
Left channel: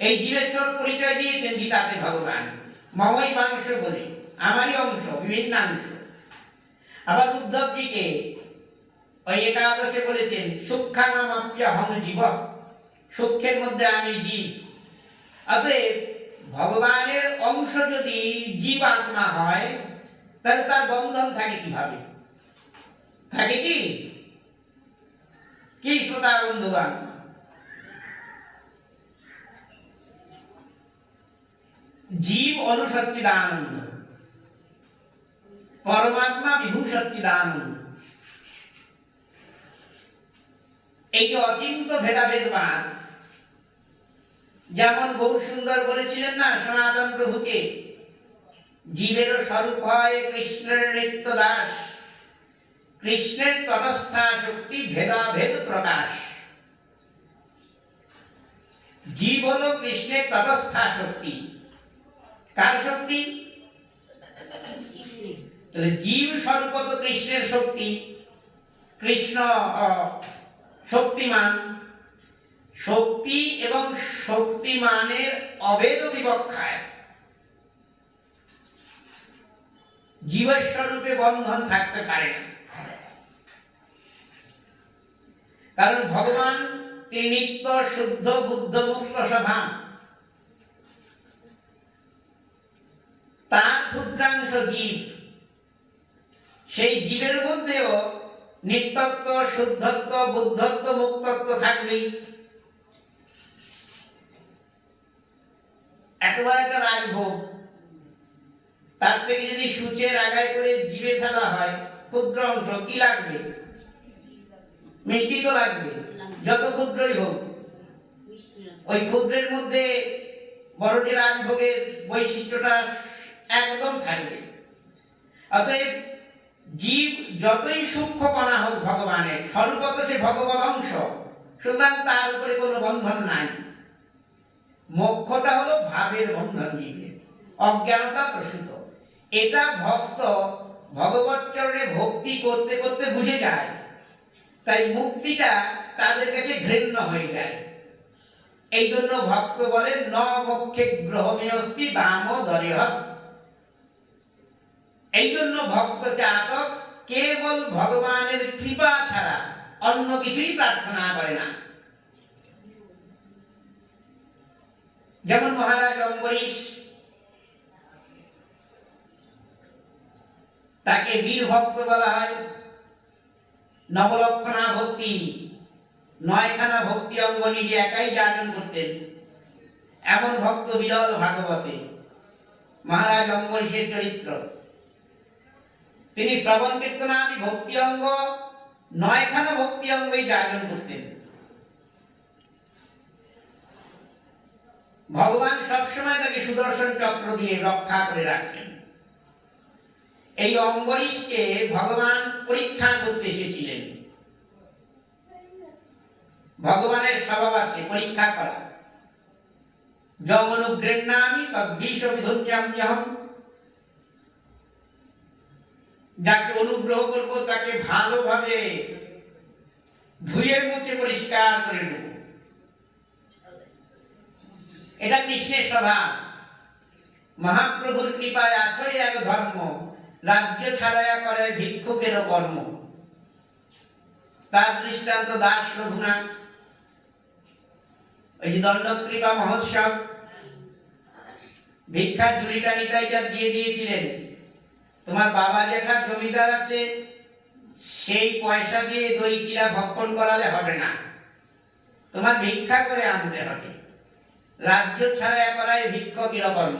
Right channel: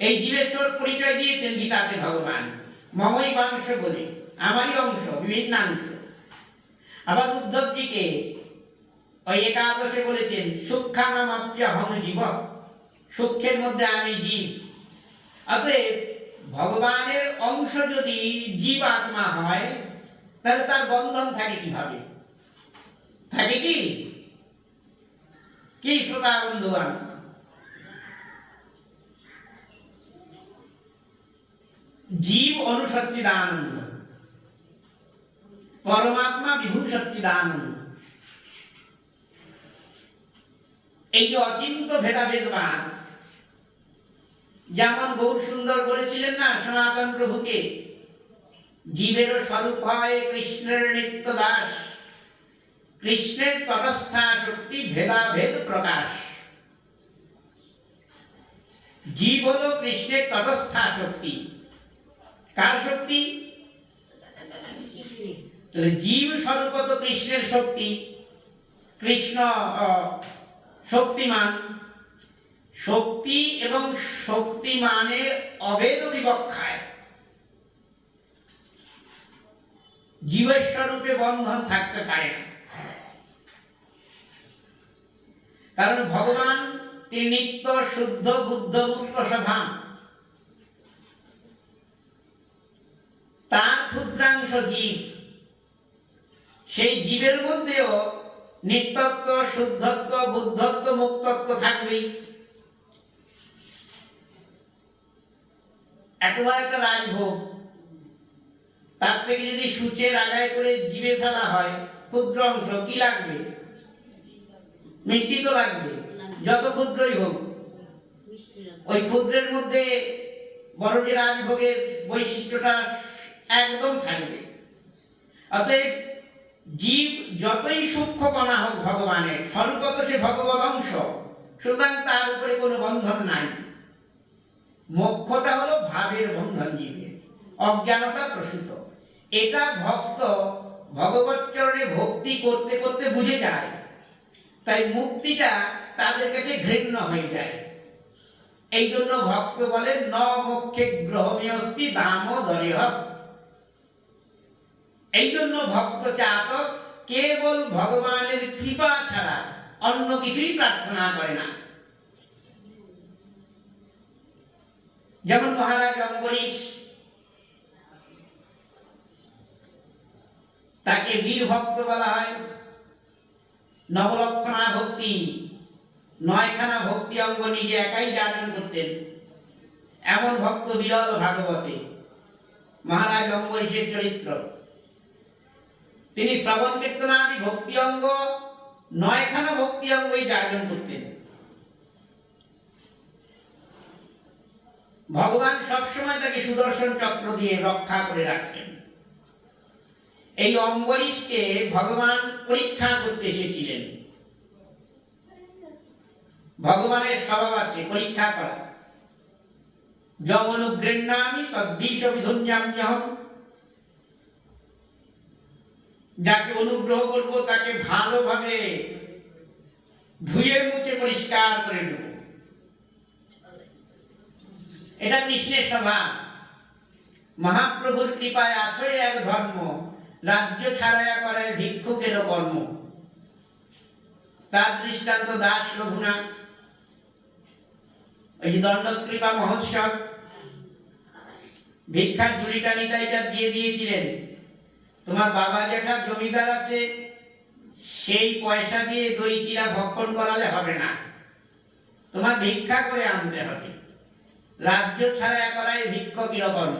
এই জীবের পরিচয় দিয়েছেন গীতাতে ভগবান মমৈবাংশ বলে, আমারই অংশ, বিভিন্নাংশ। আবার উদ্ধবজিকে ওই একাদশে বলেছেন সূক্ষ্মানামাপ্যহং জীব, সূক্ষ্মের মধ্যে আমি জীব। অতএব ভগবানের অংশ যদি জীব আত্মা হয় তাহলে তার বন্ধন থাকে কিভাবে? থাকে কি? কি শ্রোতা বন্ধুগণ, জীব অনুসচ্চিদানন্দ, পরমাত্মা বিভু সচ্চিদানন্দ। এই যে অচিন্ত ভেদাভেদবাদ, যেমন গৌর সুন্দর বলেছিলেন না সনাতন প্রভুকে, জীবেরও স্বরূপ হয় কৃষ্ণের নিত্য দাস, কৃষ্ণের তটস্থা শক্তি ভেদাভেদ প্রকাশ। জীব হলো কৃষ্ণের তটস্থা শক্তি। কার শক্তি? তাহলে জীব স্বরূপ তো কৃষ্ণের শক্তি, কৃষ্ণ শক্তিমান। শক্তি এবং শক্তিমানের অভেদ বিবক্ষায় জীবের স্বরূপে বন্ধন থাকতে পারে না, কারণ ভগবান তিনি নিত্য শুদ্ধ বুদ্ধ মুক্ত স্বভাব। তার ক্ষুদ্রাংশ জীব, সেই জীবের মধ্যেও নিত্যত্ব শুদ্ধত্ব বুদ্ধত্ব মুক্তত্ব থাকবেই। এত বড় একটা রাজভোগ, তার থেকে যদি সূচের আগায় করে জিভে ফেলা হয় ক্ষুদ্র অংশ, কি লাগবে? মিষ্টি তো লাগবে, যত ক্ষুদ্রই হোক। ওই ক্ষুদ্রের মধ্যে বড় যে রাজভোগের বৈশিষ্ট্যটা একদম থাকবে। অতএব জীব যতই সূক্ষ্ম কণা হোক ভগবানের, স্বরূপত সে ভগবত অংশ, সুতরাং তার উপরে কোনো বন্ধন নাই। মোক্ষটা হলো ভাবের বন্ধন জীবের, অজ্ঞানতা প্রসূত। এটা ভক্ত ভগবত চরণে ভক্তি করতে করতে বুঝে যায়, তাই মুক্তিটা তাদের কাছে ঘৃণ্য হয়ে যায়। এই জন্য ভক্ত বলেন ন মোক্ষে গ্রহমেয়স্তি দামোদরেহ। এই জন্য ভক্ত চাতক কেবল ভগবানের কৃপা ছাড়া অন্য কিছুই প্রার্থনা করে না। যেমন মহারাজ অম্বরীশ, তাকে বীর ভক্ত বলা হয়। নবলক্ষণা ভক্তি, 9খানা ভক্তি অঙ্গ নিজে একাই যাপন করতেন, এমন ভক্ত বিরল ভাগবতে মহারাজ অম্বরীশের চরিত্র। তিনি শ্রবণ কীর্তনাদি ভক্তি অঙ্গ 9খানা ভক্তি অঙ্গই যাপন করতেন। ভগবান সবসময় তাকে সুদর্শন চক্র দিয়ে রক্ষা করে রাখতেন। এই অম্বরীশকে ভগবান পরীক্ষা করতে এসেছিলেন। ভগবানের স্বভাব আছে পরীক্ষা করা। যম অনুগৃহ্ণামি তদ্বিষবিধুঞ্জাম্যহম। যাকে অনুগ্রহ করব তাকে ভালোভাবে ধুয়ে মুছে পরিষ্কার করে দেব। এটা কৃষ্ণের স্বভাব। মহাপ্রভুর কৃপায় আছই এক ধর্ম, রাজ্য ছাড়াইয়া করে ভিক্ষুকের কর্ম। তার দৃষ্টান্ত দাস রঘুনাথ। ওই যে দণ্ড কৃপা মহোৎসব, ভিক্ষার ঝুড়িটা নিতাইটা দিয়ে দিয়েছিলেন, তোমার বাবা যেটা জমিদার আছে সেই পয়সা দিয়ে দই চিড়া ভক্ষণ করালে হবে না, তোমার ভিক্ষা করে আনতে হবে। রাজ্য ছাড়াইয়া করায় ভিক্ষুকের কর্ম।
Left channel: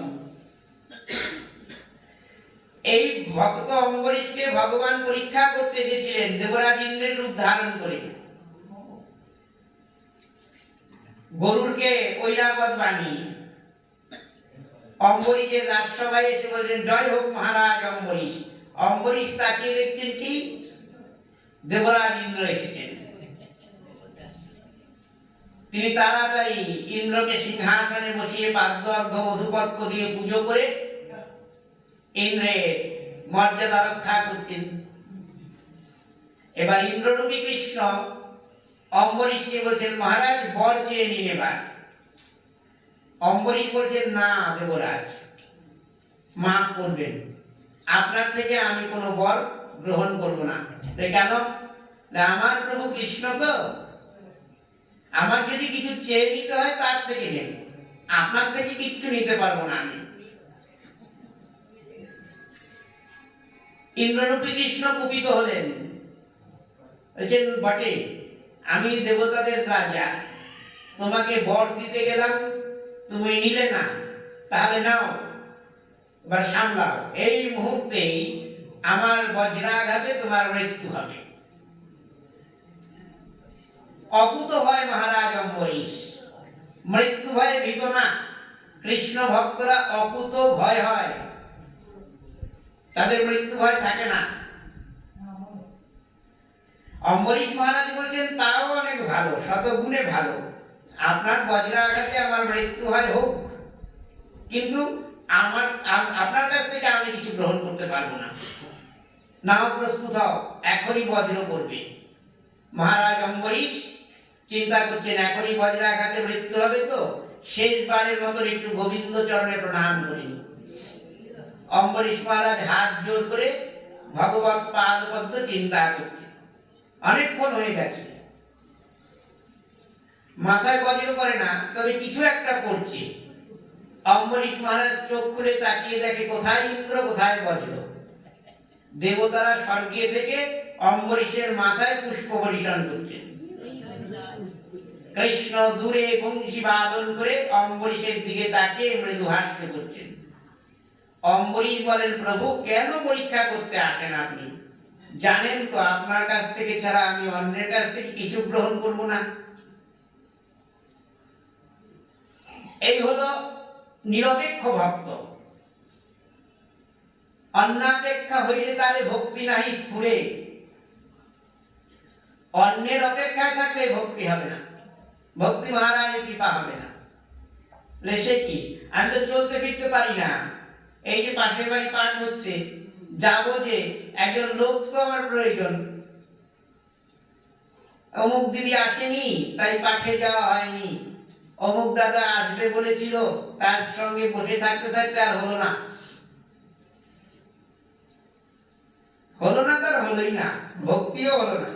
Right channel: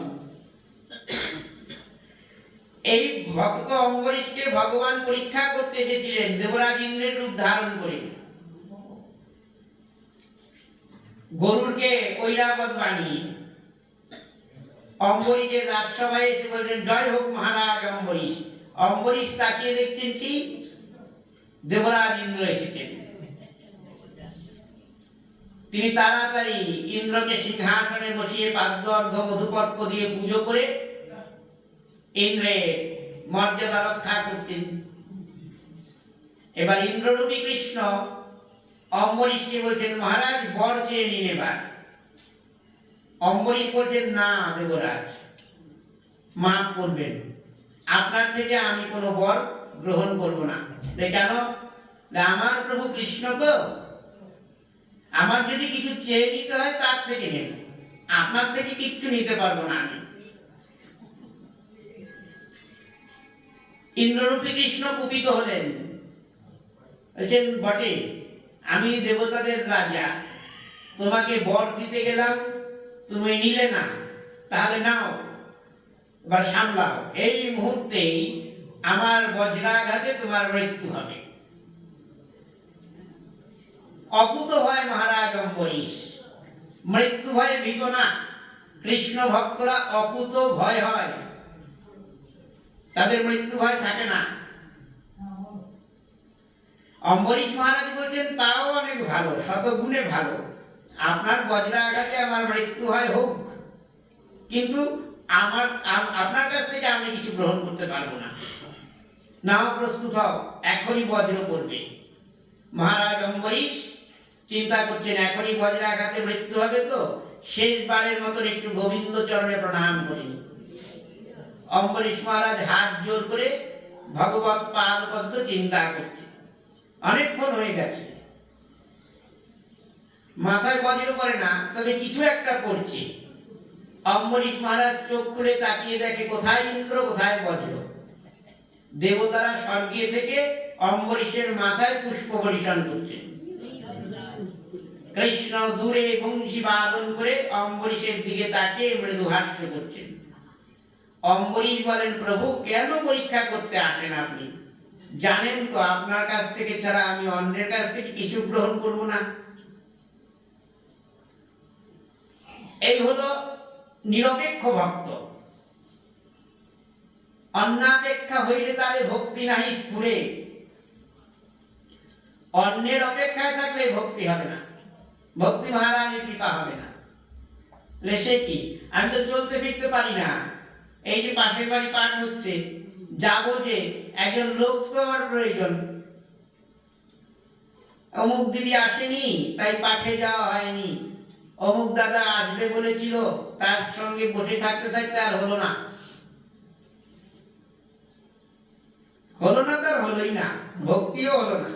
এই ভক্ত অম্বরীশকে ভগবান পরীক্ষা করতে এসেছিলেন দেবরাজ ইন্দ্রের রূপ ধারণ করে। গরুরকে ঐরাবত বানিয়ে অম্বরীশের রাজসভায় এসে বলছেন, জয় হোক মহারাজ অম্বরীশ। অম্বরীশ তাকিয়ে দেখছেন কি দেবরাজ ইন্দ্র এসেছেন। তিনি তাড়াতাড়ি ইন্দ্রকে সিংহাসনে বসিয়ে পাদ্য অর্ঘ্য মধুপর্ক দিয়ে পুজো করে ইন্দ্রের মর্যাদা রক্ষা করছেন। এবার ইন্দ্ররূপী কৃষ্ণ অম্বরীশকে বলছেন, মহারাজ বর চেয়ে নিন এবার। অম্বরীশ বলছেন, না দেবরাজ, মাফ করবেন, আপনার থেকে আমি কোনো বর গ্রহণ করব না। কেন? আমার প্রভু কৃষ্ণ তো, আমার যদি কিছু চেয়ে নিতে হয় তার থেকে নেব, আপনার থেকে কিচ্ছু নিতে পারবো না আমি। ইন্দ্ররূপী কৃষ্ণ কুপিত হলেন, বলছেন, বটে আমি দেবতাদের রাজা, তোমাকে বর দিতে গেলাম, তুমি নিলে না, তাহলে নাও, এবার সামলাও। এই মুহূর্তেই আমার বজ্রাঘাতে তোমার মৃত্যু হবে। অকুত ভয় মহারাজ অম্বরীশ, মৃত্যু ভয়ে ভীত না। কৃষ্ণ ভক্তরা অকুত ভয় হয়, তাদের মৃত্যু ভয় থাকে না। অম্বরীশ মহারাজ বলছেন, তাও অনেক ভালো, শতগুণে ভালো, আপনার বজ্রাঘাতে আমার মৃত্যু হয় হোক, কিন্তু আপনার কাছ থেকে আমি কিছু গ্রহণ করতে পারবো না। নাও প্রস্তুত হও, এখনই বজ্র পড়বে। মহারাজ অম্বরীশ চিন্তা করছেন, এখনই বজ্রাঘাতে মৃত্যু হবে তো শেষবারের মতন একটু গোবিন্দ চরণে প্রণাম করিনি। অম্বরীশ মহারাজ হাত জোর করে ভগবত পাদপদ্ম চিন্তা করছে। অনেকক্ষণ হয়ে গেছে, মাথায় বজ্র করে না, তবে কিছু একটা করছে। অম্বরীশ মহারাজ চোখ খুলে তাকিয়ে দেখে কোথায় ইন্দ্র, কোথায় বজ্র। দেবতারা স্বর্গে থেকে অম্বরীশের মাথায় পুষ্প বর্ষণ করছেন। কৃষ্ণ দূরে বংশী বাদন করে অম্বরীশের দিকে তাকিয়ে মৃদু হাস্য করছেন। অম্বরীশ বলেন, প্রভু কেন পরীক্ষা করতে আসেন আপনি? জানেন তো আপনার কাছ থেকে ছাড়া আমি অন্যের কাছ থেকে কিছু গ্রহণ করব না। এই হলো নিরপেক্ষ ভক্ত। অন্যাপেক্ষা হইলে তারে ভক্তি নাহি স্ফুরে। অন্যের অপেক্ষায় থাকলে ভক্তি হবে না, ভক্তি মহারানীর কৃপা হবে না। সে কি, আমি তো চলতে ফিরতে পারি না, এই যে পাশের বাড়ি পাঠ হচ্ছে, যাবো যে, একজন লোক তো আমার প্রয়োজন। অমুক দিদি আসেনি তাই পাঠে যাওয়া হয়নি, অমুক দাদা আসবে বলেছিল, তার সঙ্গে বসে থাকতে থাকতে আর হলো না, হলো না, তার হলোই না, ভক্তিও হলো না।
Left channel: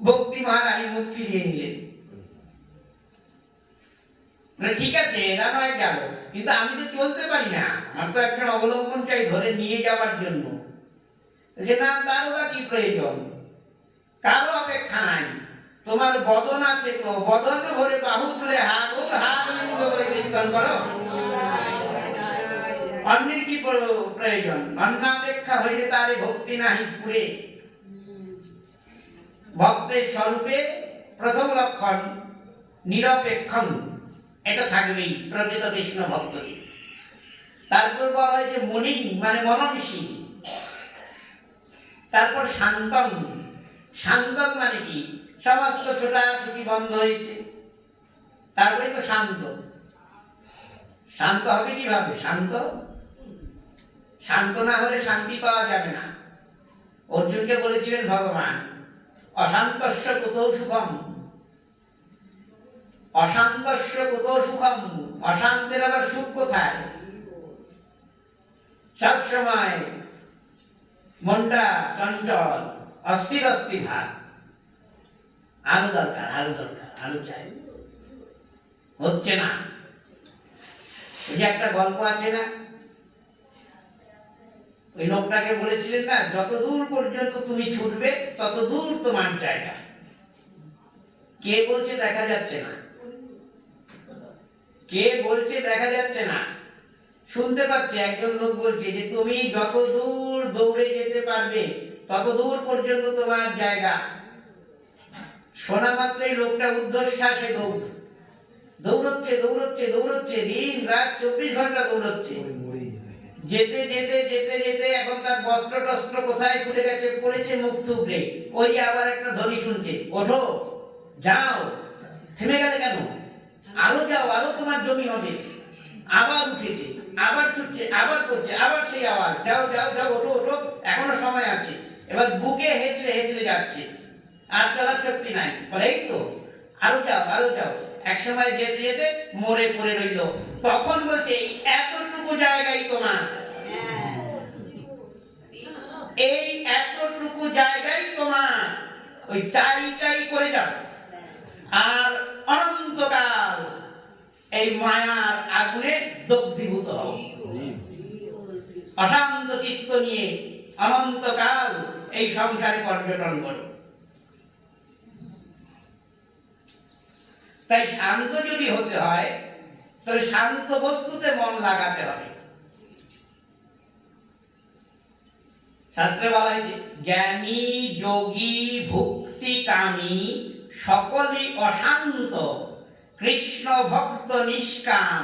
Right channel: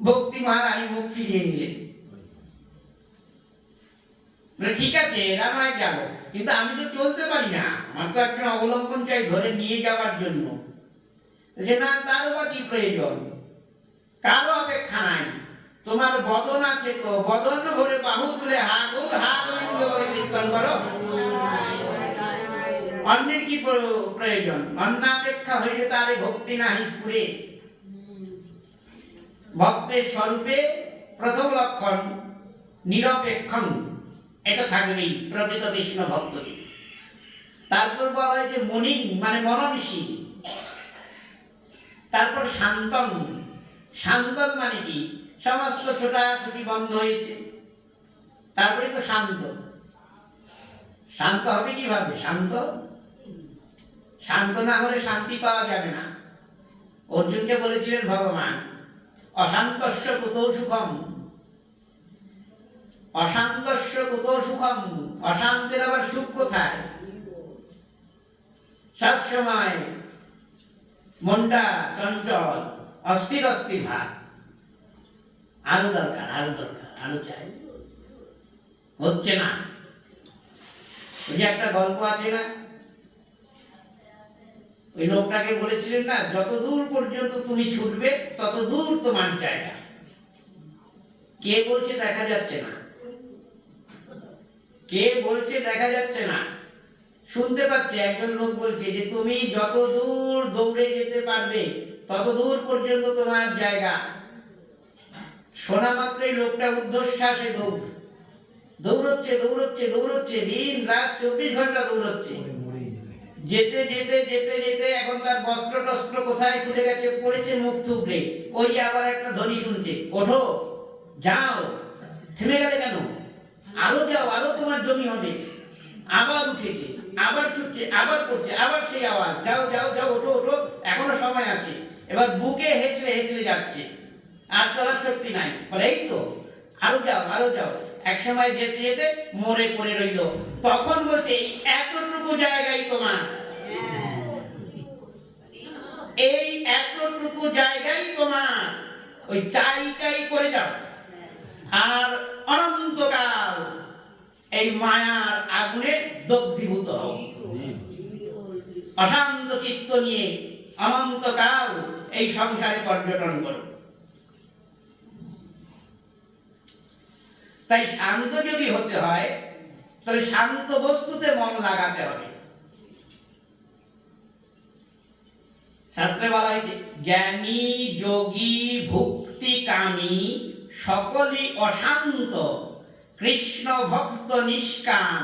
ভক্তি মহারানী মুখ ফিরিয়ে নিলেন। ঠিক আছে, এরা নয় গেল, কিন্তু আমি তো চলতে পারি না, আমার তো একজন অবলম্বন চাই ধরে নিয়ে যাওয়ার জন্য। যে না, তারও বা কি প্রয়োজন, কারো অপেক্ষা নাই, তোমার বদন আছে তো, বদন ভরে বাহু তুলে হা গোল হা গোবিন্দ বলে কীর্তন করো। অন্যের কি প্রয়োজন? অন্যাপেক্ষা হইলে তারে ভক্তি নাহি স্ফুরে। ভক্তের স্বরূপে প্রথম লক্ষণ নিরপেক্ষং, এটা থাকবেই প্রকৃত কৃষ্ণ ভক্তকে। তারপর বলা হয় যে মনিং মানে মননশীল। তারপর শান্তং, শান্তং মানে কি, সমস্ত ছোটাছুটি বন্ধ হয়েছে, তারপরে তো শান্ত। শান্ত হবে কিভাবে? শান্ত, শান্ত না হলে শান্তি পাওয়া যাবে না। অর্জুনকে বলেছিলেন ভগবান, অশান্তস্য কুতো সুখম, অশান্তস্য কুতো সুখম, অশান্তের আবার সুখ কোথায়? সব সময় মনটা চঞ্চল, অস্থির অস্থির ভাব। আরো দরকার, আরো দরকার, আরো চাই, হচ্ছে না। ওই যে একটা গল্প আছে না, ওই লোকটাকে বলেছিলেন না, যত দূর পর্যন্ত তুমি ছুটবে তত দূর তোমার জায়গা। কে বলছে দেখা যাচ্ছে না, কে বলছে দেখা যাচ্ছে না, শুনতে পাচ্ছে একজন লোক বলছে যে তুমি যত দূর দৌড়ে যেতে পারবে তত দূর পর্যন্ত তোমার জায়গা। শোনা মাত্রই লোকটা ঊর্ধ্বশ্বাসে দৌড়চ্ছে দৌড়চ্ছে দৌড়চ্ছে, দিন রাত 24 ঘন্টা দৌড়চ্ছে। যেতে যেতে যেতে যেতে এখন তার বস্ত্র টস্ত্র কোথায় খুলে গেছে, পড়েছে মুখ থুবড়ে। ওই আবার একটা ধ্বনি শুনছে, ওঠো যাও, থেমে গেলে কেন, আরো যাও, আরো তোমার জমি হবে। আবার উঠেছে, আবার ছুটছে, আবার করছে, আবার সেই আওয়াজ, যাও যাও যাও, ওঠো ওঠো, এখনো সময় আছে। এবার বুকে হেঁচড়ে হেঁচড়ে যাচ্ছে, আর চলার শক্তি নাই। বলে এই তো, আরো যাও আরো যাও। এক সময় যেতে যেতে মরে পড়ে রইল। তখন বলছে এই এতটুকু জায়গায় তোমার, এই এতটুকু জায়গায় তোমার, ওই চাই চাই করে যাও, আর অনন্তকাল এই মায়ার আগুনে দগ্ধীভূত হও। অশান্ত চিত্ত নিয়ে অনন্তকাল এই সংসারে পর্যটন করো। তাই শান্ত যদি হতে হয় তাহলে শান্ত বস্তুতে মন লাগাতে হবে। শাস্ত্রে বলা হয়েছে জ্ঞানী যোগী ভুক্তি কামী সকলই অশান্ত, কৃষ্ণ ভক্ত নিষ্কাম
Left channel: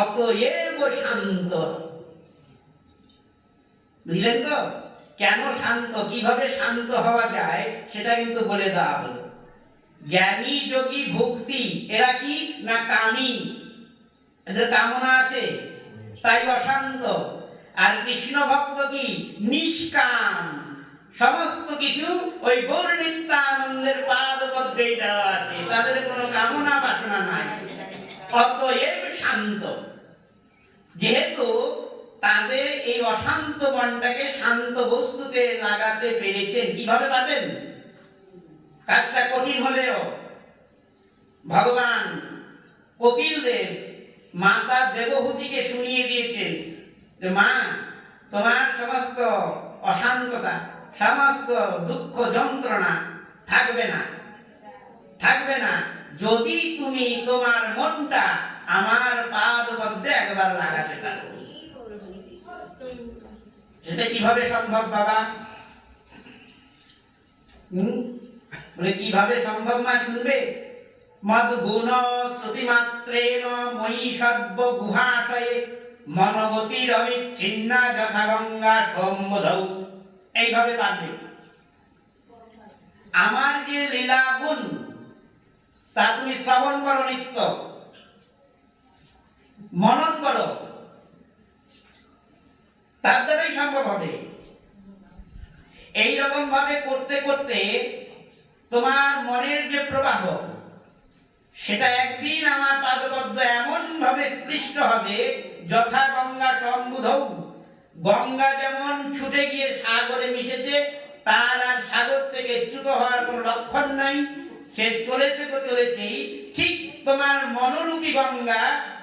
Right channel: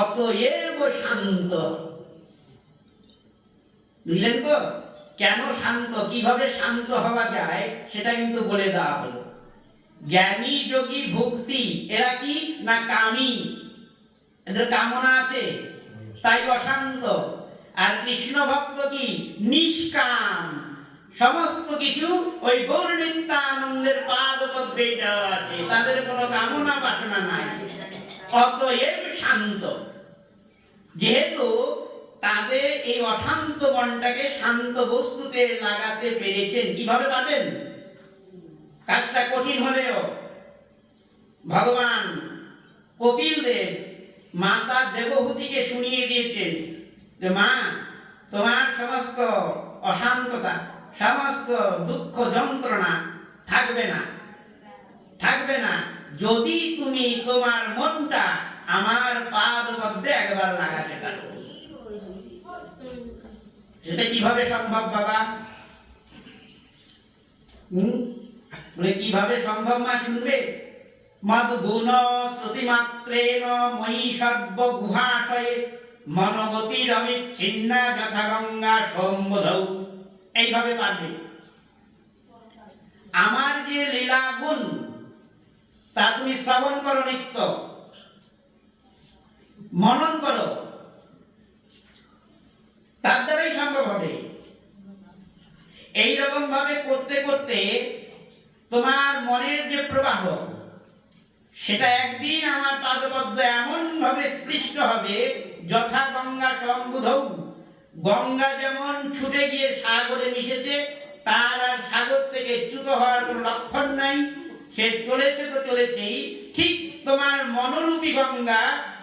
অতএব শান্ত। বুঝলেন তো কেন শান্ত, কিভাবে শান্ত হওয়া যায় সেটা কিন্তু বলে দেওয়া হলো। জ্ঞানী যোগী ভক্তি, এরা কি না কামী, এদের কামনা আছে তাই অশান্ত। আর কৃষ্ণ ভক্ত কি নিষ্কাম, সমস্ত কিছু ওই গৌর নিত্যানন্দের পাদ পদ্মেই দেওয়া আছে, তাদের কোনো কামনা বাসনা নাই, অতএব শান্ত। যেহেতু তাদের এই অশান্ত মনটাকে শান্ত বস্তুতে লাগাতে পেরেছেন, কিভাবে পাবেন? কাজটা কঠিন হলেও ভগবান কপিল দেব মাতা দেবহূতিকে শুনিয়ে দিয়েছেন যে মা, তোমার সমস্ত অশান্ততা, সমস্ত দুঃখ যন্ত্রণা থাকবে না, থাকবে না যদি তুমি তোমার মনটা আমার পাদ পদ্মে একবার লাগাতে পারো। সেটা কিভাবে সম্ভব বাবা? বলে কিভাবে সম্ভব মা শুনবে? মদ গুণ শ্রুতি মাত্রেণ ময়ি সর্ব গুহাশয়ে মনগতির অবিচ্ছিন্না যথা গঙ্গা সম্বোধৌ। এইভাবে পারবে। আমার যে লীলা গুণ তা তুমি শ্রবণ করো, নিত্য মনন করো, তার দ্বারাই সম্ভব হবে। এইরকম ভাবে করতে করতে তোমার মনের যে প্রবাহ সেটা একদিন আমার পাদপদ্ম এমন ভাবে স্পৃষ্ট হবে যথা গঙ্গা সম্বুধৌ। গঙ্গা যেমন ছুটে গিয়ে সাগরে মিশেছে, তার আর সাগর থেকে চ্যুত হওয়ার কোনো লক্ষণ নাই, সে চলেছে তো চলেছেই। ঠিক তোমার মনোরূপী গঙ্গা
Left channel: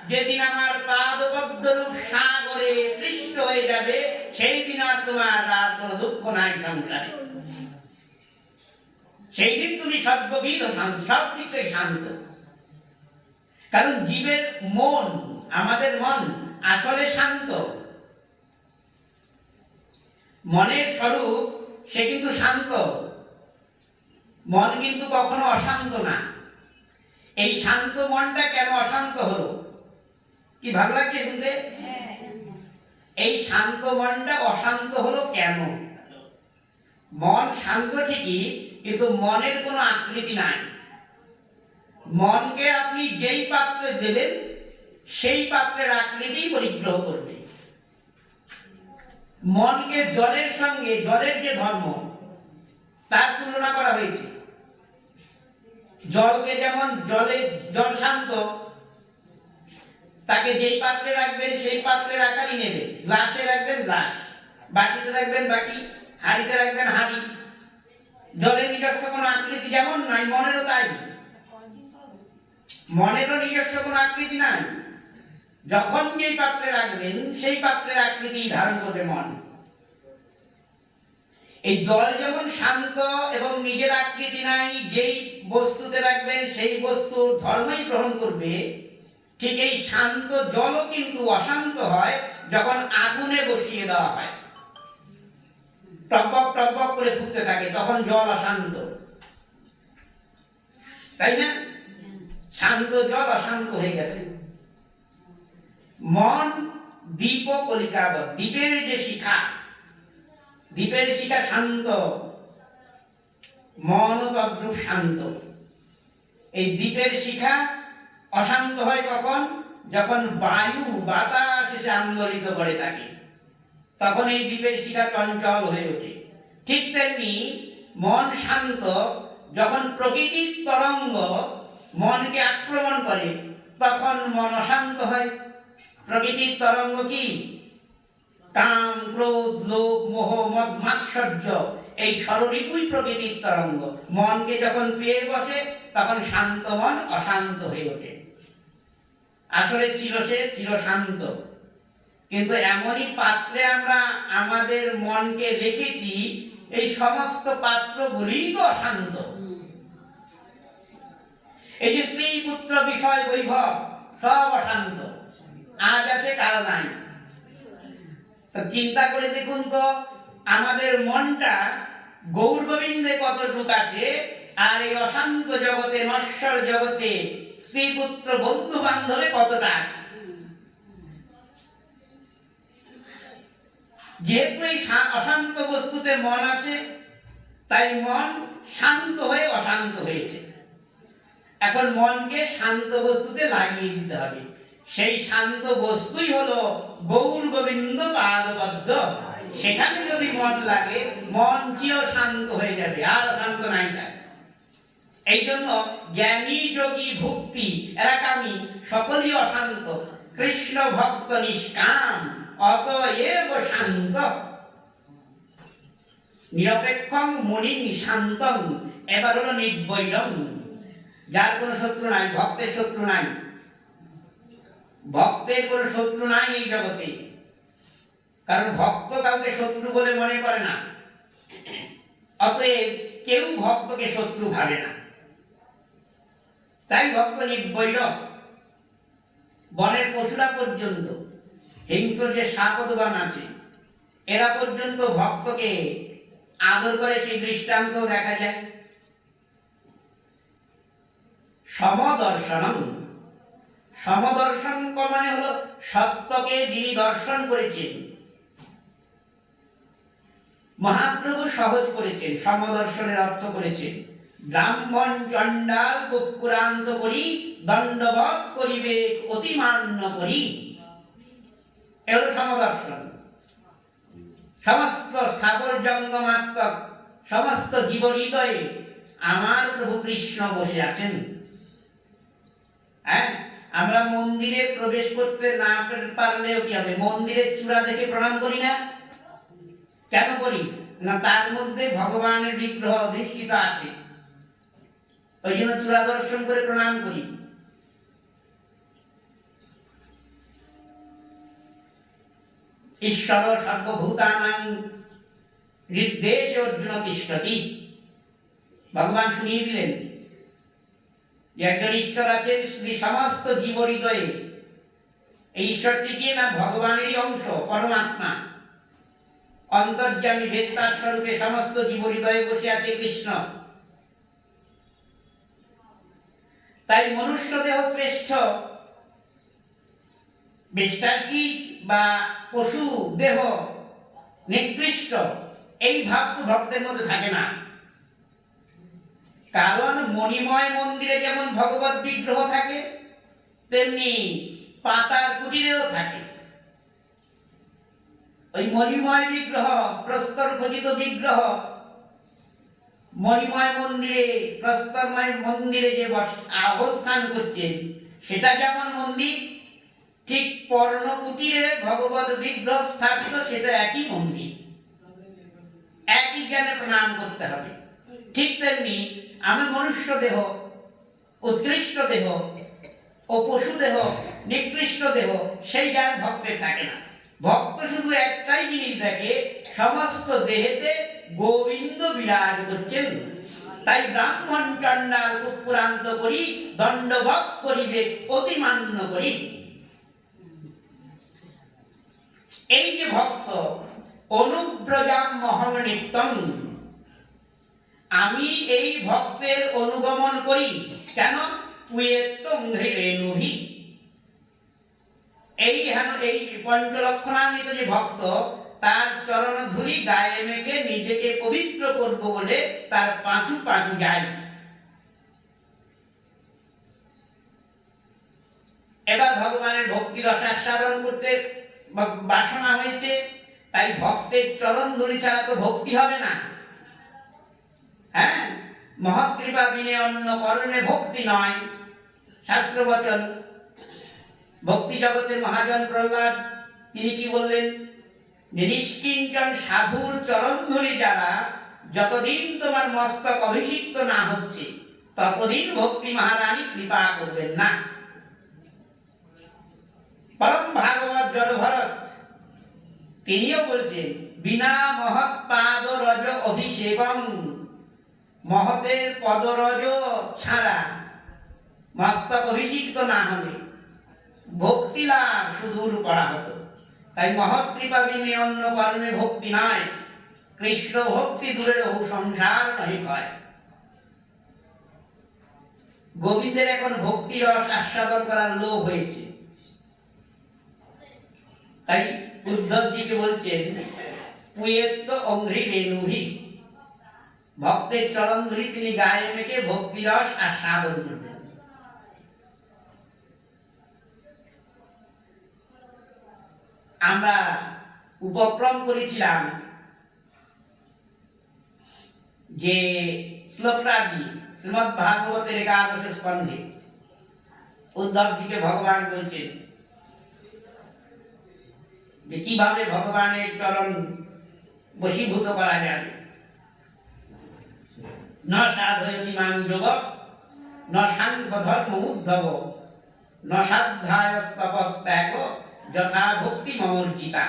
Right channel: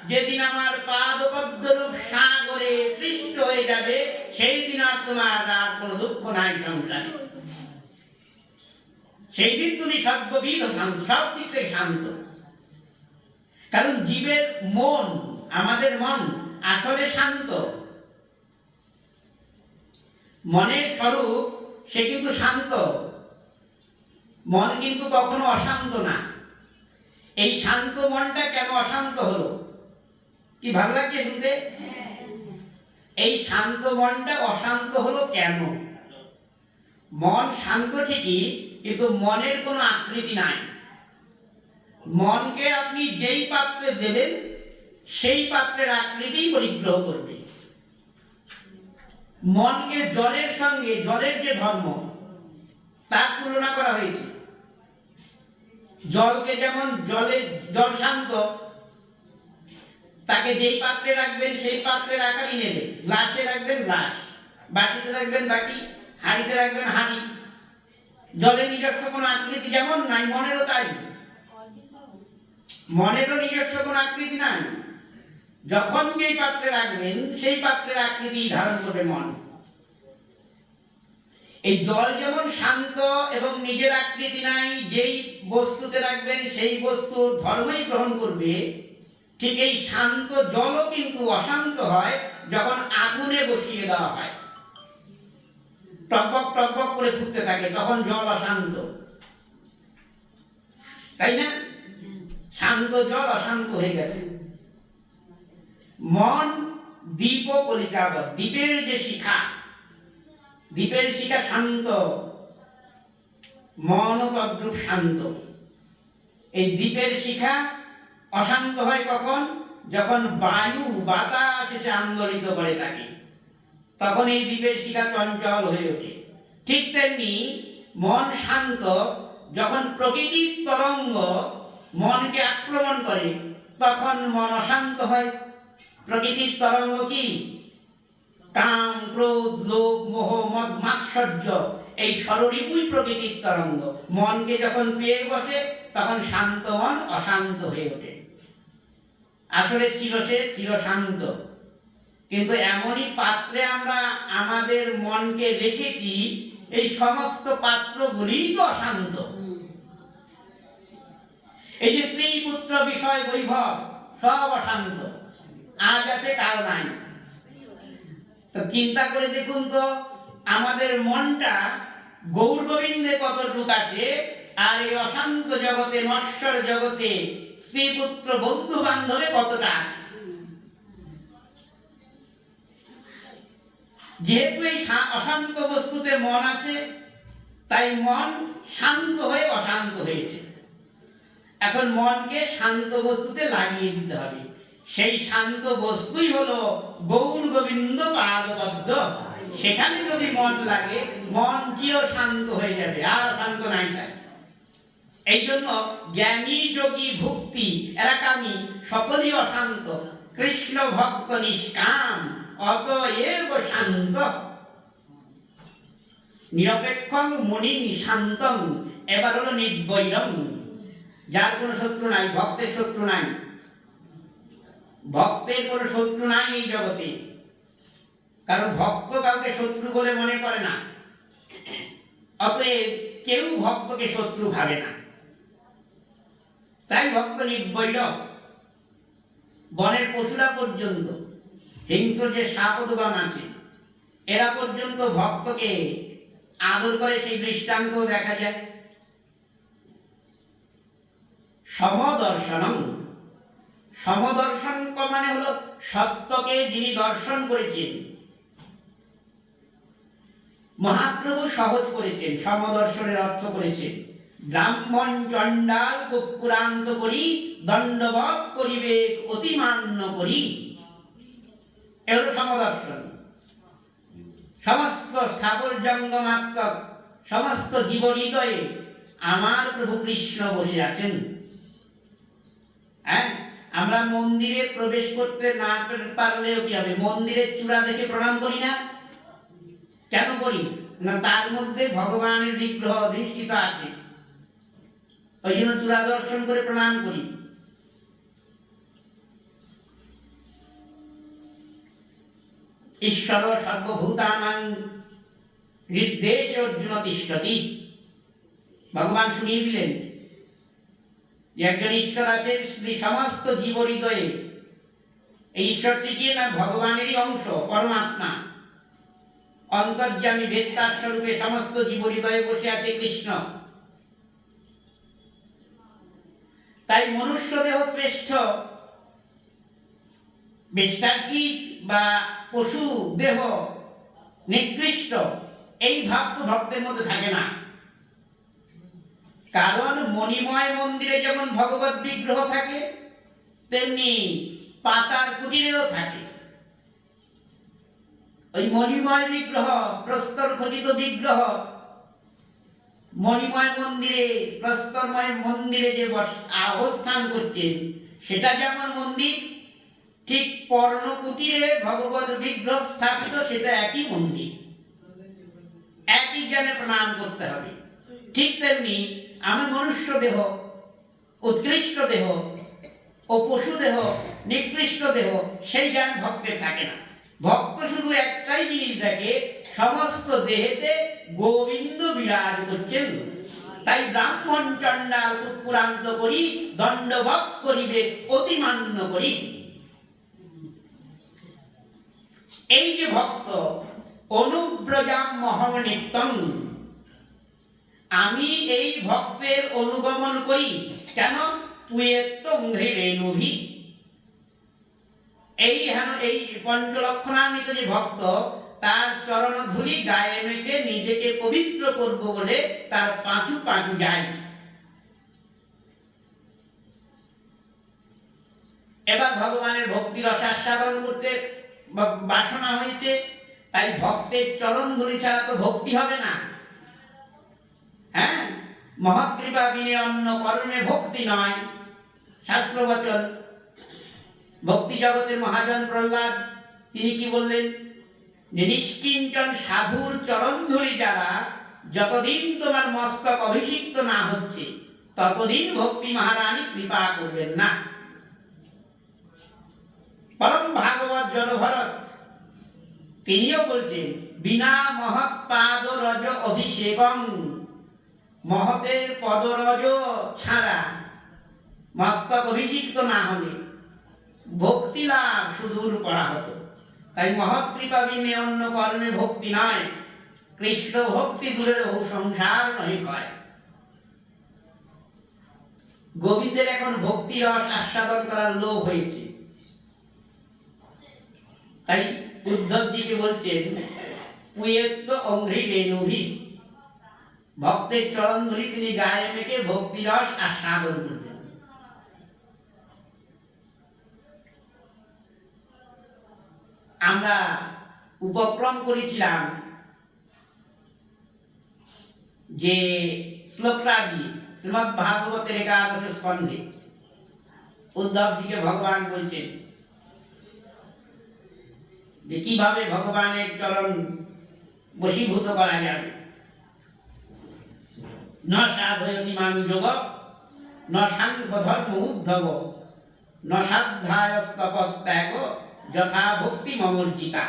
যেদিন আমার পাদপদ্মরূপ সাগরে পৃষ্ঠ হয়ে যাবে, সেই দিন আর তোমার আর কোনো দুঃখ নাই সংসারে। সেই দিন তুমি সর্ববিধ শান্ত, সব দিক থেকে শান্ত। কারণ জীবের মন, আমাদের মন আসলে শান্ত। মনের স্বরূপ সে কিন্তু শান্ত, মন কিন্তু কখনো অশান্ত না। এই শান্ত মনটা কেন অশান্ত হলো? কি ভালো লাগছে শুনতে? এই শান্ত মনটা অশান্ত হলো কেন? মন শান্ত ঠিকই, কিন্তু মনের কোনো আকৃতি নাই। মনকে আপনি যেই পাত্রে দেবেন সেই পাত্রের আকৃতি পরিগ্রহ করবে। মনকে জলের সঙ্গে, জলের যে ধর্ম তার তুলনা করা হয়েছে। জলকে যেমন জল শান্ত, তাকে যেই পাত্রে রাখবেন সেই পাত্রের আকারই নেবে। গ্লাসে রাখবেন গ্লাস, বাটিতে রাখবেন বাটি, হাঁড়িতে রাখবেন হাঁড়ি। জলের নিজস্ব কোনো আকৃতি যেমন নাই, মনেরও তাই। মনেরও নিজস্ব কোনো আকৃতি নাই। যখন যেই পাত্রে রাখবেন সেই পাত্রের আকৃতি ধারণ করবে মন। এই জল যেমন শান্ত এবং নিজের আকৃতি নাই, যেই বস্তুতে রাখবেন সেই বস্তুর ধর্মই গ্রহণ করবে, ঠিক এই শান্ত জলও কিন্তু অশান্ত হয় যখন আগুনে বসিয়ে দেওয়া হয়। টকবক টকবক করে ফুটতে থাকে, তখন জল অশান্ত, তাই না? শান্ত জল অশান্ত হয়ে গেছে। মন দীপ কলিকাবৎ, দ্বীপের যে শিখা, দ্বীপের শিখা শান্ত, মন তদ্রূপ শান্ত। এই দ্বীপের শিখা অশান্ত হয় কখন? যখন বায়ু বাতাস এসে আন্দোলিত করে থাকে, তখন এই দ্বীপের শিখা চঞ্চল হয়ে ওঠে। ঠিক তেমনি মন শান্ত যখন প্রকৃতির তরঙ্গ মনকে আক্রমণ করে, তখন মন অশান্ত হয়। প্রকৃতির তরঙ্গ কি? কাম, ক্রোধ, লোভ, মোহ, মদ, মাৎসর্য, এই ষড়রিপুই প্রকৃতির তরঙ্গ। মনকে যখন পেয়ে বসে তখন শান্ত মন অশান্ত হয়ে ওঠে। আসলে ছিল সে চিরশান্ত, কিন্তু এমনই পাত্রে আমরা আমাদের মনকে রেখেছি, এই সমস্ত পাত্রগুলিই তো অশান্ত। এই যে স্ত্রী পুত্র বিষয় বৈভব সব অশান্ত, আজ আছে কাল নাই। তো চিন্তা করে দেখুন তো, আমাদের মনটা গৌর গোবিন্দে কতটুক আছে, আর এই অশান্ত জগতে, নশ্বর জগতে স্ত্রী পুত্র বন্ধু বান্ধবে কতটা আছে। যেহেতু এই অশান্ত বস্তুতে মন আছে, তাই মন শান্ত হয়ে অশান্ত হয়েছে। এখন মনকে শান্ত বস্তুতে লাগিয়ে দিতে হবে। সেই শান্ত বস্তুই হলো গৌর গোবিন্দ পাদপদ্ম। সেখানে যদি মন লাগে, মন চির শান্ত হয়ে যাবে, আর অশান্ত নাই। তাই এই জন্য জ্ঞানী যোগী ভক্তি এরা কামী সকলই অশান্ত, কৃষ্ণ ভক্ত নিষ্কাম অতএব শান্ত। নিরপেক্ষং মুনি শান্তং, এবার হলো নির্বৈরং, যার কোনো শত্রু নাই, ভক্তের শত্রু নাই। ভক্তের কোনো শত্রু নাই এই জগতে, কারণ ভক্ত কাউকে শত্রু বলে মনে করে না। অতএব কেউ ভক্তকে শত্রু ভাবে না। তাই ভক্ত নির্বৈর, বনের পশুরা পর্যন্ত, হিংস্র যে সাপদগণ আছে এরা পর্যন্ত ভক্তকে আদর করে, সেই দৃষ্টান্ত দেখা যায়। সমদর্শনম, সমদর্শন মানে হলো সত্যকে যিনি দর্শন করেছেন। মহাপ্রভু সহজ করেছেন, সমদর্শনের অর্থ করেছেন ব্রাহ্মণ চণ্ডাল কুকুরান্ত করি দণ্ডবৎ করিবে অতিমান্য করি। এগুলো সমদর্শন। সমস্ত স্থাবর জঙ্গমাত্মক সমস্ত জীব হৃদয়ে আমার প্রভু কৃষ্ণ বসে আছেন। হ্যাঁ, আমরা মন্দিরে প্রবেশ করতে না পারলেও কি হবে, মন্দিরের চূড়া দেখে প্রণাম করি না? কেন করি না? তার মধ্যে ভগবানের বিগ্রহ অধিষ্ঠিত আছে, ওই জন্য চূড়া দর্শন করে প্রণাম করি। ঈশ্বর সর্বভূতানাং হৃদ্দেশে অর্জুন তিষ্ঠতি। ভগবান শুনিয়ে দিলেন যে একজন ঈশ্বর আছেন সমস্ত জীব হৃদয়ে। এই ঈশ্বরটি কি না ভগবানেরই অংশ, পরমাত্মা, অন্তর্যামী বেত্তার স্বরূপে সমস্ত জীব হৃদয়ে বসে আছে কৃষ্ণ। তাই মনুষ্য দেহ শ্রেষ্ঠ, বেষ্টার্কি বা পশু দেহ নিকৃষ্ট, এই ভাব তো ভক্তের মধ্যে থাকে না। কারণ মণিময় মন্দিরে যেমন ভগবত বিগ্রহ থাকে, তেমনি পাতার কুটিরেও থাকে। ওই মণিময় বিগ্রহ, প্রস্তর খচিত বিগ্রহ, মণিময় মন্দিরে, প্রস্তরময় মন্দিরে যে অবস্থান করছেন সেটা যেমন মন্দির, ঠিক পর্ণ কুটিরে ভগবত বিগ্রহ স্থাপিত, সেটা একই মন্দির, একই জ্ঞানে প্রণাম করতে হবে। ঠিক তেমনি আমি মনুষ্য দেহ উৎকৃষ্ট দেহ ও পশু দেহ নিকৃষ্ট দেহ, সেই জ্ঞান ভক্তের থাকে না। ভক্ত শুধু একটাই জিনিস দেখে, সমস্ত দেহেতে গোবিন্দ বিরাজ করছেন। তাই ব্রাহ্মণ চণ্ডাল কুকুরান্ত করি দণ্ডবৎ করিবে অতিমান্য করি। এই যে ভক্ত, অনুব্রজাম মহম নিত্যম, আমি এই ভক্তের অনুগমন করি। কেন? রেণুভি, এই পঞ্চলক্ষণান্বিত যে ভক্ত, তার চরণ ধূলি গায়ে মেখে নিজেকে পবিত্র করব বলে তার পাঁচু পাঁচু যায়। এবার ভগবানের ভক্তি রস আস্বাদন করতে বাসনা হয়েছে, তাই ভক্তের চরণ ধূলি ছাড়া তো ভক্তি হবে না। হ্যাঁ, মহৎ কৃপা বিনে অন্য কর্মে ভক্তি নয়, শাস্ত্র বচন। ভক্তি জগতের মহাজন প্রহ্লাদ তিনি কি বললেন? নিষ্কিঞ্চন সাধুর চরণ ধূলি যারা, যতদিন তোমার মস্তক অভিষিক্ত না হচ্ছে ততদিন ভক্তি মহারানী কৃপা করবেন না। পরম ভাগবত জড়ভরত তিনিও বলছেন, বিনা মহৎ পাদ রজ অভিষেকম, মহতের পদরজ ছাড়া, মস্তক অভিষিক্ত না হলে ভক্তি লাভ সুদূর করা হতো। তাই মহৎ কৃপা বিনে অন্য কর্মে ভক্তি নয়, কৃষ্ণ ভক্তি দূরে রহু সংসার নহি কয়। গোবিন্দের এখন ভক্তি রস আস্বাদন করার লোভ হয়েছে, তাই উদ্ধবজিকে বলছেন পুয়েত্ত অঙ্ঘ্রি রেণুভি, ভক্তের চরণ ধরি তিনি গায়ে মেখে ভক্তি রস আস্বাদন করবেন। আমরা উপক্রম করেছিলাম যে শ্লোকরাজি শ্রীমদ্ ভাগবতের 11 স্কন্ধে উদ্ধবজিকে ভগবান বলছেন যে কিভাবে ভগবানের চরণ বশীভূত করা যাবে। ন সাধয়তি মাং যোগ ন সাংখ্য ধর্ম উদ্ধব ন সাধ্যায় তপস্ত্যাগ যথা ভক্তি মমর্জিতা।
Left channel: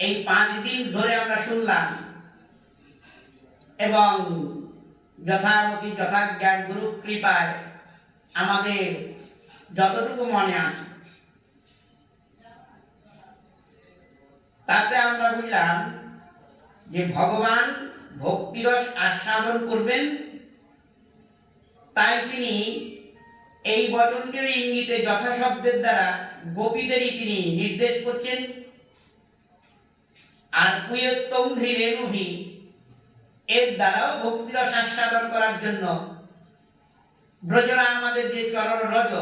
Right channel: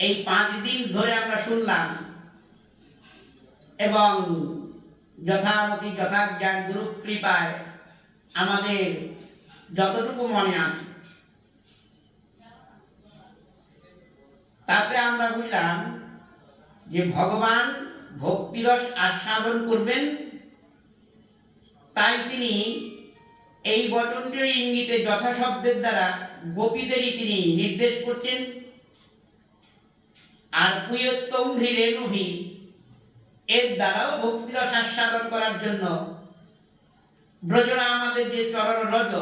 এই 5 দিন ধরে আমরা শুনলাম এবং যথামতি যথাজ্ঞান গুরু কৃপায় আমাদের যতটুকু মনে আছে তাতে আমরা বুঝলাম যে ভগবান ভক্তিরস আস্বাদন করবেন, তাই তিনি এই বচনটিও ইঙ্গিতে যথাশব্দের দ্বারা গোপীদেরই তিনি নির্দেশ করছেন। আর পুয়ত্তংধি রেণুভি এর দ্বারাও ভক্তিরস আস্বাদন করার জন্য ব্রজরা আমাদের যে চরণ রজ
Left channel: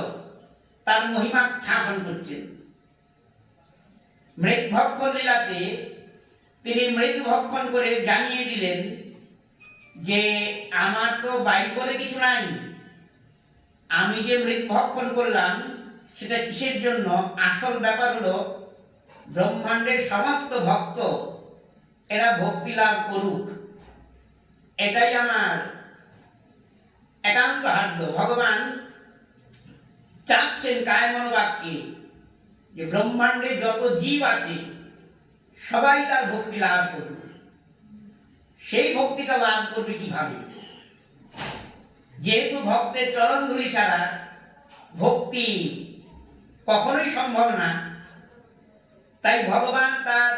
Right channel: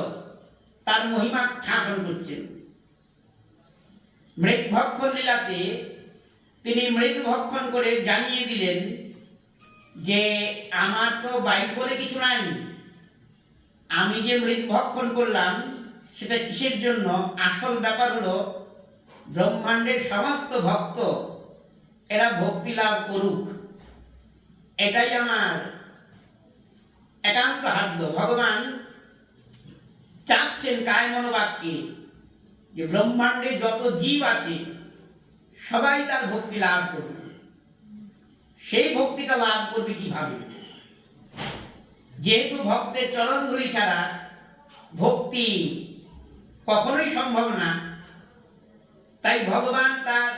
তার মহিমা স্থাপন করছেন। মৃৎ ভক্ষণ লীলাতে তিনি মৃদু ভক্ষণ করে জানিয়ে দিলেন যে আমার তো বাইক বলে কিছু নাই, আমি যে মৃৎ ভক্ষণ করলাম সেটা কিসের জন্য? আসল ব্যাপার হলো ব্রহ্মাণ্ডের সমস্ত ভক্ত এরা ভক্তি লাভ করুক, এটাই আমার একান্ত হার্য। ভগবান চাচ্ছেন কায় মনোবাক্যে যে ব্রহ্মাণ্ডে যত জীব আছে সবাই তার ভক্তি লাভ করবে। সেই ভক্তিটা লাভ করবে কিভাবে? যেহেতু ভক্তের চরণ ধুলি ছাড়া ভক্তি কখনোই সম্ভব না, তাই ভগবান তার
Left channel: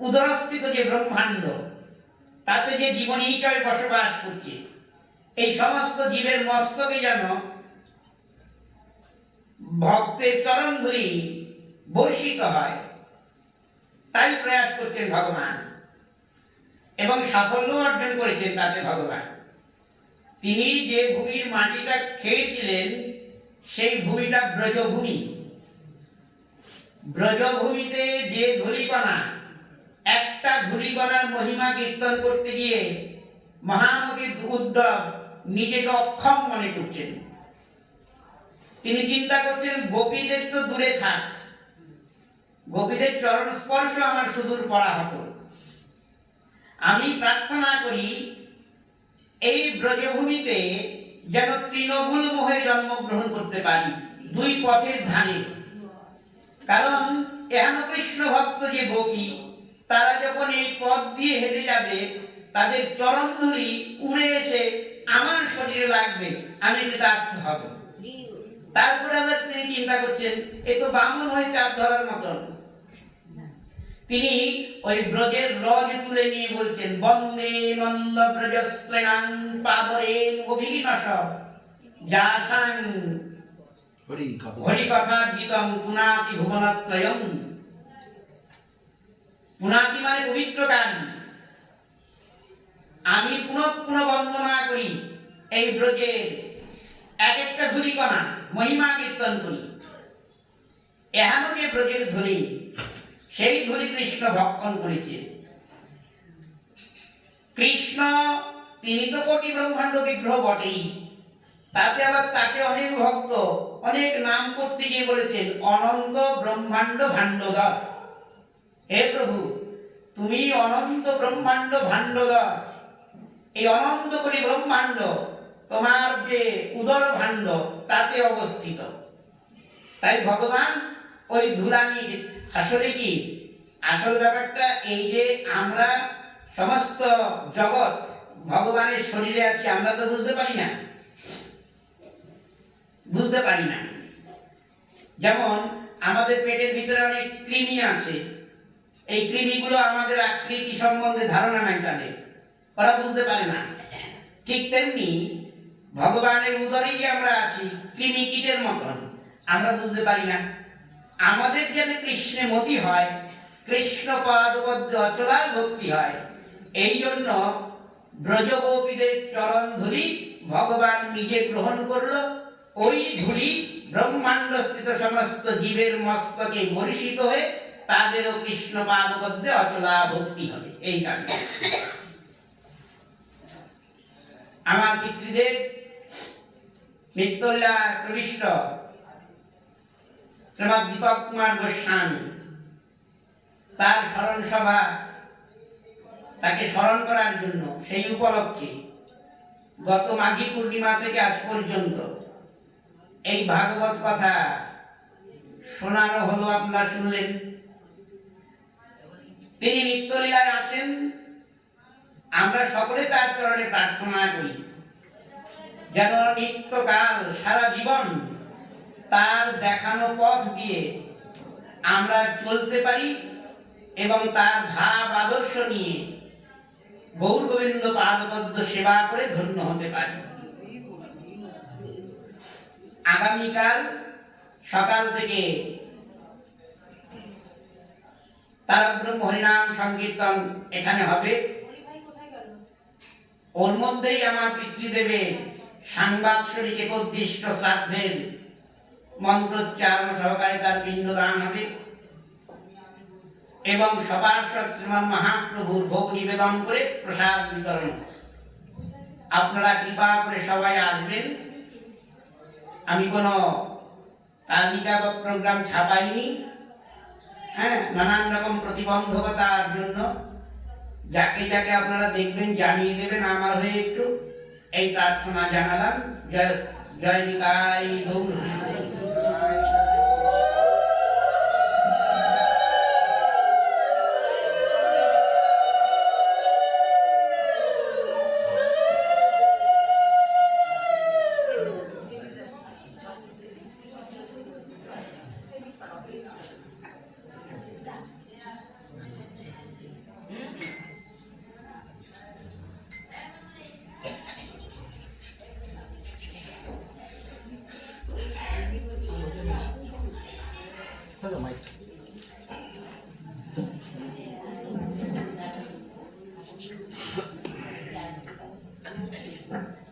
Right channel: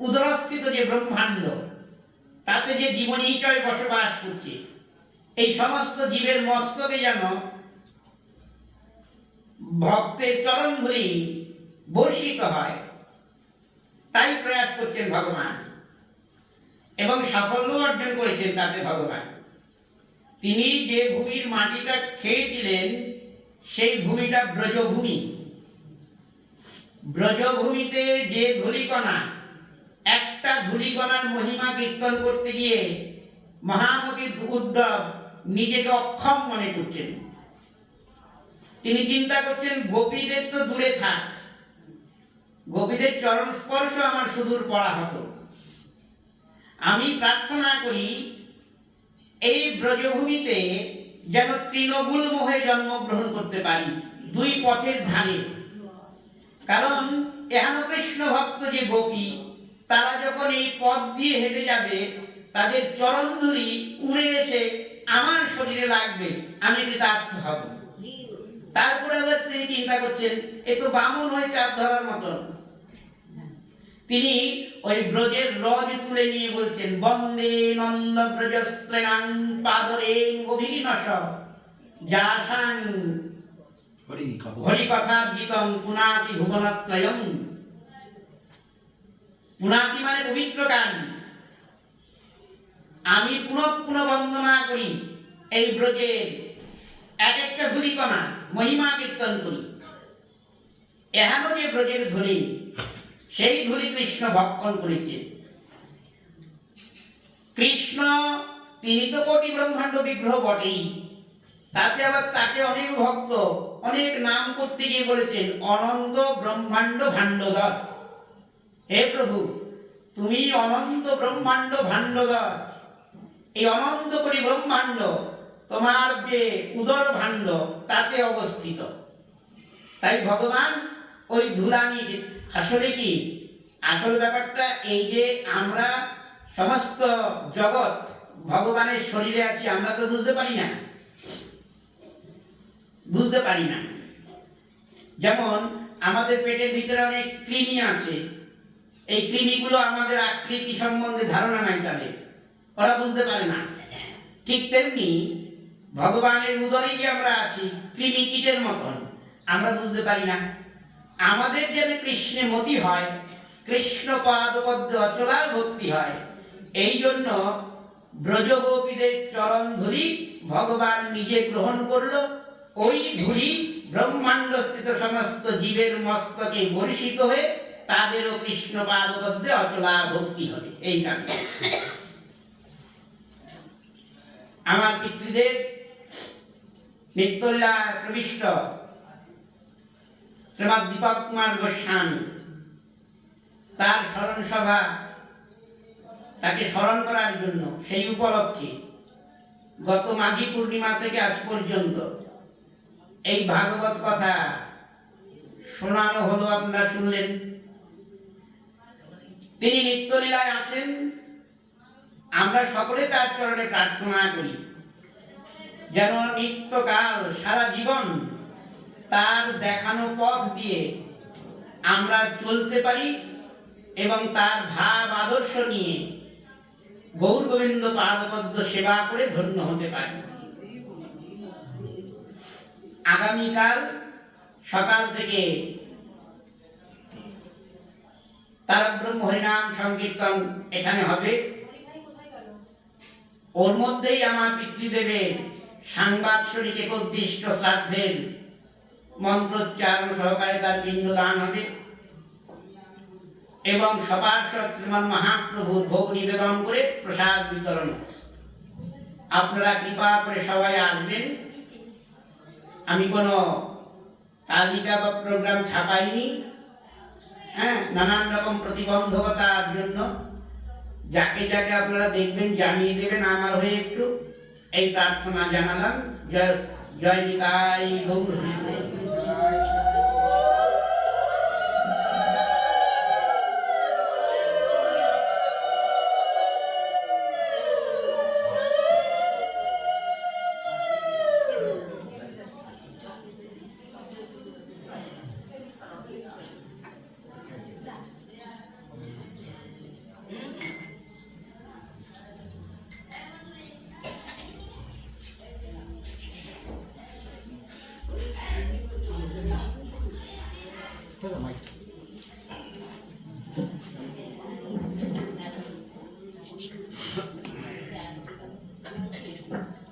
উদরস্থিত যে ব্রহ্মাণ্ড তাতে যে জীবনীচয় বসবাস করছে, এই সমস্ত জীবের মস্তকে যেন ভক্তের চরণ ধুলি বর্ষিত হয়, তাই প্রয়াস করছেন ভগবান এবং সাফল্য অর্জন করেছেন তাতে ভগবান। তিনি যে ভূমির মাটিটা খেয়েছিলেন সেই ভূমিটা ব্রজভূমি। ব্রজভূমিতে যে ধূলিকণা, একটা ধূলিকণার মহিমা কীর্তন করতে গিয়ে মহামতি উদ্ধব নিজেকে অক্ষম মনে করছেন। তিনি চিন্তা করছেন গোপীদের তো দূরে থাক, গোপীদের চরণ স্পর্শ আমার সুদূর পড়া হতো। আমি প্রার্থনা করি এই ব্রজভূমিতে যেন তৃণমূল মোহে জন্মগ্রহণ করতে পারি, দুই পথের ধারে। কারণ এহেন কৃষ্ণ ভক্ত যে গোপী, তারা যখন এই পথ দিয়ে হেঁটে যাবে তাদের চরণ ধুলি উড়ে এসে আমার শরীরে লাগবে, আমি কৃতার্থ হব। তারপরে আবার তিনি চিন্তা করছেন এ তো বামন হয়ে চাপ ধরার মতন। তিনি ওই ব্রজের রজ তুলে নিয়ে বলছেন বন্দে নন্দ ব্রজস্ত্রেণাং পাদরেণ অভিনশ যাসাং হরি কথা গীতং পুনাতি ভুবনত্রয়ং। পুনাতি মানে পবিত্রকারী। আমি পুনঃ পুনঃ বন্দনা করি এই ব্রজের এক একটা ধূলিকণা, মহিমা কীর্তন করি। এহেন যে ব্রজের ধূলি, সেই ধূলি কৃষ্ণ ভক্ষণ করেছে। কৃষ্ণ তিনি তো কোটি ব্রহ্মাণ্ড বিগ্রহ বটেই, তাতে আবার তাকে অনেক ভক্ত অনেক নাম করতে গিয়ে বলেছেন অনন্ত ব্রহ্মাণ্ড ভাণ্ডধর। হে প্রভু, তুমি অনন্ত ব্রহ্মাণ্ড ভাণ্ডধর, এই অনন্ত কোটি ব্রহ্মাণ্ড তোমার যে উদর ভাণ্ড তাতে অবস্থিত। তাই ভগবান ওই ধুলা নিয়ে, আসলে কি আসল ব্যাপারটা এই যে আমরা সমস্ত জগৎ ভগবানের শরীরে আছি, আমরা তো বুঝতে পারি না, বুঝতে পারি না। যেমন আমাদের পেটের ভিতরে অনেক কৃমি আছে, এই কৃমিগুলো আমাদের আকৃতি সম্বন্ধে ধারণা নাই তাদের, ওরা বুঝতে পারে না। ঠিক তেমনি ভগবানের উদরে যে আমরা আছি কৃমি কীটের মতন, আমরা বুঝতে পারি না। আমাদের যেন কৃষ্ণে মতি হয়, কৃষ্ণ পাদপদ্মে অচলার ভক্তি হয়, এই জন্য ব্রজগোপীদের চরণ ধুলি ভগবান নিজে গ্রহণ করলো। ওই ধুলি ব্রহ্মাণ্ডস্থিত সমস্ত জীবের মস্তকে বর্ষিত হয়ে তাদেরও কৃষ্ণ পাদপদ্মে অচলা ভক্তি হবে। এই কারণে আমার পিতৃদেব নিত্যলীলায় প্রবিষ্ট শ্রীমৎ দীপক কুমার গোস্বামী, তার স্মরণ সভা, তাকে স্মরণ করার জন্য সেই উপলক্ষে গত মাঘী পূর্ণিমা থেকে আজ পর্যন্ত এই ভাগবত কথা শোনানো হলো, আপনারা শুনলেন। তিনি নিত্যলীলায় আছেন, আমরা সকলে তার চরণে প্রার্থনা করি যেন নিত্যকাল সারা জীবন তার দেখানো পথ দিয়ে আমরা চলতে পারি এবং তার ভাব আদর্শ নিয়ে গৌর গোবিন্দ পাদপদ্ম সেবা করে ধন্য হতে পারি। আগামীকাল সকাল থেকে তারব্রহ্ম হরিনাম সংকীর্তন এখানে হবে। ওর মধ্যেই আমার পিতৃদেবের সাংবাৎসরিক একোদ্দিষ্ট শ্রাদ্ধের মন্ত্রোচ্চারণ সহকারে তার পিণ্ডদান হবে এবং সপার্ষদ শ্রীমন মহাপ্রভুর ভোগ নিবেদন করে প্রসাদ বিতরণ। আপনারা কৃপা করে সবাই আসবেন। আমি কোনো তালিকা বা প্রোগ্রাম ছাপাইনি, হ্যাঁ, নানান রকম প্রতিবন্ধকতার জন্য যাকে যাকে আপনারা দেখবেন জানিয়ে দেবেন আমার হয়ে একটু, এই প্রার্থনা জানালাম। জয় জয় নিতাই গৌর।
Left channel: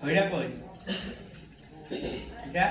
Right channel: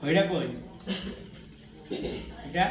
ওইটা কই এটা